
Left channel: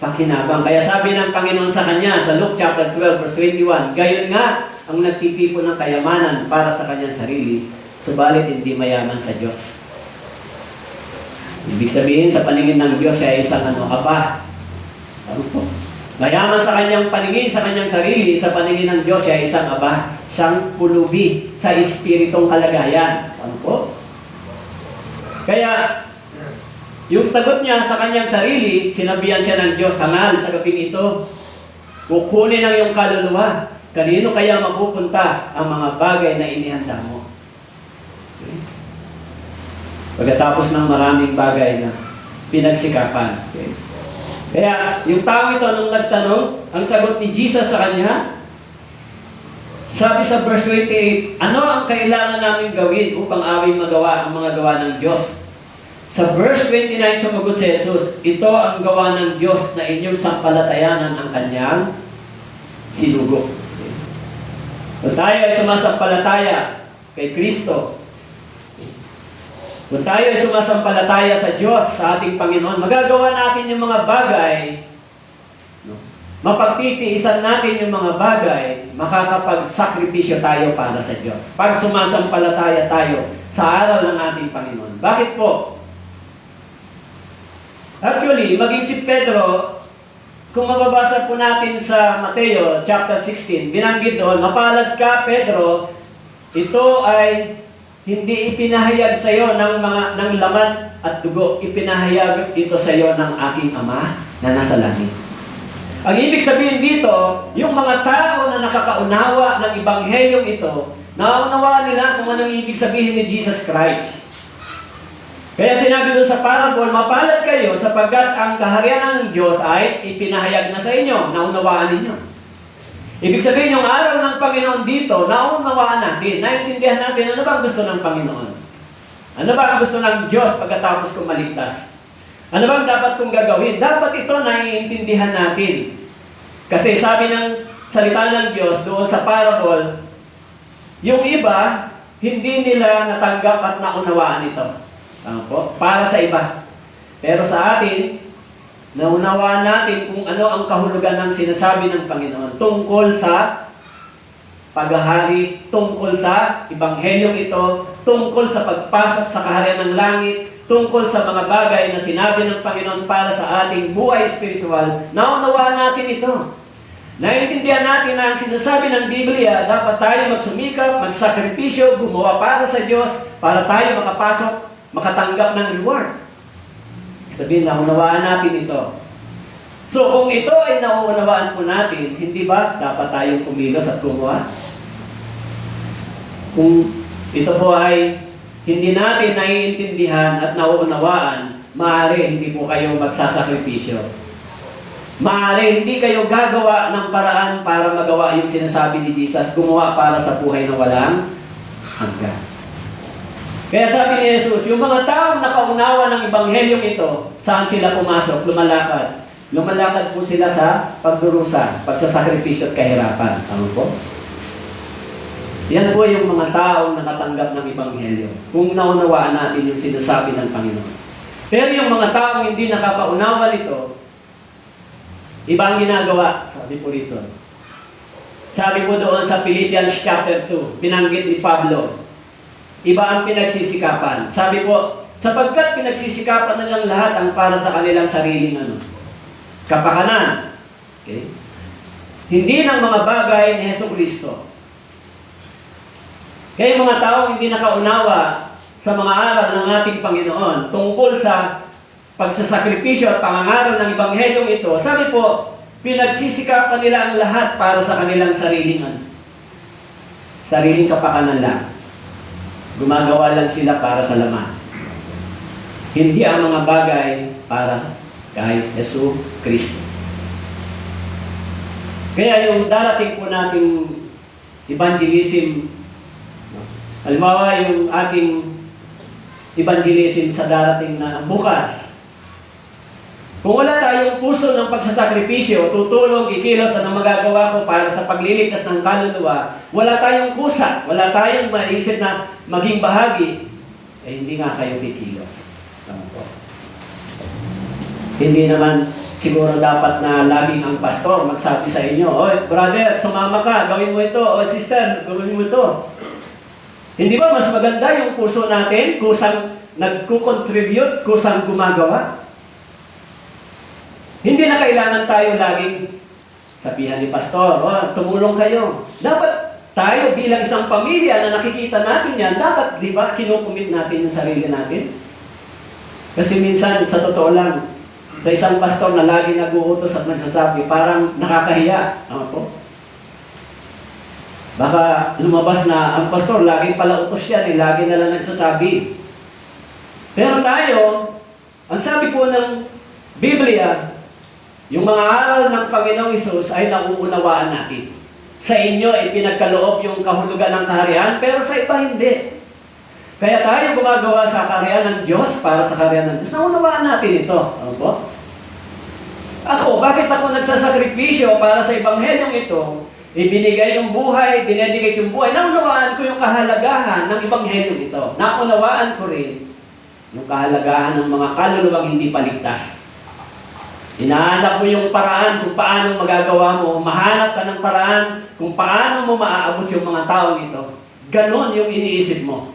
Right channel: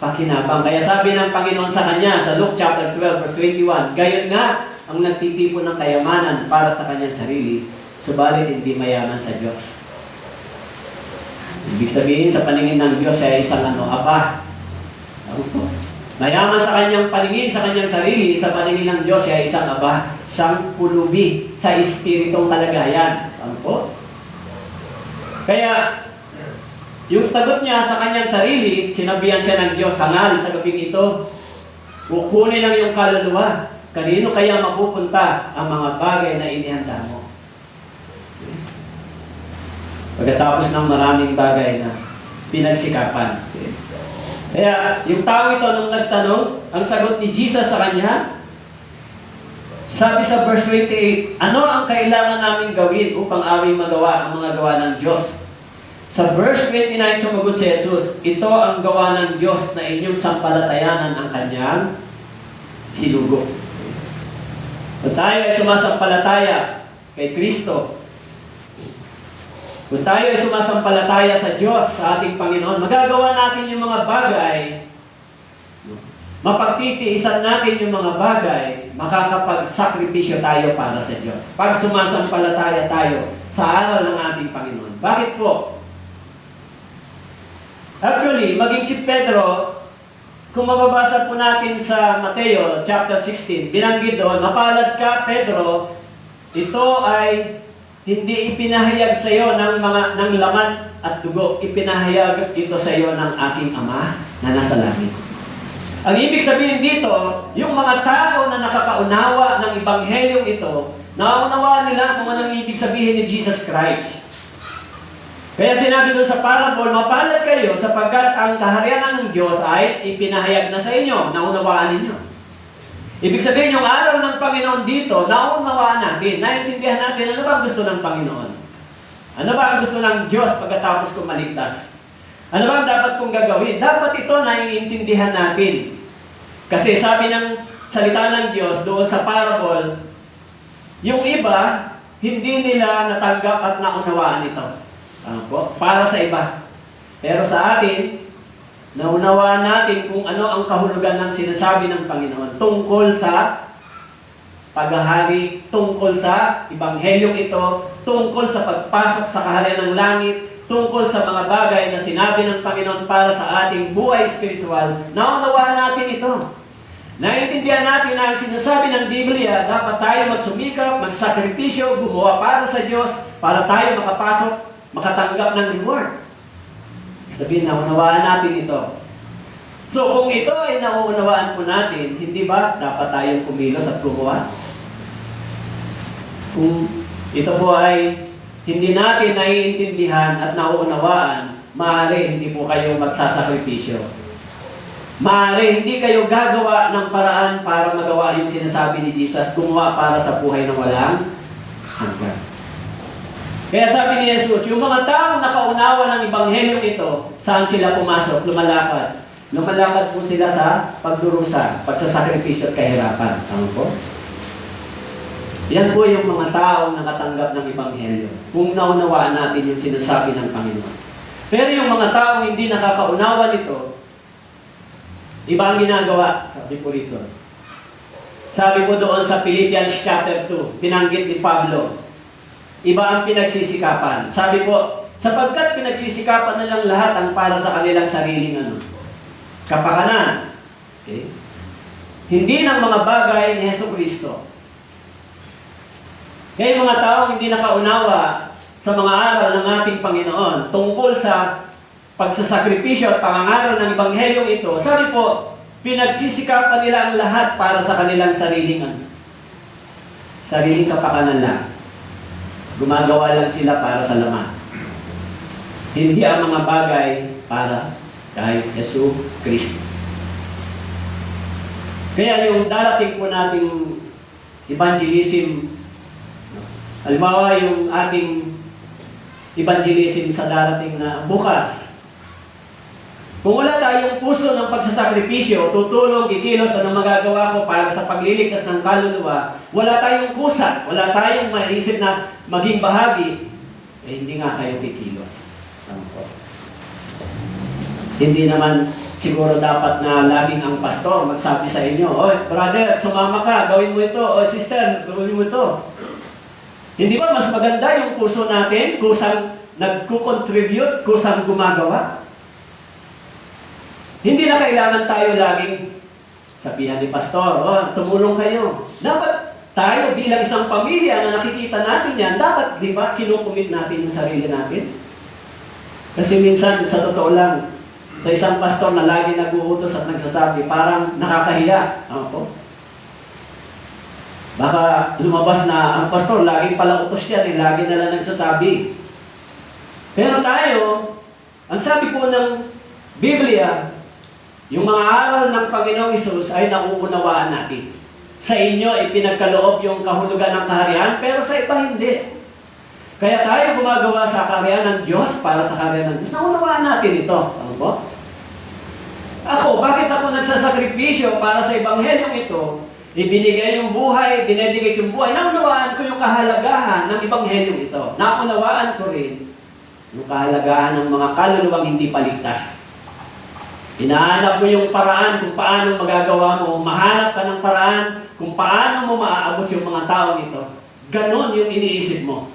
pakinabang. Kaya sabi ng Panginoon sa kanya sa Luke chapter 12 verse 21, gayon nga ang nagtitipon ng kayamanan para sa kanyang sarili, subalit hindi mayaman sa Diyos. Ibig sabihin, sa paningin ng Diyos, siya ay isang aba. Mayaman sa kanyang paningin, sa kanyang sarili, sa paningin ng Diyos, siya ay isang aba, isang pulubi sa espiritong kalagayan. Kaya, yung sagot niya sa kanyang sarili, sinabihan siya ng Diyos, hangal sa gabing ito, kukunin ang iyong kaluluwa. Kanino kaya mapupunta ang mga bagay na inihanda mo? Pagkatapos ng maraming bagay na pinagsikapan. Kaya, yung tao ito nung nagtanong, ang sagot ni Jesus sa kanya, sabi sa verse 28, ano ang kailangan namin gawin upang aming magawa ang mga gawa ng Diyos? Sa verse 29, sumagot si Jesus, ito ang gawa ng Diyos na inyong sampalatayanan ang kanyang sinugo. Kung tayo ay sumasampalataya kay Kristo, kung tayo ay sumasampalataya sa Diyos, sa ating Panginoon, magagawa natin yung mga bagay, mapagtitiisan natin yung mga bagay, makakapagsakripisyo tayo para sa Diyos. Pag sumasampalataya tayo sa aral ng ating Panginoon. Bakit po? Actually, maging si Pedro, kung mababasa po natin sa Mateo chapter 16, binanggit doon, mapalad ka, Pedro, ito ay hindi ipinahayag sa iyo ng laman at dugo, ipinahayag ito sa iyo ng aking Ama na nasa langit. Ang ibig sabihin dito, yung mga tao na nakakaunawa ng ebanghelyong ito, naunawaan nila kung anong ibig sabihin ni Jesus Christ. Kaya sinabi doon sa parable, mapalad kayo sapagkat ang kaharian ng Diyos ay ipinahayag na sa inyo, naunawaan ninyo. Ibig sabihin, yung araw ng Panginoon dito, naunawaan natin, naintindihan natin ano ba ang gusto ng Panginoon. Ano ba ang gusto ng Diyos pagkatapos kong maligtas? Ano ba ang dapat kong gagawin? Dapat ito naiintindihan natin. Kasi sabi ng salita ng Diyos doon sa parable, yung iba, hindi nila natanggap at naunawaan ito. Para sa iba. Pero sa atin, naunawaan natin kung ano ang kahulugan ng sinasabi ng Panginoon tungkol sa paghahari, tungkol sa ebanghelyong ito, tungkol sa pagpasok sa kaharian ng langit, tungkol sa mga bagay na sinabi ng Panginoon para sa ating buhay spiritual. Naunawaan natin ito. Naiintindihan natin na ang sinasabi ng Biblia, dapat tayo magsumikap, magsakripisyo, gumawa para sa Diyos, para tayo makapasok, makatanggap ng reward. Sabihin, naunawaan natin ito. So, kung ito ay naunawaan po natin, hindi ba dapat tayong kumilos at gumawa? Kung ito po ay hindi natin naiintindihan at nauunawaan, maaari hindi po kayo magsasakripisyo. Maaari hindi kayo gagawa ng paraan para magawa yung sinasabi ni Jesus, gumawa para sa buhay na walang hanggan. Kaya sabi ni Jesus, yung mga taong nakaunawa ng Ebanghelyong ito, saan sila pumasok? Lumalakad. Lumalakad po sila sa pagdurusa, pagsasakripisyo at kahirapan. Tama po? Yan po yung mga taong nakatanggap ng Ebanghelyo. Kung naunawaan natin yung sinasabi ng Panginoon. Pero yung mga taong hindi nakakaunawa nito, iba ang ginagawa, sabi po rito. Sabi po doon sa Philippians chapter 2, pinanggit ni Pablo, iba ang pinagsisikapan. Sabi po, sapagkat pinagsisikapan na lang lahat ang para sa kanilang sariling kapakanan. Okay? Hindi ng mga bagay ni Jesucristo. Kaya mga tao hindi nakaunawa sa mga aral ng ating Panginoon tungkol sa pagsasakripisyo at pangangaral ng Ebanghelyong ito, sabi po, pinagsisikapan nila ang lahat para sa kanilang sariling kapakanan lang. Gumagawa lang sila para sa laman. Hindi ang mga bagay para kay Yesu Kristo. Kaya yung darating po nating evangelism, halimbawa yung ating evangelism sa darating na bukas, kung wala tayong puso ng pagsasakripisyo, tutulong, kikilos, ano magagawa ko para sa pagliligtas ng kaluluwa, wala tayong kusa, wala tayong maisip na maging bahagi, hindi nga kayo kikilos. Hindi naman siguro dapat na laging ang pastor magsabi sa inyo, "Oy, brother, sumama ka, gawin mo ito. O sister, gawin mo ito." Hindi ba mas maganda yung puso natin, kusang nagko-contribute, kusang gumagawa? Hindi na kailangan tayo laging sabihan ni pastor, "Oh, tumulong kayo." Dapat tayo bilang isang pamilya na nakikita natin yan, dapat, di ba, kinukumit natin yung sarili natin? Kasi minsan, sa totoo lang, sa isang pastor na lagi nag-uutos at nagsasabi, parang nakakahiya. Ano po? Baka lumabas na ang pastor, laging pala utos yan, lagi na lang nagsasabi. Pero tayo, ang sabi po ng Biblia, yung mga aral ng Panginoong Hesus ay nauunawaan natin. Sa inyo ay pinagkaloob yung kahulugan ng kaharian, pero sa iba hindi. Kaya tayo gumagawa sa kaharian ng Diyos para sa kaharian ng Diyos. Naunawaan natin ito. Ano po? Bakit ako nagsasakripisyo para sa Ebanghelyong ito? Ibinigay yung buhay, dinedicate yung buhay. Naunawaan ko yung kahalagahan ng Ebanghelyong ito. Naunawaan ko rin yung kahalagahan ng mga kaluluwang hindi paligtas. Hinahanap mo yung paraan kung paano magagawa mo. Mahanap ka ng paraan kung paano mo maaabot yung mga taong ito. Ganon yung iniisip mo.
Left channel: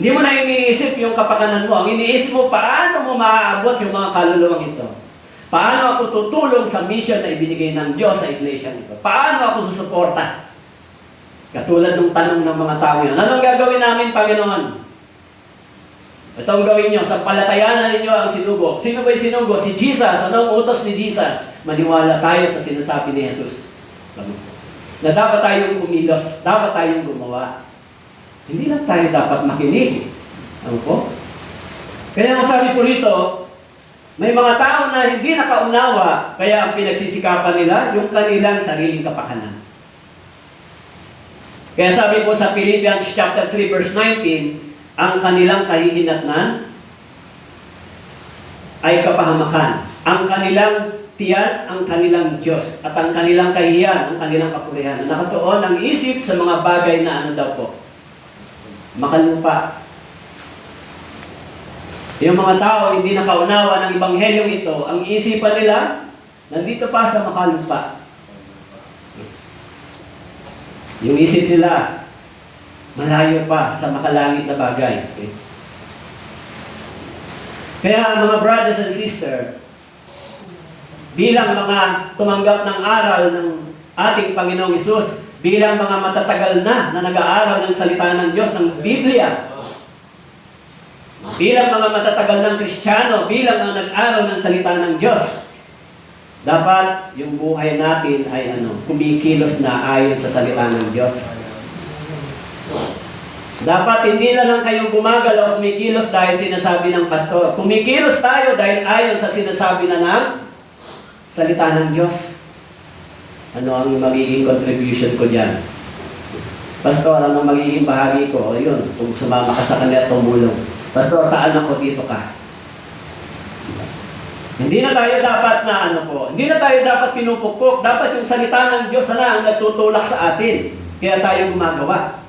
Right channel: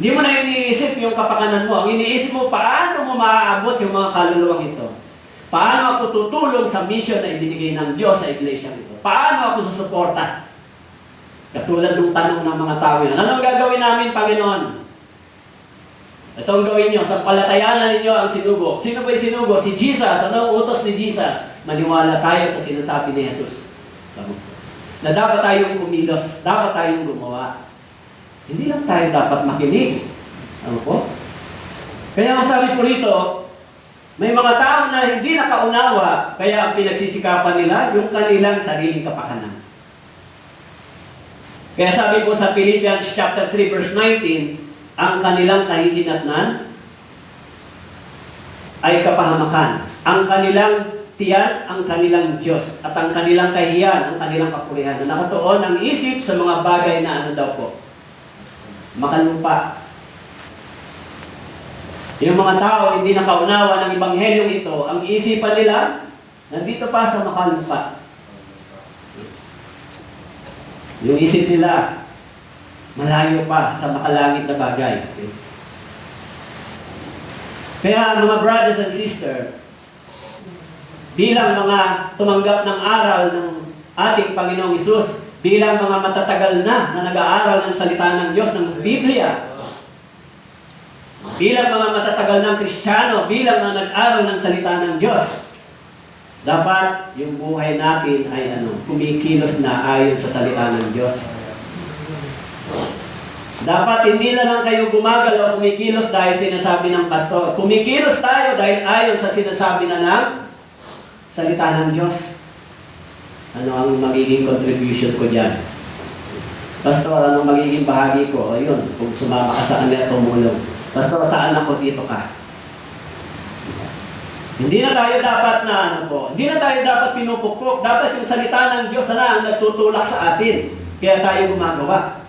Hindi mo na iniisip yung kapakanan mo. Ang iniisip mo, paano mo maaabot yung mga kaluluwang ito. Paano ako tutulong sa mission na ibinigay ng Diyos sa iglesia nito? Paano ako susuporta? Katulad ng tanong ng mga tao yun. Anong gagawin namin, Panginoon? Ito ang gawin nyo. Sa palatayanan ninyo ang sinugo. Sino ba'y sinugo? Si Jesus. Anong utos ni Jesus? Maniwala tayo sa sinasabi ni Jesus. Na dapat tayong kumilos. Dapat tayong gumawa. Hindi lang tayo dapat makinig. Ano po? Kaya ang sabi ko rito, may mga tao na hindi nakaunawa, kaya ang pinagsisikapan nila yung kanilang sariling kapakanan. Kaya sabi po sa Philippians chapter 3 verse 19, ang kanilang kahihinatnan ay kapahamakan. Ang kanilang tiyan, ang kanilang Diyos. At ang kanilang kahiyan, ang kanilang kapurihan. Nakatuon ang isip sa mga bagay na ano daw po. Makalupa. Yung mga tao hindi nakaunawa ng Ebanghelyong ito, ang isipan nila, nandito pa sa makalupa. Yung isip nila, malayo pa sa makalangit na bagay. Okay? Kaya mga brothers and sisters, bilang mga tumanggap ng aral ng ating Panginoong Hesus, bilang mga matatagal na nag-aaral ng salita ng Diyos, ng Biblia, bilang mga matatagal ng Kristiyano, bilang mga nag-aral ng salita ng Diyos, dapat yung buhay natin ay kumikilos na ayon sa salita ng Diyos. Dapat hindi na lang kayo gumagalaw, kumikilos dahil sinasabi ng pastor. Kumikilos tayo dahil ayon sa sinasabi na ng salita ng Diyos. Ano ang magiging contribution ko dyan? Pastor, anong magiging bahagi ko? O yun, kung sumama ka sa kanya at tumulong. Pastor, saan ako dito ka? Hindi na tayo dapat hindi na tayo dapat pinupukpok. Dapat yung salita ng Diyos na ang nagtutulak sa atin. Kaya tayo gumagawa.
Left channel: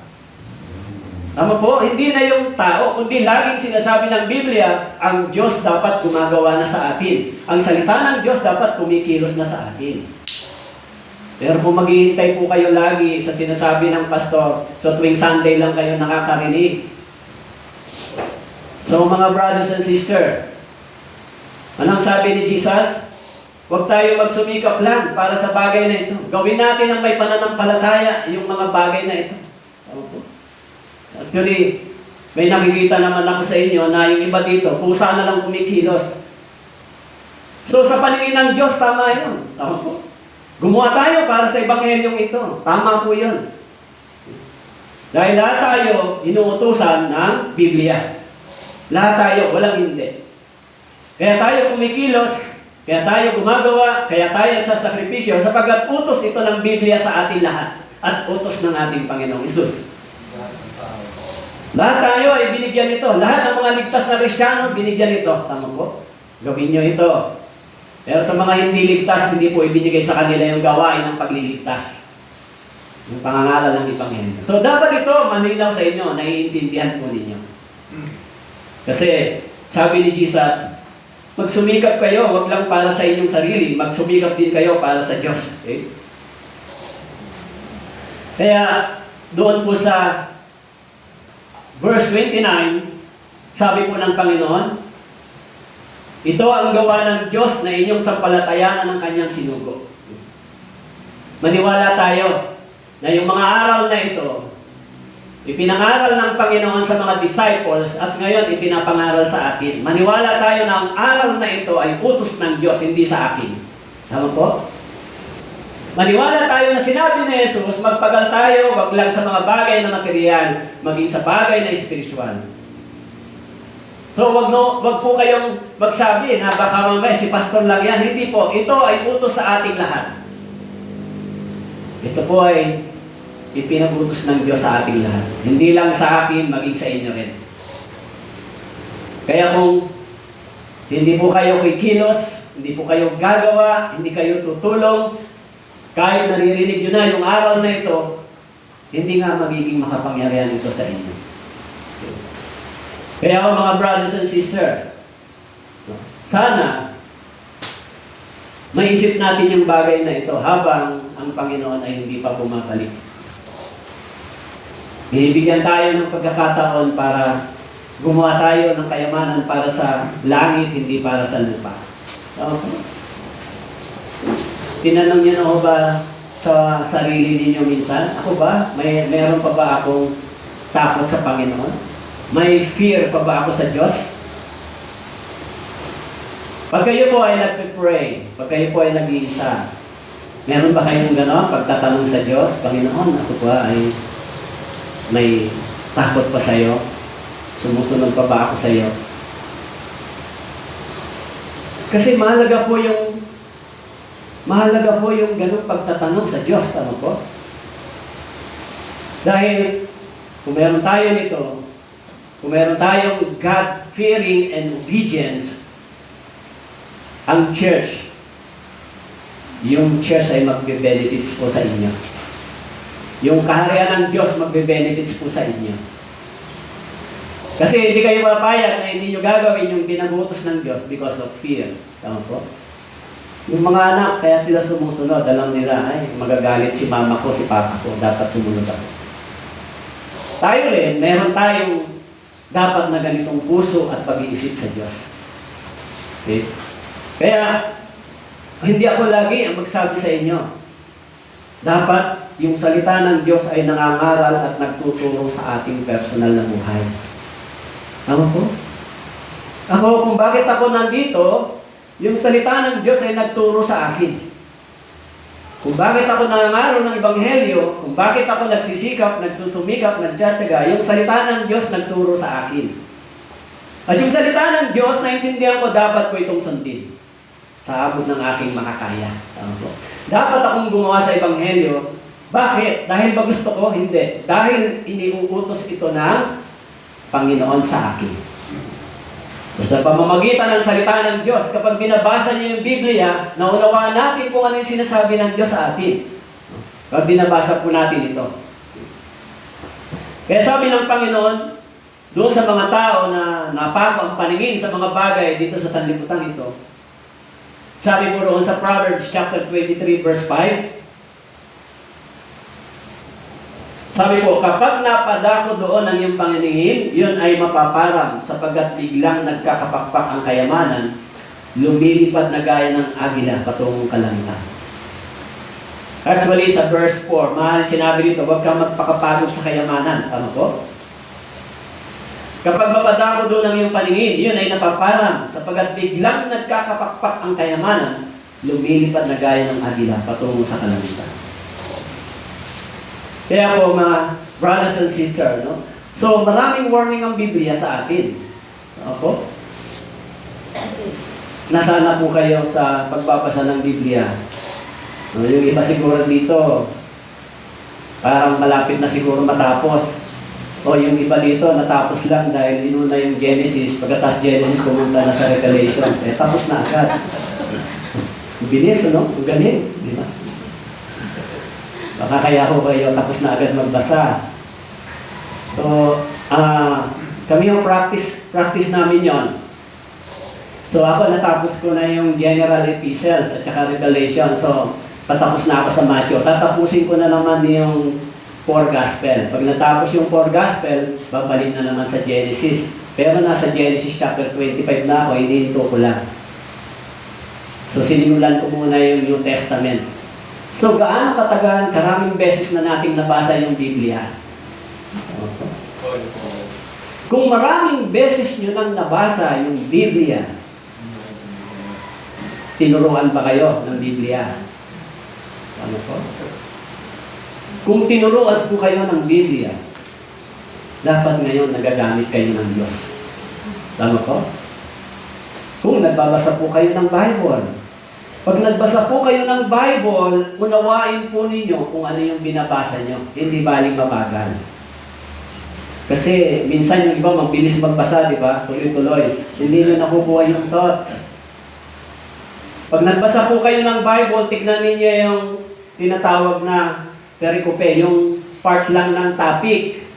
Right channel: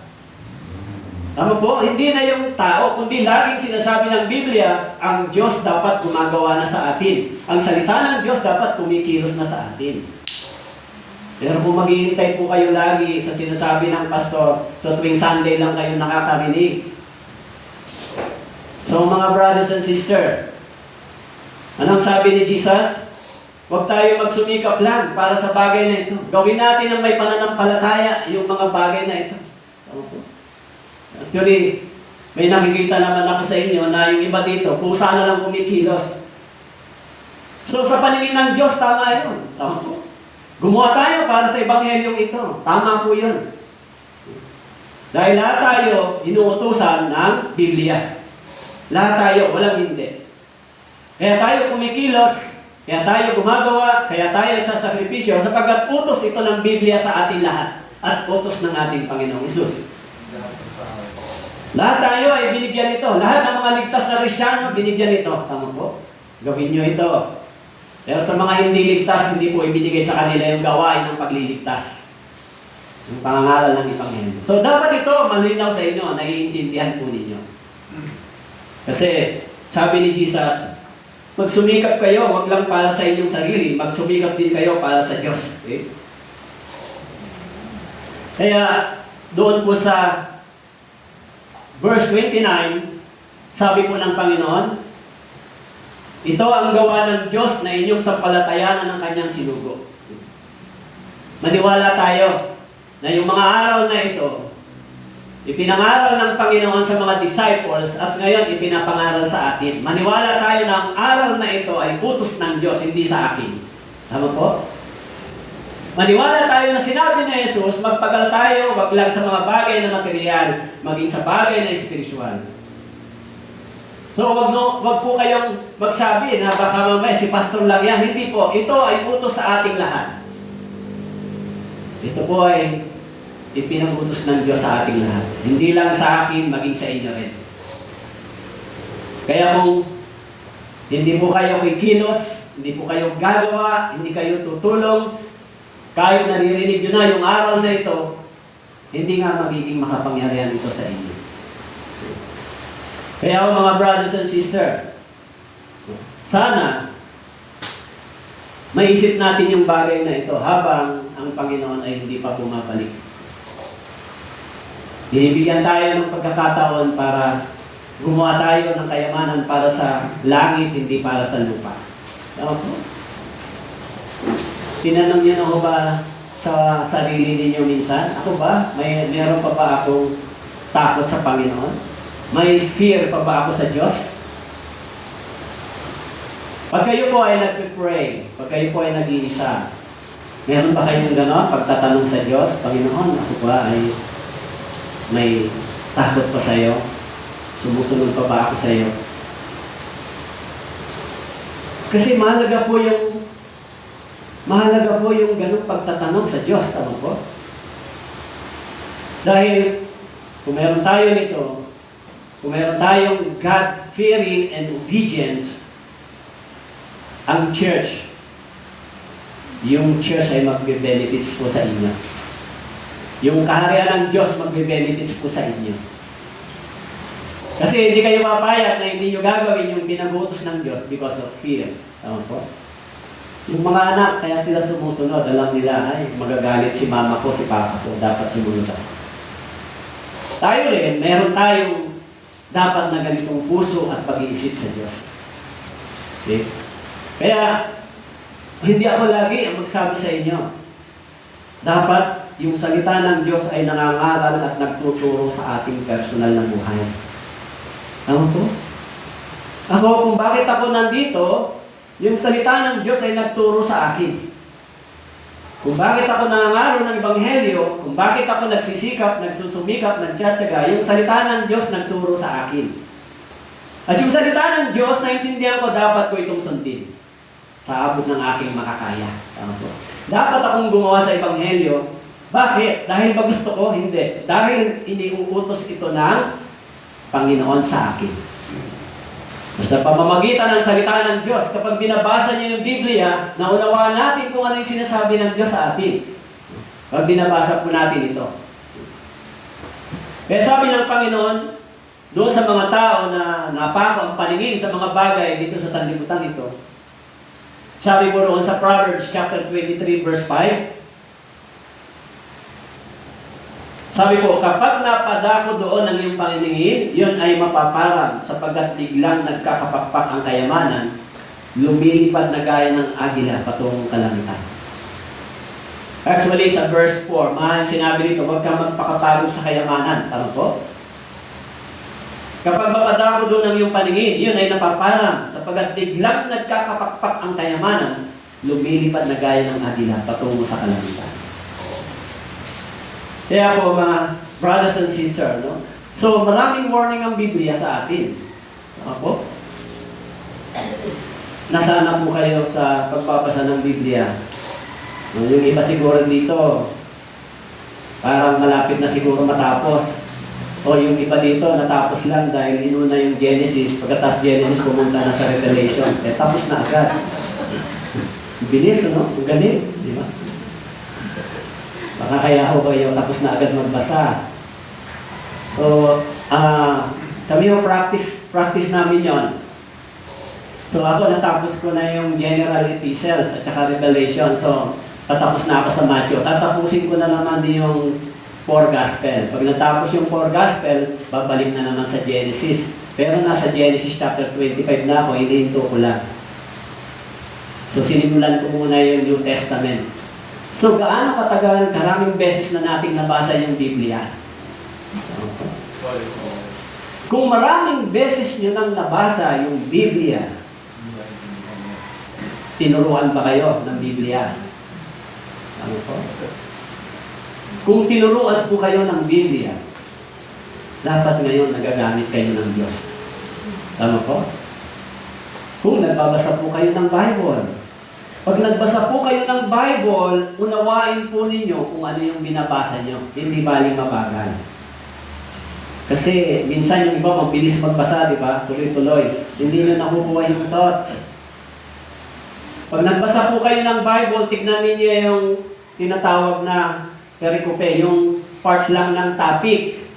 Tama po, hindi na yung tao, kundi laging sinasabi ng Biblia, ang Diyos dapat gumagawa na sa atin. Ang salita ng Diyos dapat kumikilos na sa atin. Pero kung maghihintay po kayo lagi sa sinasabi ng pastor, so tuwing Sunday lang kayo nakakarinig. So mga brothers and sisters, anong sabi ni Jesus? Huwag tayo magsumikap lang para sa bagay na ito. Gawin natin ang may pananampalataya, yung mga bagay na ito. Actually, may nakikita naman ako sa inyo na yung iba dito, pusa na lang kumikilos. So sa paningin ng Diyos, tama yun. Tama po. Gumawa tayo para sa ebanghelyong ito. Tama po yun. Dahil lahat tayo inuutusan ng Biblia. Lahat tayo, walang hindi. Kaya tayo kumikilos, kaya tayo gumagawa, kaya tayo nagsasakripisyo, sapagkat utos ito ng Biblia sa ating lahat at utos ng ating Panginoong Hesus. Lahat tayo ay binigyan ito. Lahat ng mga ligtas na Kristyano, binigyan ito. Tama po? Gawin nyo ito. Pero sa mga hindi ligtas, hindi po ibinigay sa kanila yung gawain ng pagliligtas. Yung pangangaral ng Ebanghelyo. So dapat ito malinaw sa inyo, naiintindihan po ninyo. Kasi sabi ni Jesus, magsumikap kayo, wag lang para sa inyong sarili, magsumikap din kayo para sa Diyos. Okay? Kaya doon po sa verse 29, sabi po ng Panginoon, ito ang gawa ng Diyos na inyong sampalatayanan ng kanyang sinugo. Maniwala tayo na yung mga aral na ito, ipinangaral ng Panginoon sa mga disciples as ngayon ipinapangaral sa atin. Maniwala tayo na ang aral na ito ay utos ng Diyos, hindi sa akin. Tama po? Maniwala tayo na sinabi ni Jesus, magpagal tayo, wag lang sa mga bagay na material, maging sa bagay na espiritual. So wag po kayong magsabi na baka mamaya si pastor lang yan. Hindi po. Ito ay utos sa ating lahat. Ito po ay ipinabutos ng Diyos sa ating lahat. Hindi lang sa akin, maging sa inyo rin. Kaya kung hindi po kayo kikilos, hindi po kayo gagawa, hindi kayo tutulong, kahit naririnig nyo na yung aral na ito, hindi nga magiging makapangyarihan ito sa inyo. Kaya mga brothers and sisters, sana maisip natin yung bagay na ito habang ang Panginoon ay hindi pa bumabalik. Binibigyan tayo ng pagkakataon para gumawa tayo ng kayamanan para sa langit, hindi para sa lupa. Okay. Tinanong niyo na ba sa sarili ninyo minsan, ako ba? Mayroon pa ba akong takot sa Panginoon? May fear pa ba ako sa Diyos? Pag kayo po ay nagpipray, pag kayo po ay nag-iisa, meron ba kayong gano'n pagtatanong sa Diyos, Panginoon, ako ba ay may takot pa sa iyo? Sumusunod pa ba ako sa iyo? Kasi mahalaga po yung gano'ng pagtatanong sa Diyos, tama po? Dahil kung meron tayo nito, kung meron tayong God-fearing and obedience, ang church, yung church ay magbe-benefits po sa inyo. Yung kaharian ng Diyos magbe-benefits po sa inyo. Kasi hindi kayo papayag na hindi nyo gagawin yung pinabutos ng Diyos because of fear. Tama po? Yung mga anak, kaya sila sumusunod, alam nila, ay magagalit si mama ko, si papa ko, dapat sumunod ako. Tayo rin, meron tayong dapat na ganitong puso at pag-iisip sa Diyos. Okay? Kaya, hindi ako lagi ang magsabi sa inyo. Dapat yung salita ng Diyos ay nangangaral at nagtuturo sa ating personal na buhay. Tama po? Ako, kung bakit ako nandito, yung salita ng Diyos ay nagturo sa akin. Kung bakit ako nangangaro ng Ebanghelyo, kung bakit ako nagsisikap, nagsusumikap, nagtsatsaga, yung salita ng Diyos nagturo sa akin. At yung salita ng Diyos, naintindihan ko, dapat ko itong sundin sa abot ng aking makakaya. Dapat akong gumawa sa Ebanghelyo Bakit? Dahil ba gusto ko? Hindi. Dahil iniuutos ito ng Panginoon sa akin. Sa pamamagitan ng salita ng Diyos, kapag binabasa niyo yung Biblia, naunawaan natin kung ano yung sinasabi ng Diyos sa atin. Pag binabasa po natin ito. Kaya sabi ng Panginoon, doon sa mga tao na napako ang paningin sa mga bagay dito sa sanlibutan ito, sabi po roon sa Proverbs chapter 23 verse 5, sabi po, kapag napadako doon ang iyong paningin, yun ay mapaparang sapagkat biglang nagkakapakpak ang kayamanan, lumilipad na gaya ng agila patungong kalangitan. Actually, sa verse 4, mahal sinabi dito, huwag kang magpakapagod sa kayamanan. Tama po? Kapag mapadako doon ang iyong paningin, yun ay napaparang sapagkat biglang nagkakapakpak ang kayamanan, lumilipad na gaya ng agila patungong sa kalangitan. Kaya po mga brothers and sisters, no? So maraming warning ang Biblia sa atin. Ako? Nasana po kayo sa pagbabasa ng Biblia. Yung iba siguro dito, parang malapit na siguro matapos. O yung iba dito, natapos lang dahil inuna yung Genesis. Pagkatapos Genesis, pumunta na sa Revelation. Tapos na agad. Bilis, no? Ang galing. Di ba? Baka kaya ho kayo tapos na agad magbasa. So, kami yung practice namin yon. So ako natapos ko na yung General Epistles at saka Revelation. So, patapos na ako sa Matthew. Tatapusin ko na naman yung 4 Gospel. Pag natapos yung 4 Gospel, babalik na naman sa Genesis. Pero nasa Genesis chapter 25 na ako, hinihinto ko lang. So, sinimulan ko muna yung New Testament. So, gaano katagal, karaming beses na nating nabasa yung Biblia? Okay. Kung maraming beses nyo nang nabasa yung Biblia, tinuruan ba kayo ng Biblia? Ano po? Kung tinuruan po kayo ng Biblia, dapat ngayon nagagamit kayo ng Diyos. Tama po? Kung nagbabasa po kayo ng Bible, pag nagbasa po kayo ng Bible, unawain po ninyo kung ano yung binabasa nyo. Hindi baling mabagal. Kasi minsan yung iba mabilis magbasa, di ba? Tuloy-tuloy. Hindi nyo nakukuha yung thought. Pag nagbasa po kayo ng Bible, tignan ninyo yung tinatawag na perikope, yung part lang ng topic.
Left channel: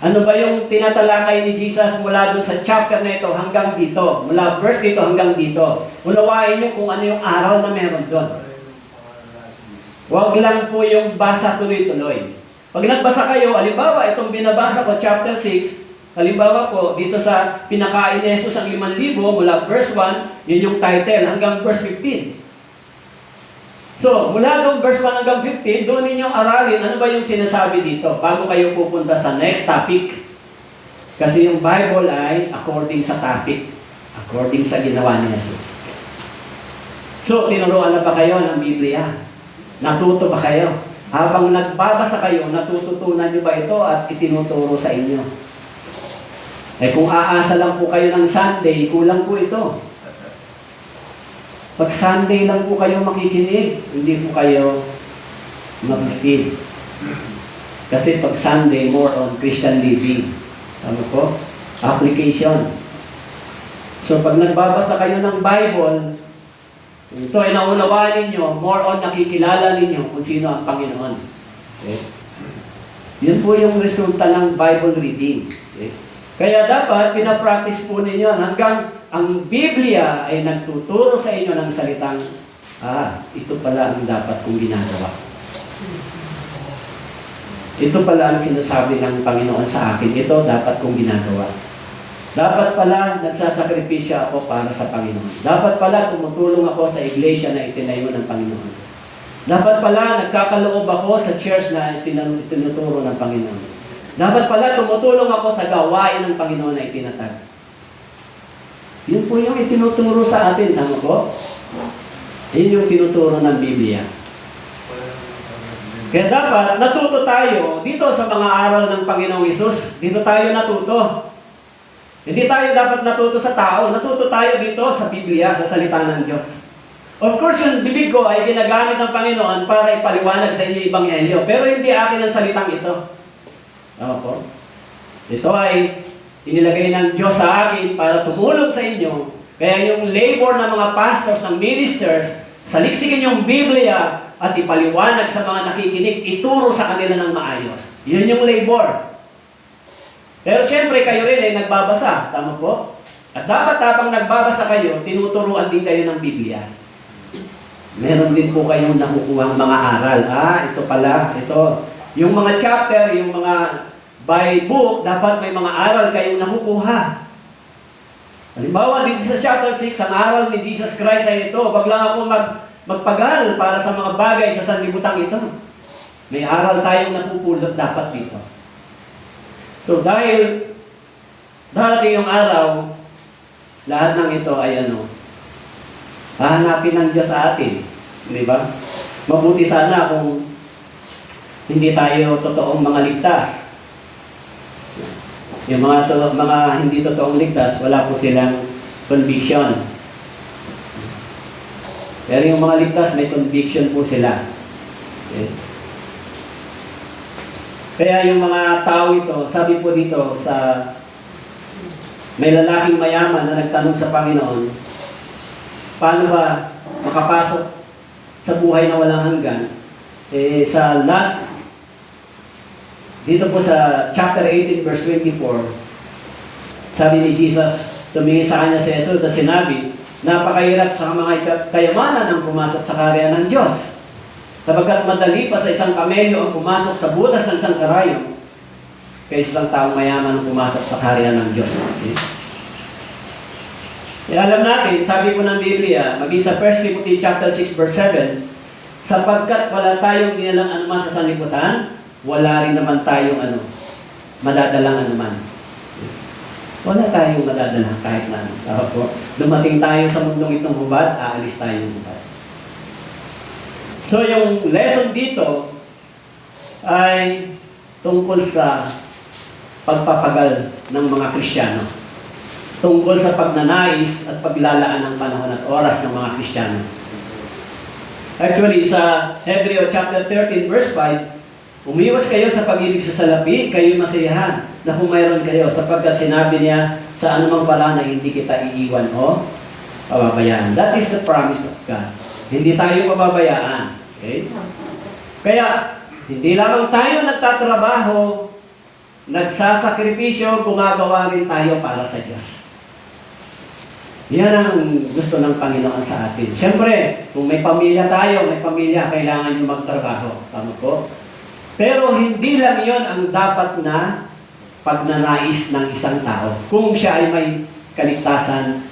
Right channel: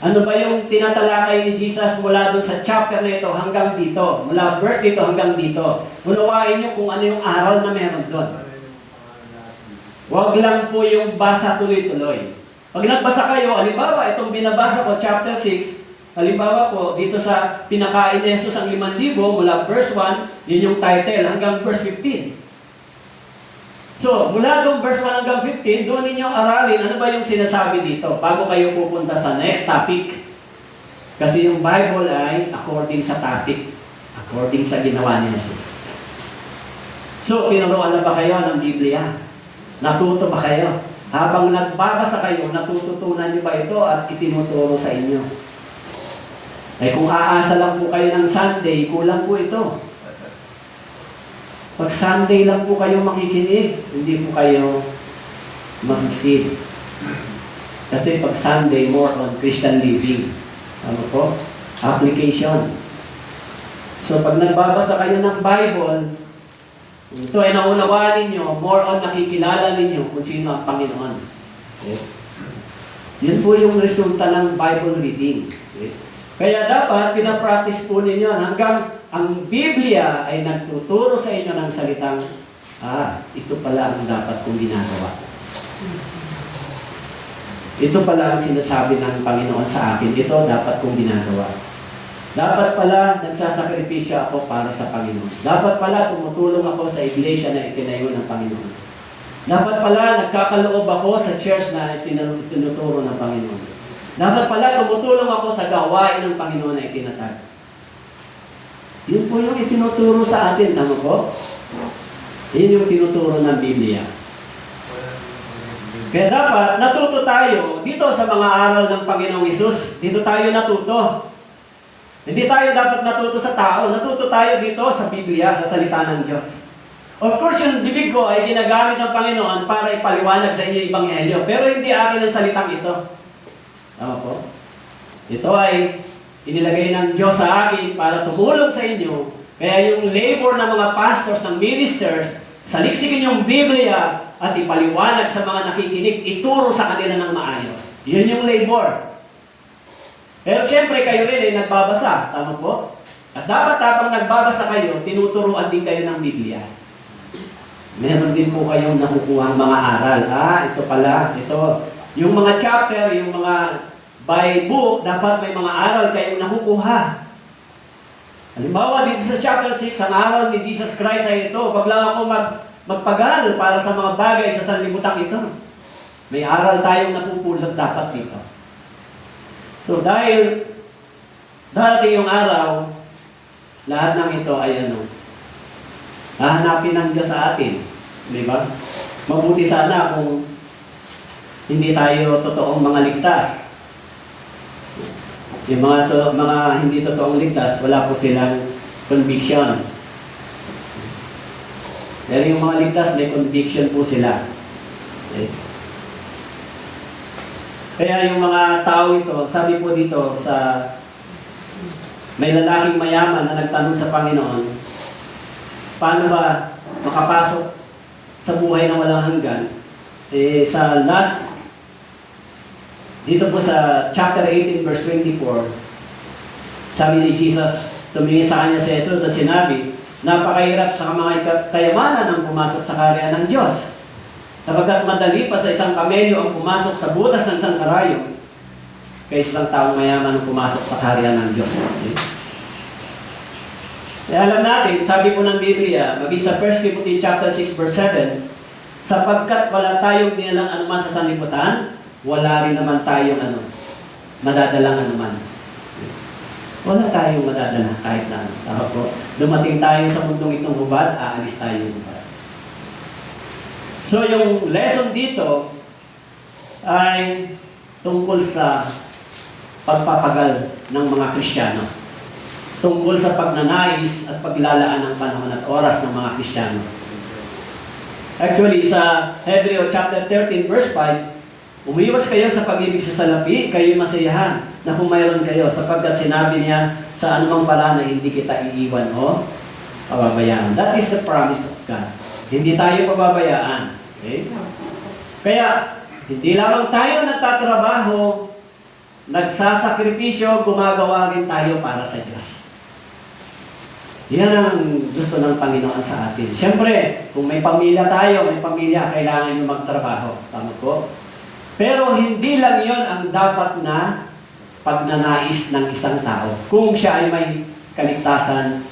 Ano ba yung tinatalakay ni Jesus mula doon sa chapter na ito hanggang dito? Mula verse dito hanggang dito. Unawain nyo kung ano yung aral na meron doon. Huwag lang po yung basa tuloy-tuloy. Pag nagbasa kayo, halimbawa, itong binabasa ko, chapter 6, halimbawa po, dito sa pinakain ni Jesus ang 5,000, mula verse 1, yun yung title, hanggang verse 15. So, mula doon verse 1 hanggang 15, doon ninyong aralin ano ba yung sinasabi dito bago kayo pupunta sa next topic. Kasi yung Bible ay according sa topic, according sa ginawa ni Jesus. So, tinuruan na ba kayo ng Biblia? Natuto ba kayo? Habang nagbabasa kayo, natututunan niyo ba ito at itinuturo sa inyo? Eh kung aasa lang po kayo ng Sunday, kulang po ito. Pag Sunday lang po kayo makikinig, hindi po kayo mag-feed. Kasi pag Sunday, more on Christian living. Ano po? Application. So pag nagbabasa kayo ng Bible, ito ay naunawaan ninyo, more on nakikilala ninyo kung sino ang Panginoon. Okay? Yun po yung resulta ng Bible reading. Okay? Kaya dapat, pinapractice po ninyo hanggang ang Biblia ay nagtuturo sa inyo ng salitang, ito pala ang dapat kong ginagawa. Ito pala ang sinasabi ng Panginoon sa akin, ito dapat kong ginagawa. Dapat pala nagsasakripisyo ako para sa Panginoon. Dapat pala tumutulong ako sa iglesia na itinayo ng Panginoon. Dapat pala nagkakaloob ako sa church na tinuturo ng Panginoon. Dapat pala tumutulong ako sa gawain ng Panginoon na itinatag. Yun po yung itinuturo sa atin. Tama po? Yun yung tinuturo ng Biblia. Kaya dapat natuto tayo dito sa mga aral ng Panginoong Hesus. Dito tayo natuto. Hindi tayo dapat natuto sa tao. Natuto tayo dito sa Biblia, sa salita ng Diyos. Of course, yung bibig ko ay ginagamit ng Panginoon para ipaliwanag sa inyo yung Ebanghelyo. Pero hindi akin ang salitang ito. Opo. Ito ay inilagay ng Diyos sa akin para tumulong sa inyo. Kaya yung labor ng mga pastors, ng ministers, saliksikin yung Biblia at ipaliwanag sa mga nakikinig, ituro sa kanila ng maayos. Yun yung labor. Pero siyempre kayo rin ay nagbabasa. Tama po? At dapat habang nagbabasa kayo, tinuturuan din kayo ng Biblia. Meron din po kayong nakukuha mga aral. Ito pala, ito. Yung mga chapter, yung mga by book, dapat may mga aral kayong nakukuha. Halimbawa, dito sa chapter 6, ang aral ni Jesus Christ ay ito. Pag lang ako magpagal para sa mga bagay sa sanlibutan ito. May aral tayong napupulot dapat dito. So, dahil darating yung araw, lahat ng ito ay hahanapin ng Diyos sa atin. Di ba? Mabuti sana kung hindi tayo totoong mga ligtas. Yung mga hindi totoong ligtas, wala po silang conviction. Pero yung mga ligtas, may conviction po sila. Okay. Kaya yung mga tao ito, sabi po dito may lalaking mayaman na nagtanong sa Panginoon, paano ba makapasok sa buhay na walang hanggan? Sa dito po sa chapter 18 verse 24, sabi ni Jesus, tumingin sa kanya si Jesus at sinabi, napakahirap sa mga kayamanan ang pumasok sa kaharian ng Diyos. Kapagkat madali pa sa isang kamelyo ang pumasok sa butas ng isang karayo, kaysa isang taong mayaman ang pumasok sa kaharian ng Diyos. Okay? Kaya alam natin, sabi po ng Biblia, maging sa 1 Timothy chapter 6 verse 7, sapagkat wala tayong dinalang anuman sa sanlibutan, wala rin naman tayong madadalang anuman. Wala tayong madadala kahit na ano. Dumating tayo sa mundong itong hubad, aalis tayo ng hubad. So yung lesson dito ay tungkol sa pagpapagal ng mga Kristiyano. Tungkol sa pagnanais at paglalaan ng panahon at oras ng mga Kristiyano. Actually, sa Hebreo chapter 13 verse 5, umiwas kayo sa pag-ibig sa salapi, kayo masayahan na kung mayroon kayo, sapagkat sinabi niya sa anumang paraan na hindi kita iiwan o pababayaan. That is the promise of God. Hindi tayo pababayaan. Okay? Kaya, hindi lamang tayo nagtatrabaho, nagsasakripisyo, gumagawa rin tayo para sa Diyos. Yan ang gusto ng Panginoon sa atin. Siyempre, kung may pamilya tayo, kailangan nyo magtrabaho. Tama po? Pero hindi lang yon ang dapat na pagnanais ng isang tao. Kung siya ay may kaligtasan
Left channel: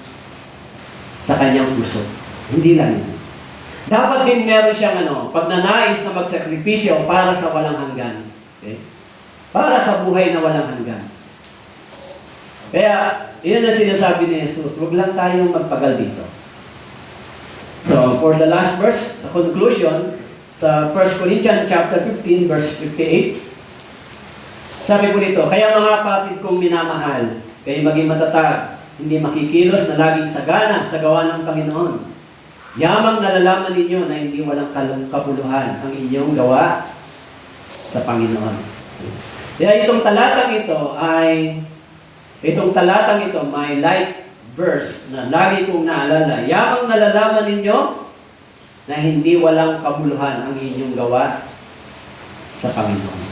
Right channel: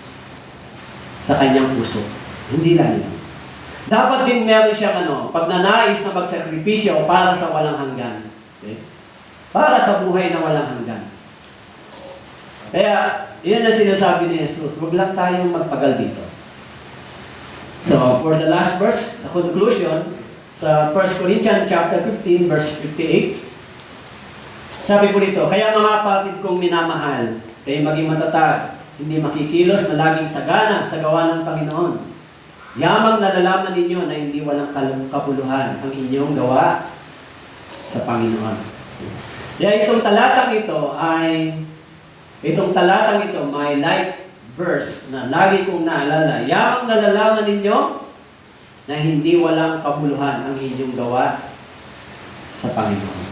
sa kanyang puso. Hindi lang yun. Dapat din meron siyang pagnanais na magsakripisyo para sa walang hanggan. Okay? Para sa buhay na walang hanggan. Kaya, yun ang sinasabi ni Jesus, huwag lang tayong magpagal dito. So, for the last verse, the conclusion, sa 1 Corinthians chapter 15, verse 58, sabi ko nito, kaya mga kapatid kong minamahal, kayo maging matatag, hindi makikilos na laging sagana sa gawa ng Panginoon. Yamang nalalaman ninyo na hindi walang kapuluhan ang inyong gawa sa Panginoon. Kaya itong talatang ito may light verse na lagi kong naalala. Yamang nalalaman ninyo na hindi walang kabuluhan ang inyong gawa sa Panginoon.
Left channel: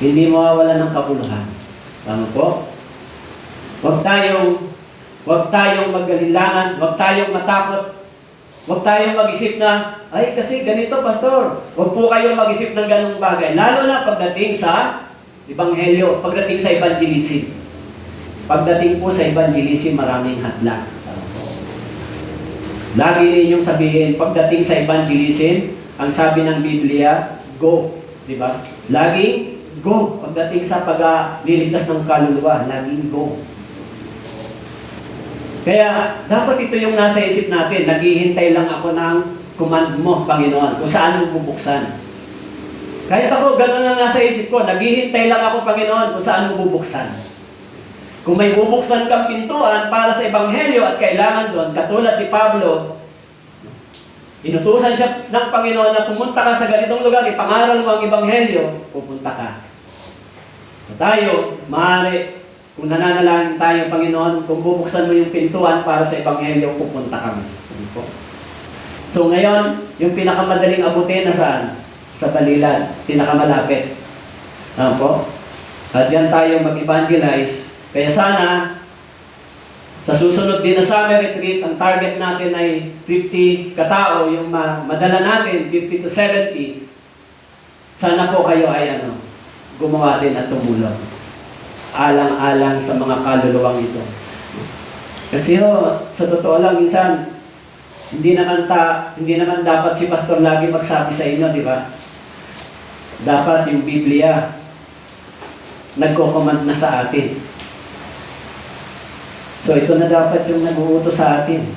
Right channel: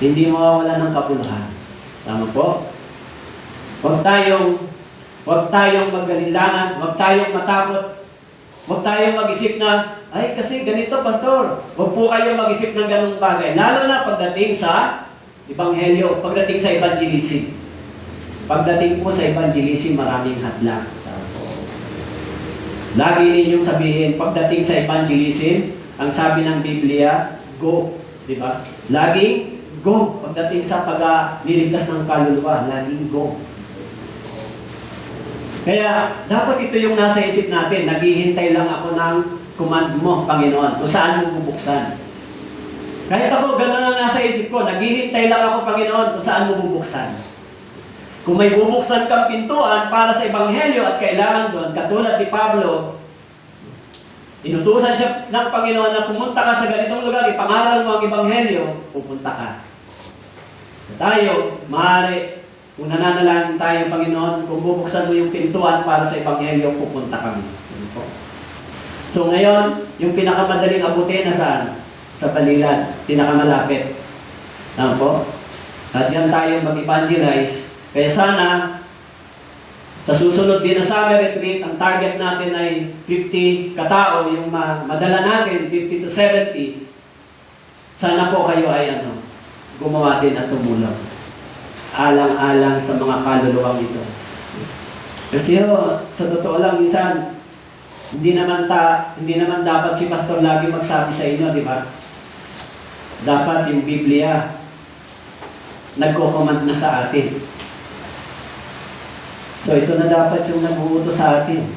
Hindi mawawala ng kabuluhan. Tama po? Huwag tayong magalinlangan, huwag tayong matakot, huwag tayong mag-isip na, ay kasi ganito, pastor. Huwag po kayong mag-isip ng ganung bagay. Lalo na pagdating sa Ebanghelyo, pagdating sa evangelism. Pagdating po sa evangelism, maraming hadlang. Lagi ninyong sabihin, pagdating sa evangelism, ang sabi ng Biblia, go. Diba? Laging go. Pagdating sa pagliligtas ng kaluluwa, laging go. Kaya, dapat ito yung nasa isip natin. Naghihintay lang ako ng command mo, Panginoon, kung saan mo bubuksan. Kahit ako, gano'n lang nasa isip ko. Naghihintay lang ako, Panginoon, kung saan mo bubuksan. Kung may bubuksan kang pintuan para sa Ebanghelyo at kailangan doon, katulad ni Pablo, Inutusan siya ng Panginoon na pumunta ka sa ganitong lugar, ipangaral mo ang Ebanghelyo, pupunta ka. Na tayo, maaari, kung nananalangin tayo, Panginoon, kung bubuksan mo yung pintuan para sa Ebanghelyo, pupunta kami. So ngayon, yung pinakamadaling abutin na saan? Sa Balilan, pinakamalapit. Ano po? At yan tayo mag-evangelize. Kaya sana, sa susunod din na summer retreat, ang target natin ay 50 katao, yung madala natin, 50 to 70. Sana po kayo ay gumawa din at tumulong. Alang-alang sa mga kaluluwang ito. Kasi sa totoo lang, minsan, hindi naman dapat si pastor lagi magsabi sa inyo, di ba? Dapat yung Biblia nagko-command na sa atin. So ito na dapat yung nag-uutos sa atin.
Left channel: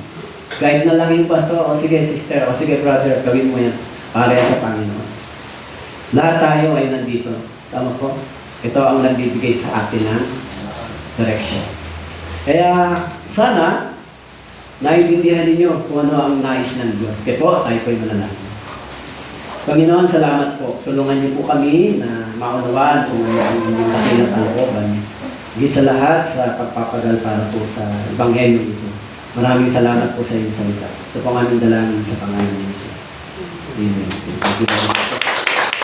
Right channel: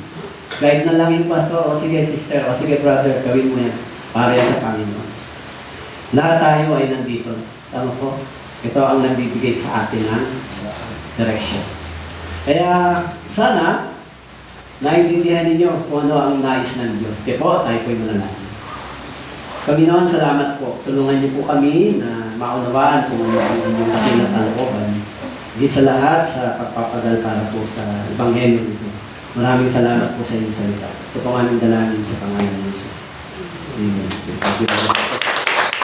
Guide na lang yung pastor, o sige sister, o sige brother, gawin mo yan para sa Panginoon. Lahat tayo ay nandito. Tama po? Ito ang nagbibigay sa atin ng direction. Kaya sana, naiintindihan ninyo kung ano ang nais ng Diyos. Kaya po, tayo po'y manalangin. Panginoon, salamat po. Tulungan niyo po kami na maunawaan kung ano ang inyong kapilat ng looban. Higit sa lahat sa pagpapagal para po sa Ebanghelyo nito. Maraming salamat po sa inyong salita. Ito po ang aming dalangin sa pangalan ng Jesus. Amen.